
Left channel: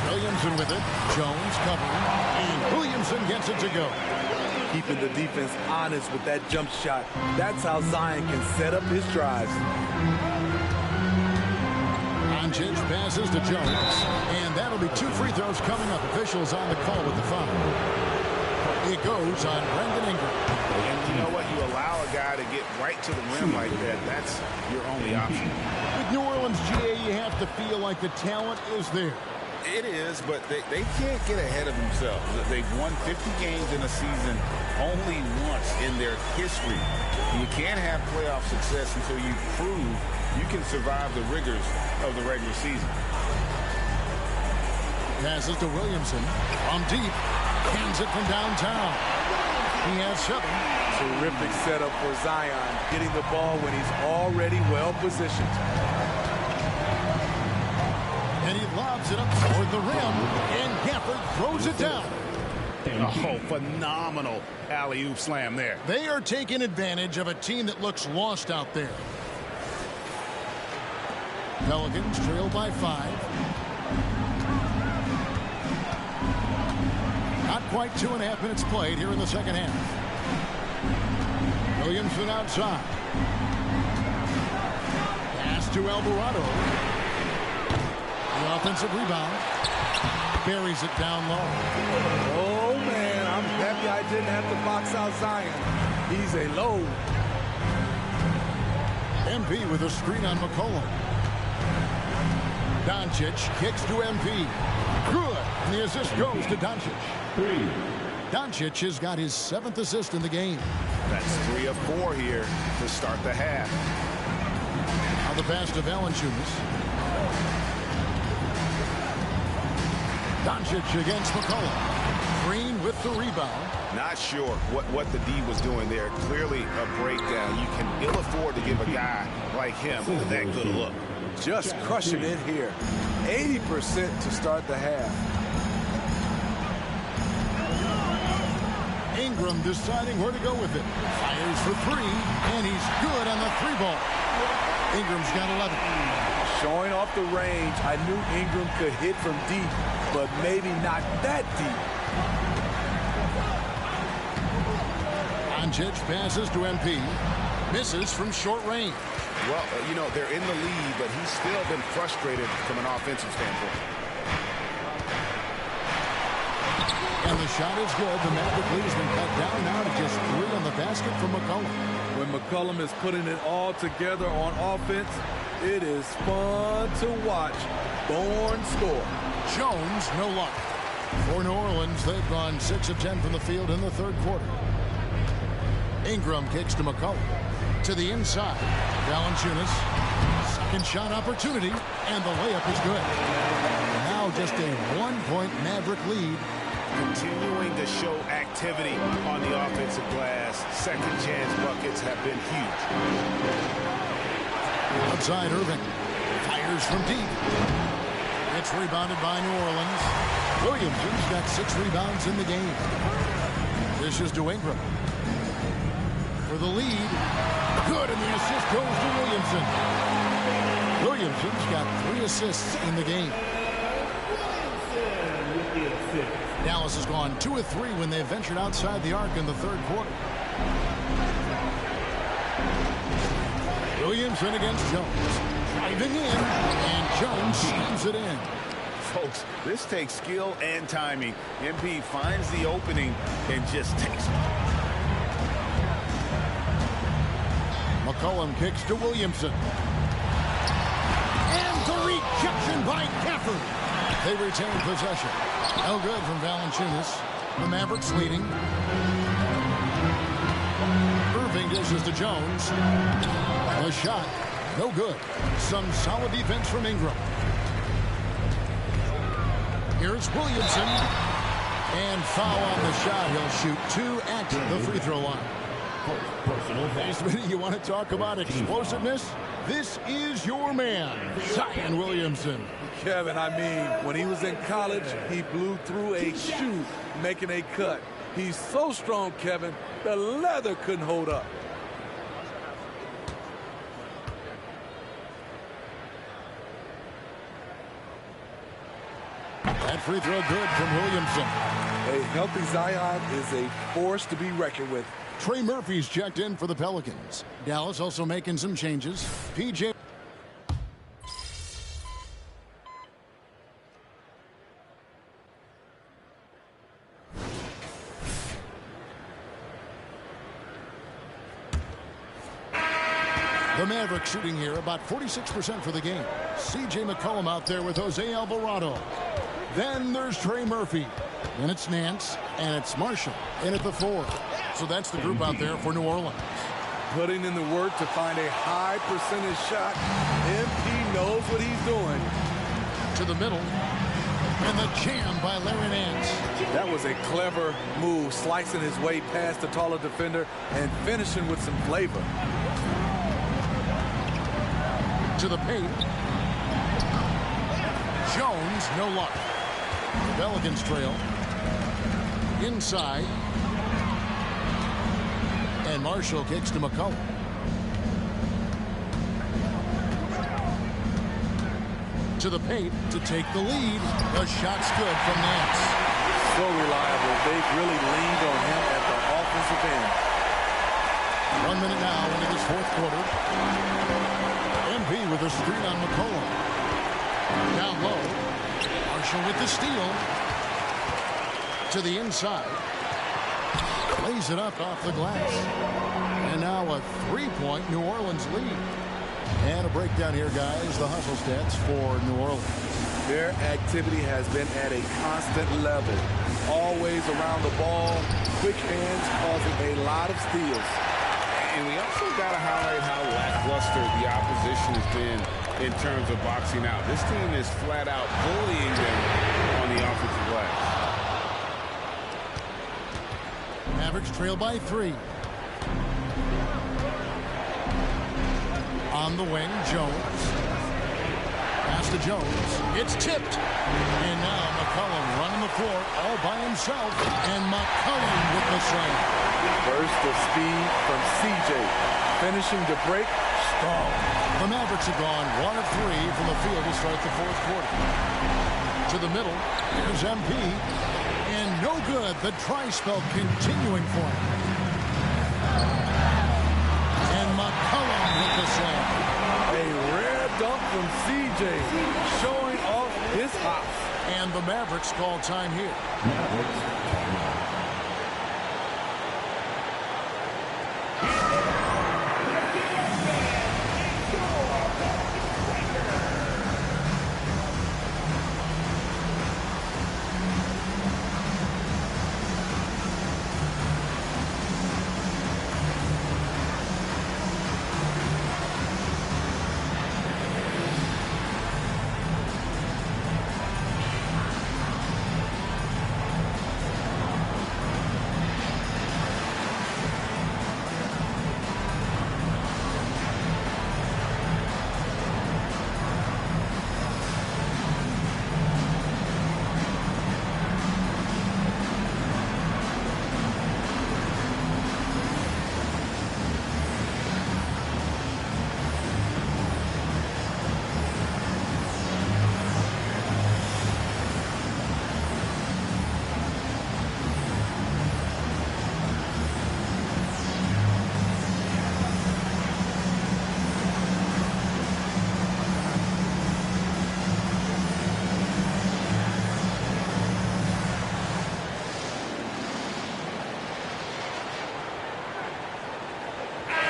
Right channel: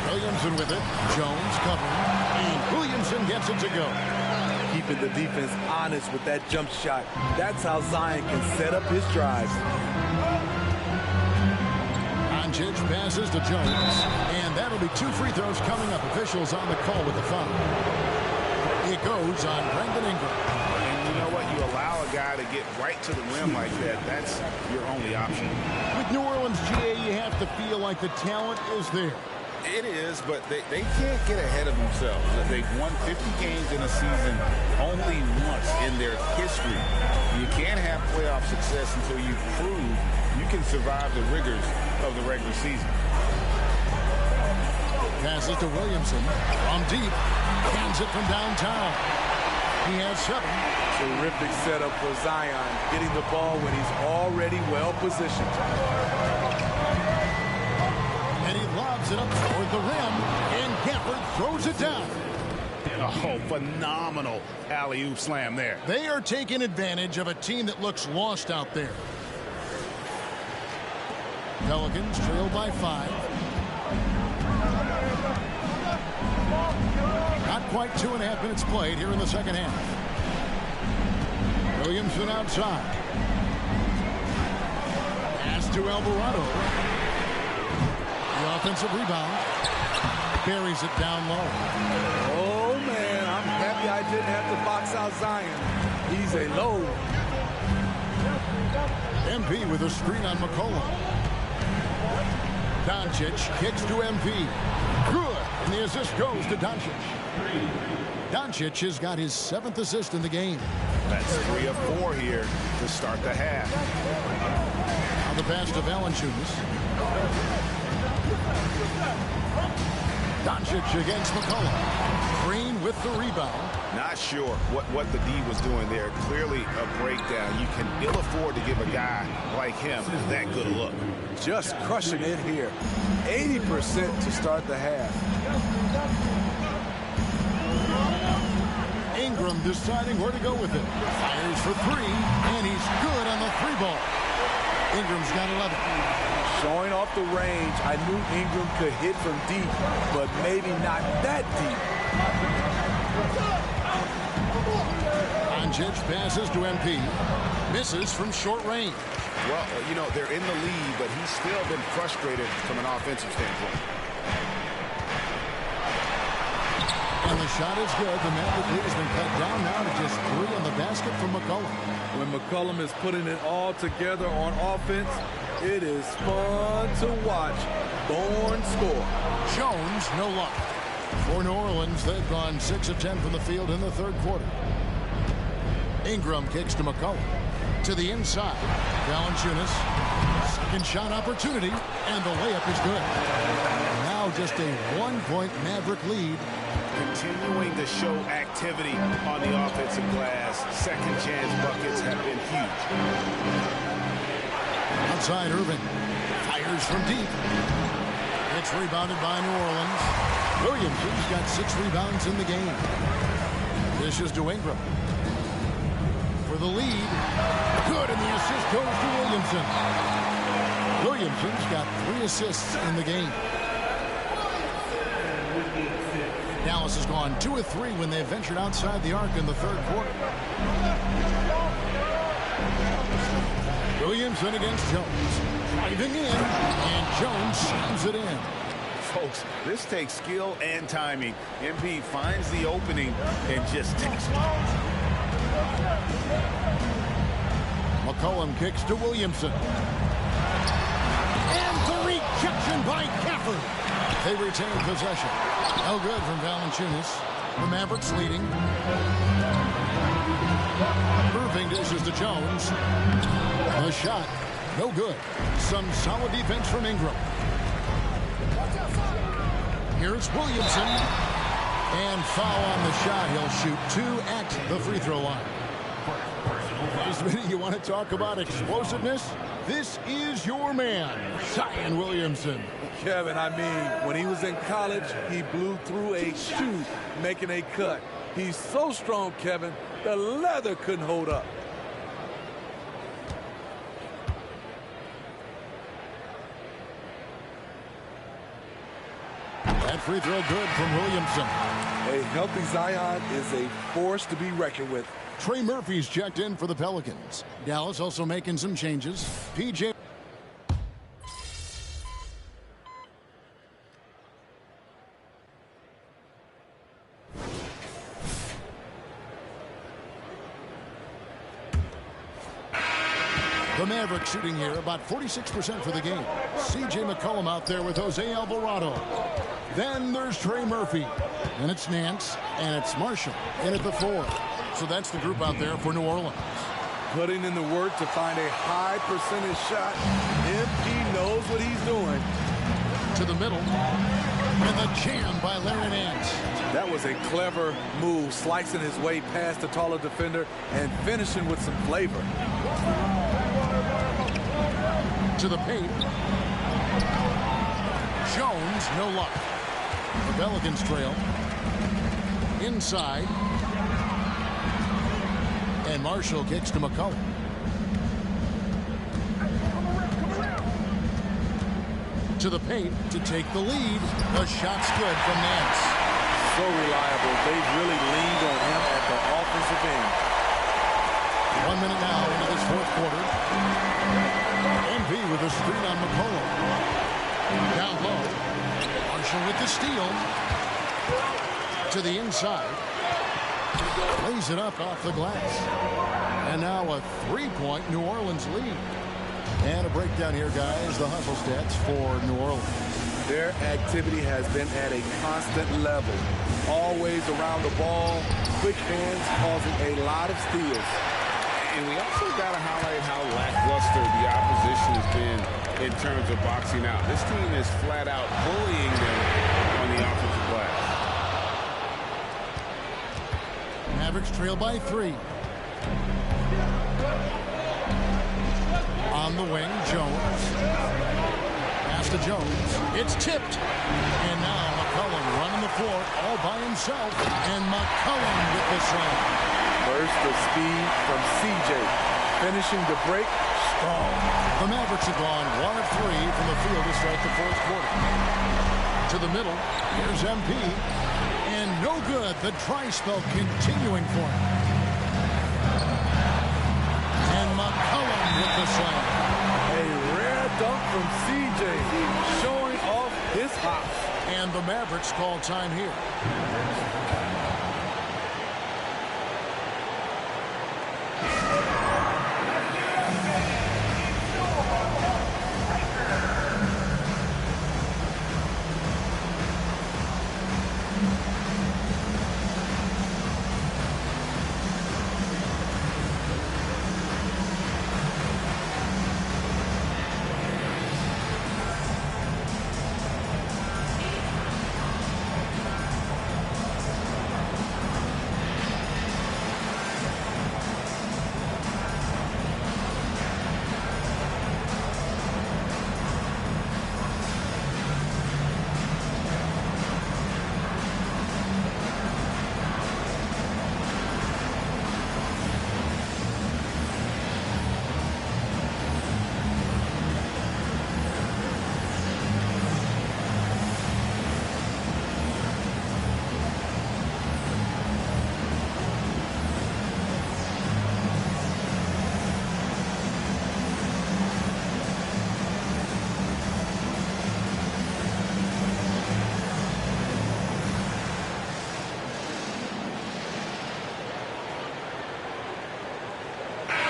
Williamson with it. Jones covering. And Williamson gets it to go. Keeping the defense honest with that jump shot. That's how Zion can set up his drives. Doncic passes to Jones. And that'll be 2 free throws coming up. Officials on the call with the foul. It goes on Brandon Ingram. And you know what? You allow a guy to get right to the rim like that. That's your only option. With New Orleans, GA, you have to feel like the talent is there. It is, but they can't get ahead of themselves. They've won 50 games in a season only once in their history. You can't have playoff success until you prove you can survive the rigors of the regular season. Passes to Williamson from deep. Hands it from downtown. He has 7. Terrific setup for Zion, getting the ball when he's already well positioned. And he lobs it up toward the rim, and Gafford throws it down. Oh, phenomenal alley-oop slam there. They are taking advantage of a team that looks lost out there. Pelicans trail by 5. Not quite 2.5 minutes played here in the second half. Williamson outside. Pass to Alvarado. The offensive rebound. Buries it down low. Oh, man, I'm happy I didn't have to box out Zion. He's a load. MP with a screen on McCollum. Doncic kicks to MP. Good. And the assist goes to Doncic. Doncic has got his 7th assist in the game. That's 3 of 4 here to start the half. Now the pass to Valanciunas. Doncic against McCollum. Green with the rebound. Not sure what the D was doing there. Clearly a breakdown. You can ill afford to give a guy like him that good a look. Just crushing it here. 80% to start the half. Ingram deciding where to go with it. Fires for 3, and he's good on the 3-ball. Ingram's got 11. Showing off the range, I knew Ingram could hit from deep, but maybe not that deep. Doncic passes to MP. Misses from short range. Well, you know, they're in the lead, but he's still been frustrated from an offensive standpoint. And the shot is good. The Maverick lead has been cut down now to just 3 on the basket from McCollum. When McCollum is putting it all together on offense, it is fun to watch. Born score. Jones, no luck. For New Orleans, they've gone 6 of 10 from the field in the 3rd quarter. Ingram kicks to McCollum. To the inside. Valanciunas. Second shot opportunity. And the layup is good. Now just a 1-point Maverick lead continuing to show activity on the offensive glass. Second chance buckets have been huge. Outside, Irving fires from deep. It's rebounded by New Orleans. Williamson's got 6 rebounds in the game. Dishes to Ingram. For the lead. Good, and the assist goes to Williamson. Williamson's got 3 assists in the game. Dallas has gone 2 of 3 when they've ventured outside the arc in the third quarter. Williamson against Jones. Driving in, and Jones slams it in. Folks, this takes skill and timing. MP finds the opening and just takes it. McCollum kicks to Williamson. And the rejection by Gafford. They retain possession. No good from Valanciunas. The Mavericks leading. Irving dishes to Jones. The shot, no good. Some solid defense from Ingram. Here's Williamson. And foul on the shot. He'll shoot 2 at the free throw line. Hey, Smitty, you want to talk about explosiveness? This is your man, Zion Williamson. Kevin, I mean, when he was in college, he blew through a shoe making a cut. He's so strong, Kevin, the leather couldn't hold up. That free throw good from Williamson. A healthy Zion is a force to be reckoned with. Trey Murphy's checked in for the Pelicans. Dallas also making some changes. PJ. The Mavericks shooting here about 46% for the game. C.J. McCollum out there with Jose Alvarado. Then there's Trey Murphy. Then it's Nance, and it's Marshall in at the 4. So that's the group out there for New Orleans. Putting in the work to find a high percentage shot. MP knows what he's doing. To the middle. And the jam by Larry Nance. That was a clever move, slicing his way past the taller defender and finishing with some flavor. To the paint. Jones, no luck. The Pelicans trail. Inside. And Marshall kicks to McCollum. To the paint to take the lead. The shot's good from Nance. So reliable. They've really leaned on him at the offensive end. 1 minute now into this fourth quarter. MP with a screen on McCollum. Down low. Marshall with the steal. To the inside. Lays it up off the glass. And now a 3-point New Orleans lead. And a breakdown here, guys. The hustle stats for New Orleans. Their activity has been at a constant level. Always around the ball. Quick hands causing a lot of steals. And we also got to highlight how lackluster the opposition has been in terms of boxing out. This team is flat out bullying them on the offensive glass. Mavericks trail by 3. On the wing, Jones. Pass to Jones. It's tipped. And now McCollum running the floor all by himself. And McCollum with the slam. Burst of speed from CJ. Finishing the break strong. The Mavericks have gone 1 of 3 from the field to start the fourth quarter. To the middle. Here's MP. And no good. The try spell continuing for him. And McCollum with the slam. A rare dunk from CJ, showing off his hops. And the Mavericks call time here.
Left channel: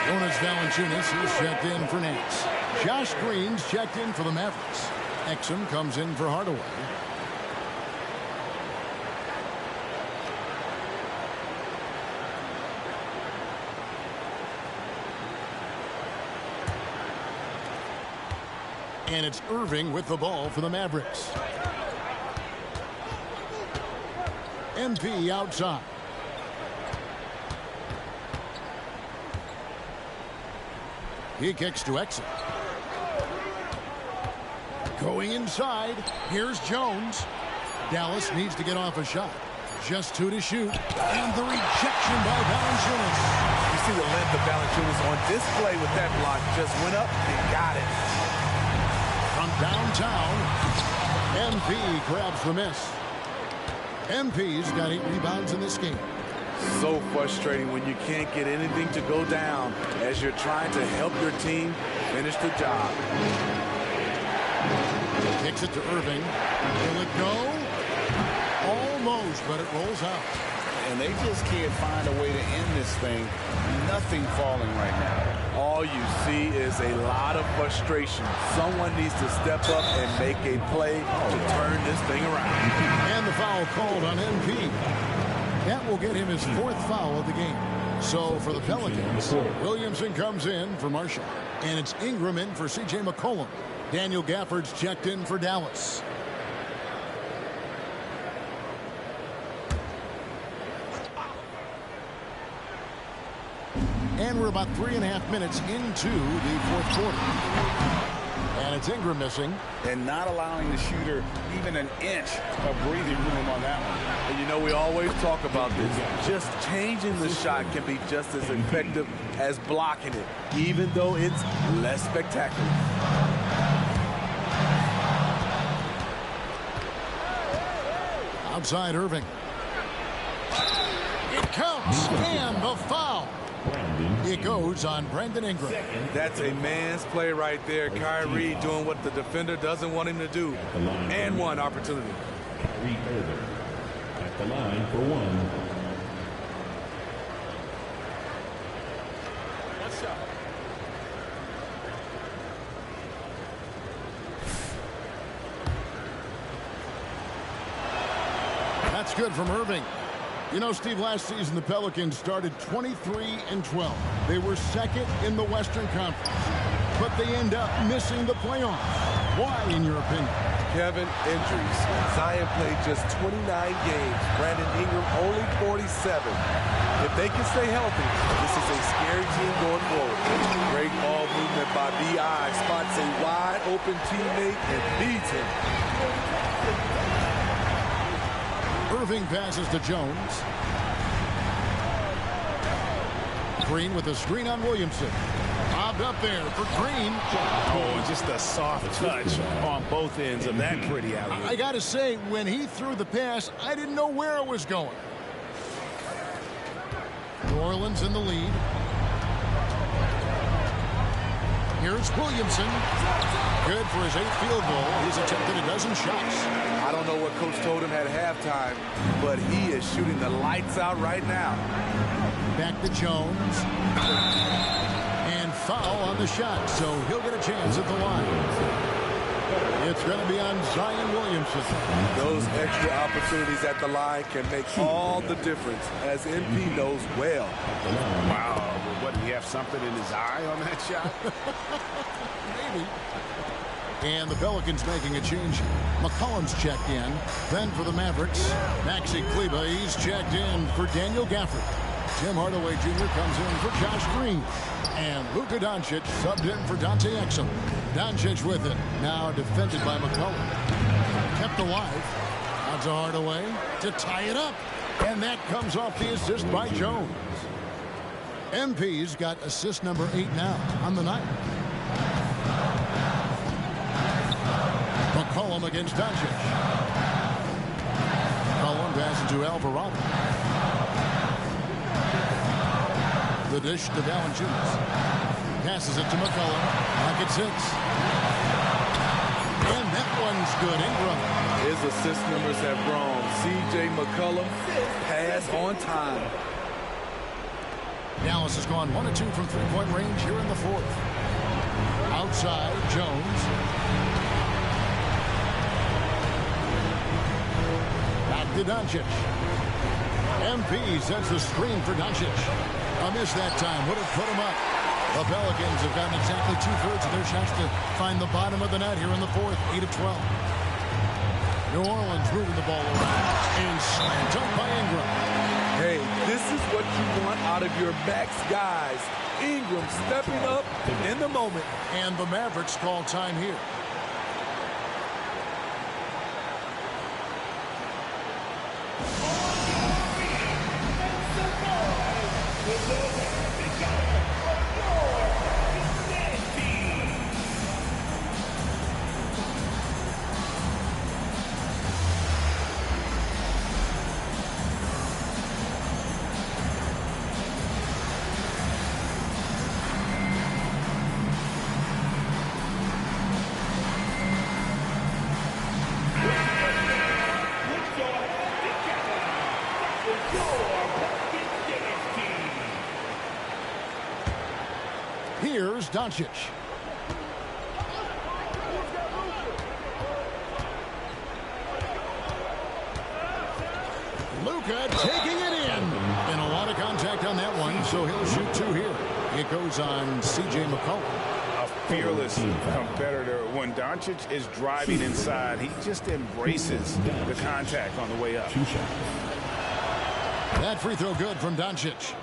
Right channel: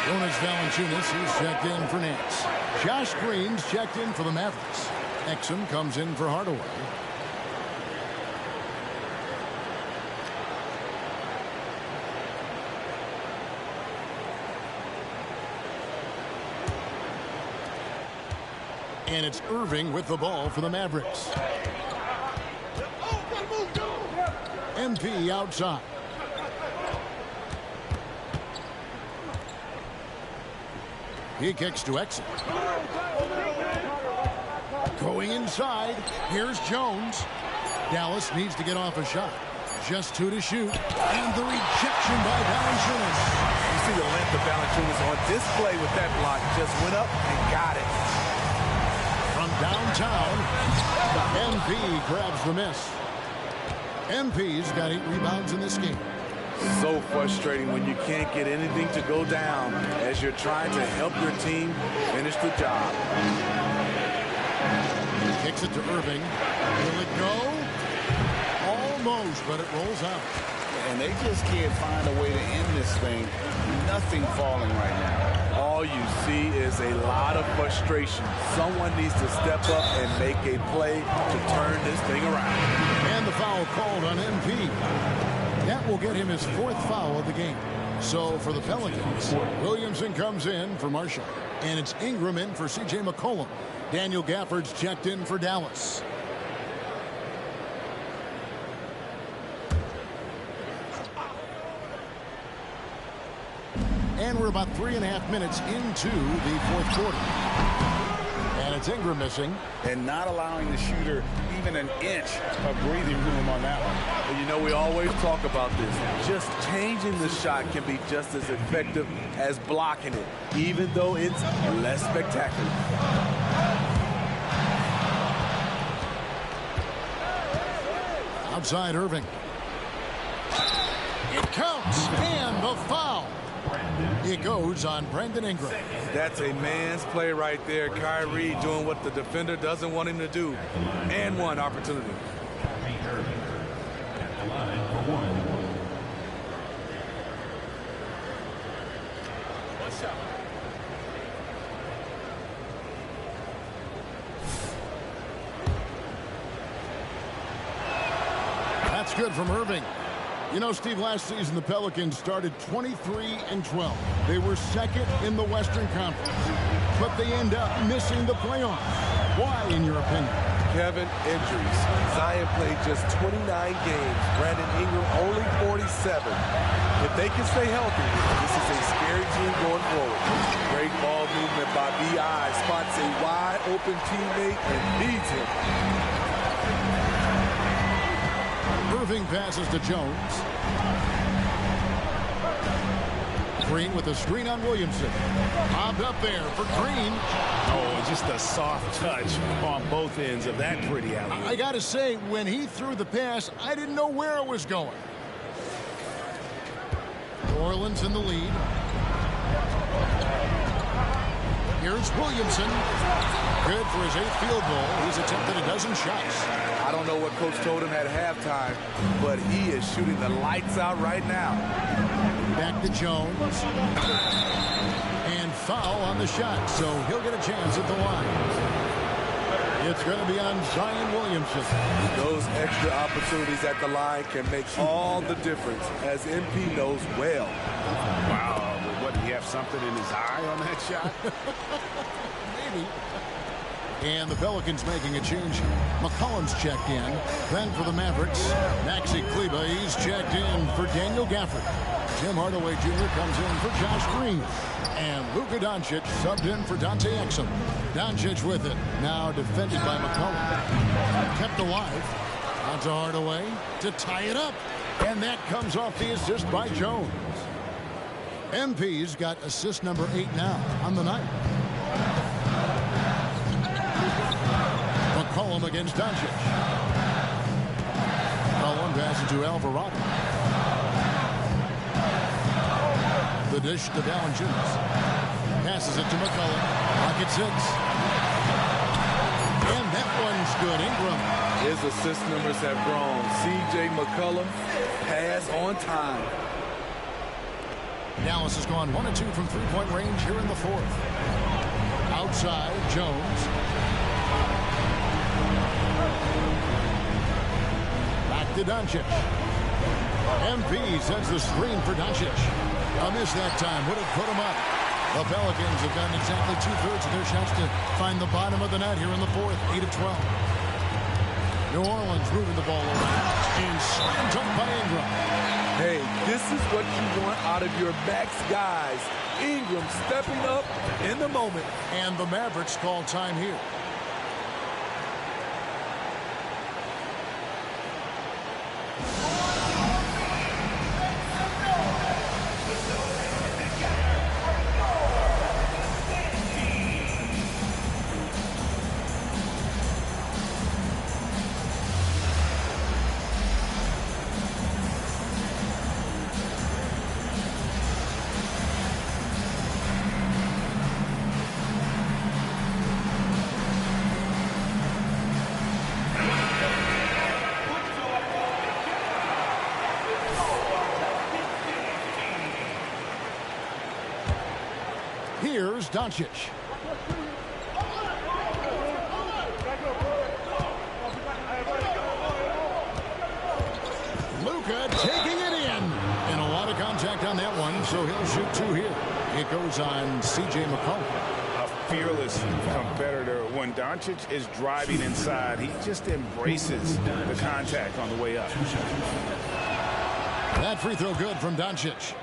Jonas Valanciunas, he's checked in for Nance. Josh Green's checked in for the Mavericks. Exum comes in for Hardaway. And it's Irving with the ball for the Mavericks. MP outside. He kicks to Exum. Going inside. Here's Jones. Dallas needs to get off a shot. Just 2 to shoot. And the rejection by Valanciunas. You see the length of Valanciunas on display with that block. Just went up and got it. From downtown, MP grabs the miss. MP's got 8 rebounds in this game. So frustrating when you can't get anything to go down as you're trying to help your team finish the job. He kicks it to Irving. Will it go? Almost, but it rolls out. And they just can't find a way to end this thing. Nothing falling right now. All you see is a lot of frustration. Someone needs to step up and make a play to turn this thing around. And the foul called on MP. That will get him his 4th foul of the game. So for the Pelicans, Williamson comes in for Marshall. And it's Ingram in for C.J. McCollum. Daniel Gafford's checked in for Dallas. And we're about 3.5 minutes into the 4th quarter. And it's Ingram missing. And not allowing the shooter even an inch of breathing room on that one. And you know, we always talk about this. Just changing the shot can be just as effective as blocking it, even though it's less spectacular. Outside Irving. It counts. And the foul. It goes on Brandon Ingram. That's a man's play right there. Kyrie doing what the defender doesn't want him to do. And one opportunity. Kyrie Irving at the line for 1. What's up? That's good from Irving. You know, Steve, last season the Pelicans started 23-12. They were 2nd in the Western Conference, but they end up missing the playoffs. Why, in your opinion? Kevin, injuries. Zion played just 29 games. Brandon Ingram only 47. If they can stay healthy, this is a scary team going forward. Great ball movement by B.I. Spots a wide open teammate and feeds him. Irving passes to Jones. Green with a screen on Williamson. Bobbed up there for Green. Oh, and just a soft touch on both ends of that pretty alley. I got to say, when he threw the pass, I didn't know where it was going. New Orleans in the lead. Here's Williamson. Good for his 8th field goal. He's attempted a dozen shots. I don't know what Coach told him at halftime, but he is shooting the lights out right now. Back to Jones. And foul on the shot, so he'll get a chance at the line. It's going to be on Zion Williamson. Those extra opportunities at the line can make all the difference, as MP knows well. Wow, what, did he have something in his eye on that shot? Maybe. And the Pelicans making a change. McCollum's checked in. Then for the Mavericks, Maxi Kleber, he's checked in for Daniel Gafford. Tim Hardaway Jr. comes in for Josh Green. And Luka Doncic subbed in for Dante Exum. Doncic with it. Now defended by McCollum. Kept alive. Out to Hardaway to tie it up. And that comes off the assist by Jones. MP's got assist number 8 now on the night. McCollum against Doncic. McCollum passes to Alvarado. The dish to Valanciunas. Passes it to McCollum. Pocket 6. And that one's good. Ingram. His assist numbers have grown. C.J. McCollum, pass on time. Dallas has gone 1 of 2 from three-point range here in the fourth. Outside, Jones. Back to Doncic. MP sets the screen for Doncic. A miss that time would have put him up. The Pelicans have gotten exactly 2/3 of their shots to find the bottom of the net here in the fourth. 8 of 12. New Orleans moving the ball around. And slam dunk by Ingram. Hey, this is what you want out of your max guys. Ingram stepping up in the moment. And the Mavericks call time here. Here's Doncic. Luka taking it in. And a lot of contact on that one, so he'll shoot 2 here. It goes on C.J. McCollum. A fearless competitor. When Doncic is driving inside, he just embraces the contact on the way up. That free throw good from Doncic.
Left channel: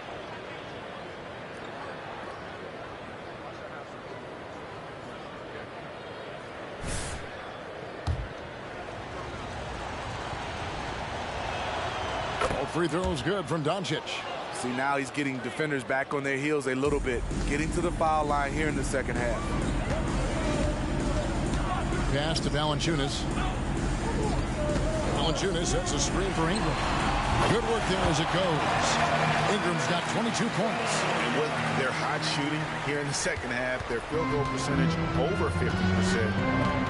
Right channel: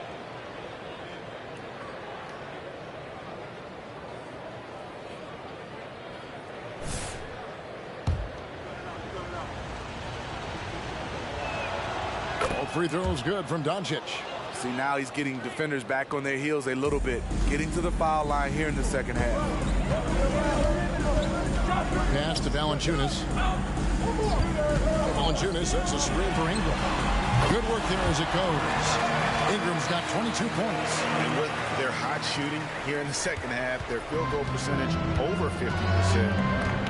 Free throws good from Doncic. See, now he's getting defenders back on their heels a little bit. Getting to the foul line here in the second half. Pass to Valanciunas. Valanciunas sets a screen for Ingram. Good work there as it goes. Ingram's got 22 points. And with their hot shooting here in the second half, their field goal percentage over 50%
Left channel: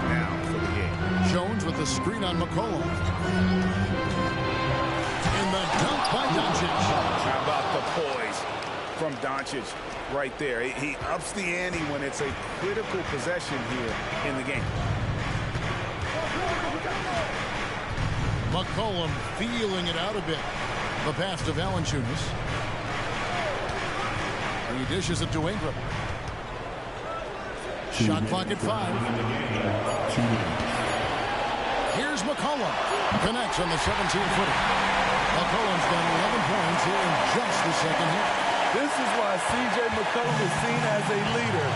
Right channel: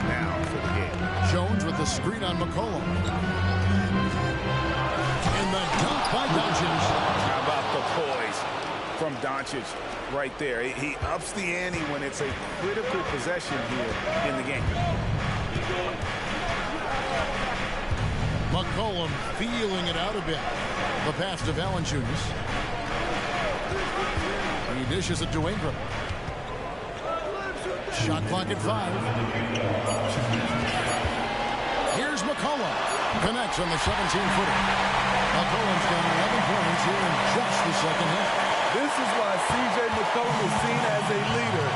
now for the game. Jones with the screen on McCollum. And the dunk by Doncic. How about the poise from Doncic right there? He ups the ante when it's a critical possession here in the game. McCollum feeling it out a bit. The pass to Valanciunas. He dishes it to Ingram. Shot clock at 5. Here's McCollum. Connects on the 17-footer. McCollum's got 11 points here in just the second half. This is why C.J. McCollum is seen as a leader,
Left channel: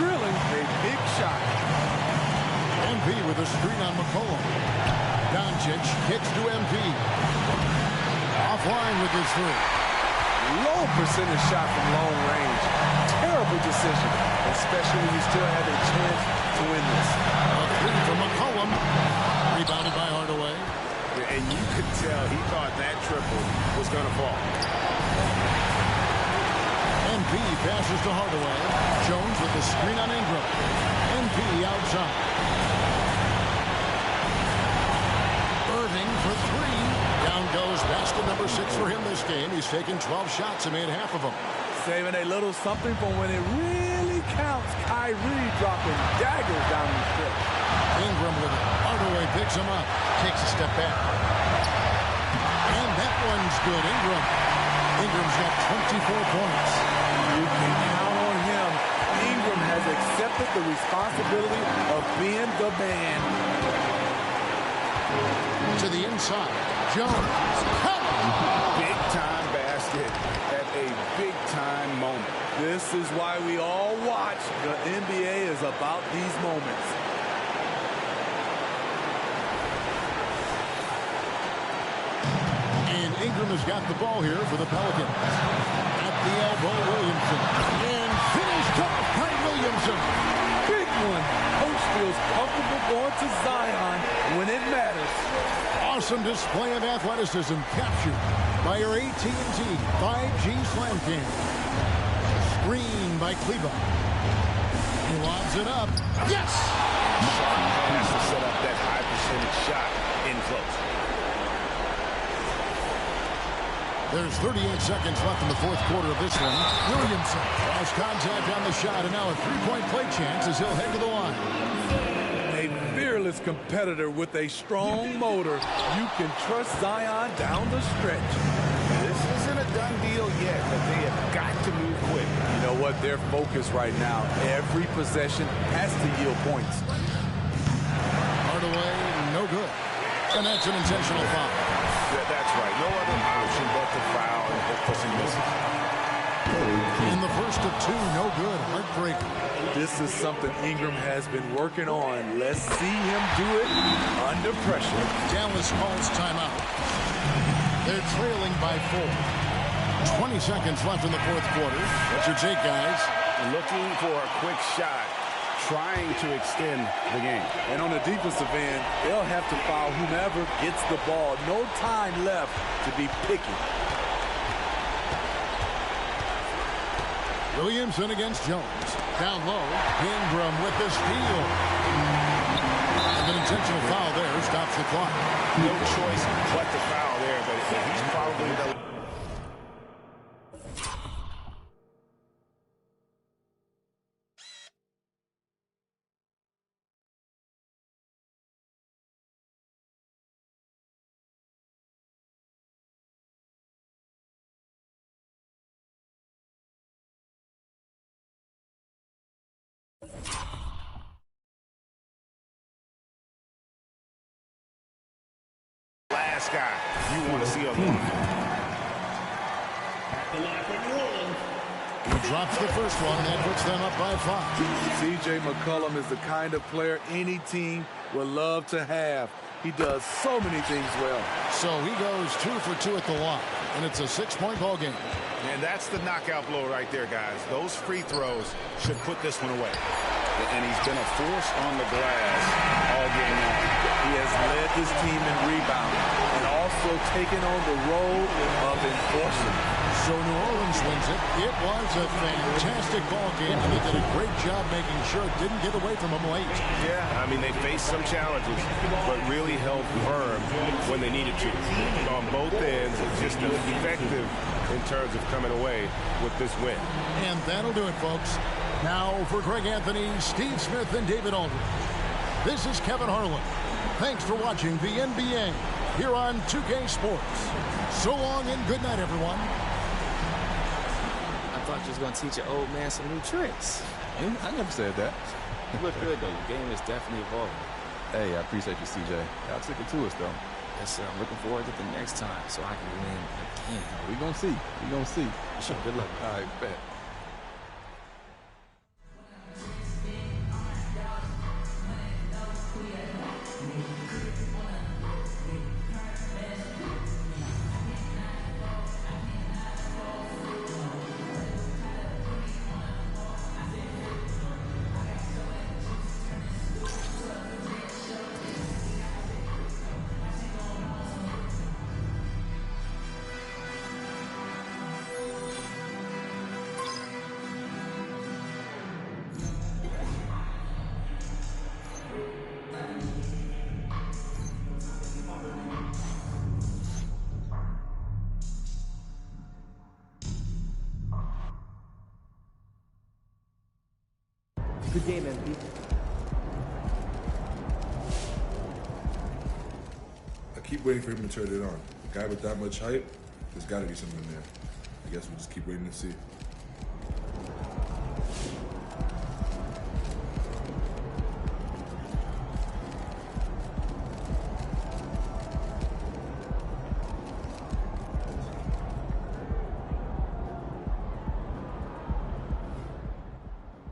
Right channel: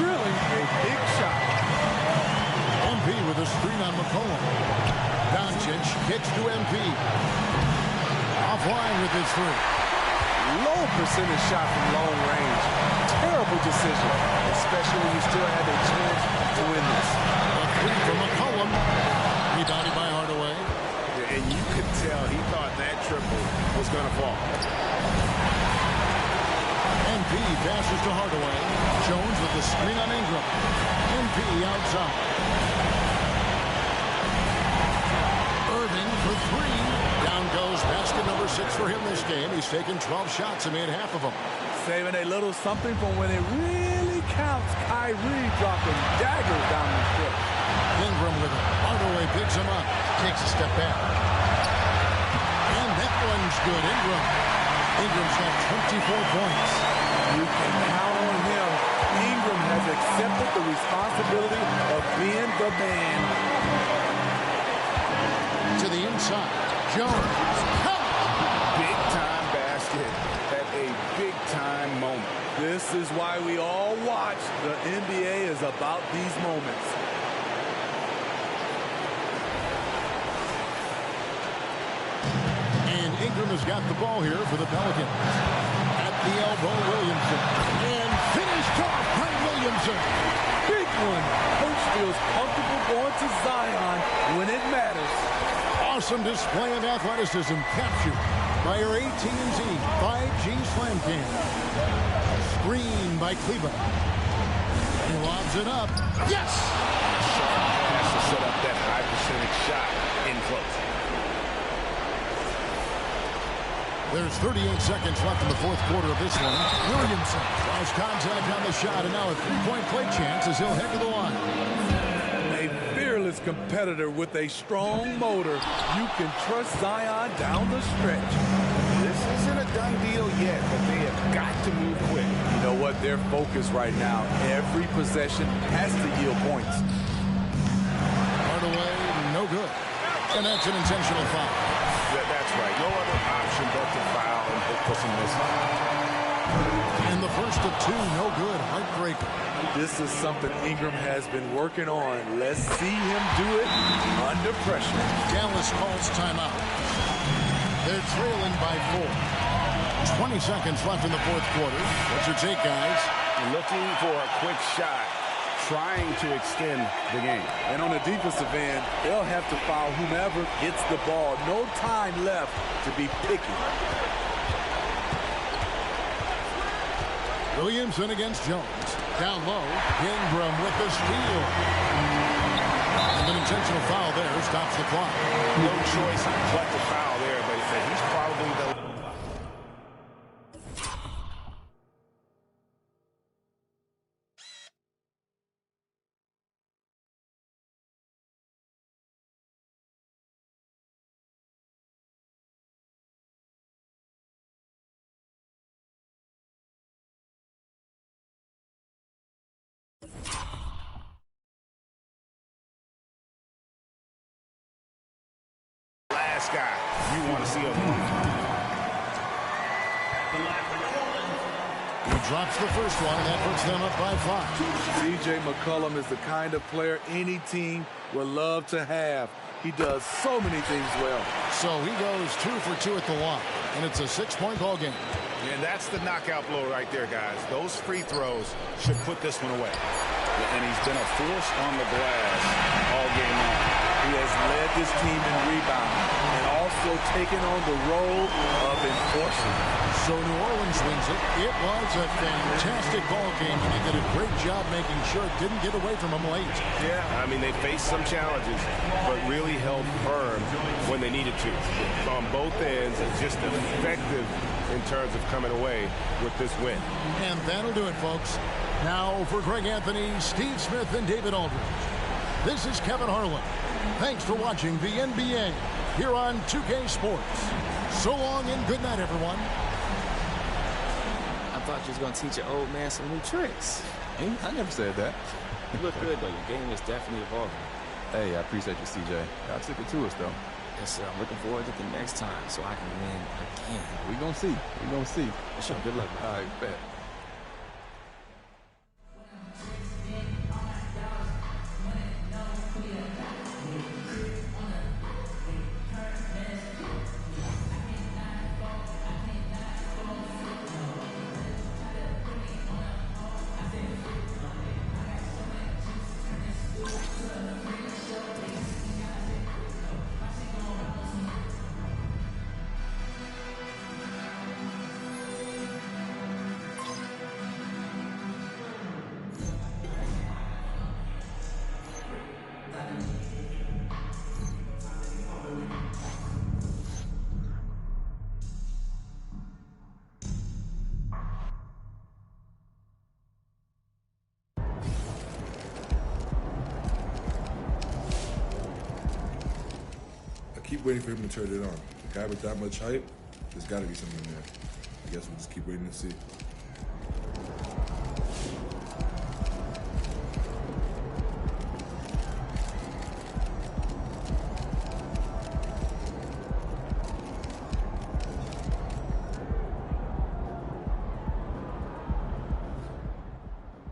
drilling a big shot. MP with a screen on McCollum. Doncic kicks to MP. Offline with his 3. Low percentage shot from long range. Terrible decision, especially when you still have a chance to win this. A 3 from McCollum. Rebounded by Hardaway. And you could tell he thought that triple was going to fall. MP passes to Hardaway. Jones with the screen on Ingram. MP outside. Irving for 3. Down goes basket number 6 for him this game. He's taken 12 shots and made half of them. Saving a little something from when it really counts. Kyrie dropping daggers down the stretch. Ingram with it. Hardaway picks him up. Takes a step back. And that one's good. Ingram's got 24 points. You can count on him. Ingram has accepted the responsibility of being the man. To the inside. Jones. Big time basket at a big time moment. This is why we all watch. The NBA is about these moments. And Ingram has got the ball here for the Pelicans. At the elbow, Williamson. And finished off by Williamson. Big one. Coach feels comfortable going to Zion when it matters. Awesome display of athleticism captured by our AT&T 5G Slam Cam. Screen by Kleber. He lobs it up. Yes! Sharp pass to set up that high percentage shot in close. There's 38 seconds left in the fourth quarter of this one. Williamson lost contact on the shot, and now a three-point play chance as he'll head to the line. A fearless competitor with a strong motor. You can trust Zion down the stretch. This isn't a done deal yet, but they have got to move quick. You know what? They're focused right now. Every possession has to yield points. Hardaway, no good. And that's an intentional foul. That's right. No other option but to foul and hope for some misses. And the first of two, no good. Heartbreaker. This is something Ingram has been working on. Let's see him do it under pressure. Dallas calls timeout. They're trailing by 4. 20 seconds left in the fourth quarter. What's your take, guys? Looking for a quick shot, trying to extend the game. And on the defensive end, they'll have to foul whomever gets the ball. No time left to be picky. Williamson against Jones. Down low, Ingram with the steal. And an intentional foul there stops the clock. No choice but to foul there, but he's probably the... last guy you want to see on the line. He drops the first one, and that puts them up by 5. C.J. McCollum is the kind of player any team would love to have. He does so many things well. So he goes 2 for 2 at the line, and it's a 6-point ball game. And that's the knockout blow right there, guys. Those free throws should put this one away. And he's been a force on the glass all game long. He has led this team in rebounding and also taken on the role of enforcer. So New Orleans wins it. It was a fantastic ball game, and they did a great job making sure it didn't get away from them late. Yeah, I mean, they faced some challenges, but really held firm when they needed to. On both ends, just effective in terms of coming away with this win. And that'll do it, folks. Now for Greg Anthony, Steve Smith, and David Aldridge. This is Kevin Harlan. Thanks for watching the NBA here on 2K Sports. So long and good night, everyone. I thought you was going to teach your old man some new tricks. I never said that. You look good, though. Your game is definitely evolving. Hey, I appreciate you, CJ. Y'all took it to us, though. Yes, sir. I'm looking forward to the next time so I can win again. We gonna see. We gonna see. For sure. Good luck, man. All right, bet. Keep waiting for him to turn it on. A guy with that much hype, there's got to be something there. I guess we'll just keep waiting to see.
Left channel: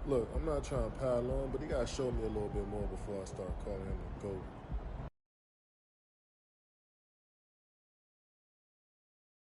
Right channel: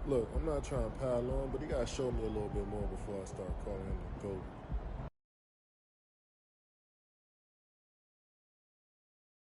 Look, I'm not trying to pile on, but he got to show me a little bit more before I start calling him a GOAT.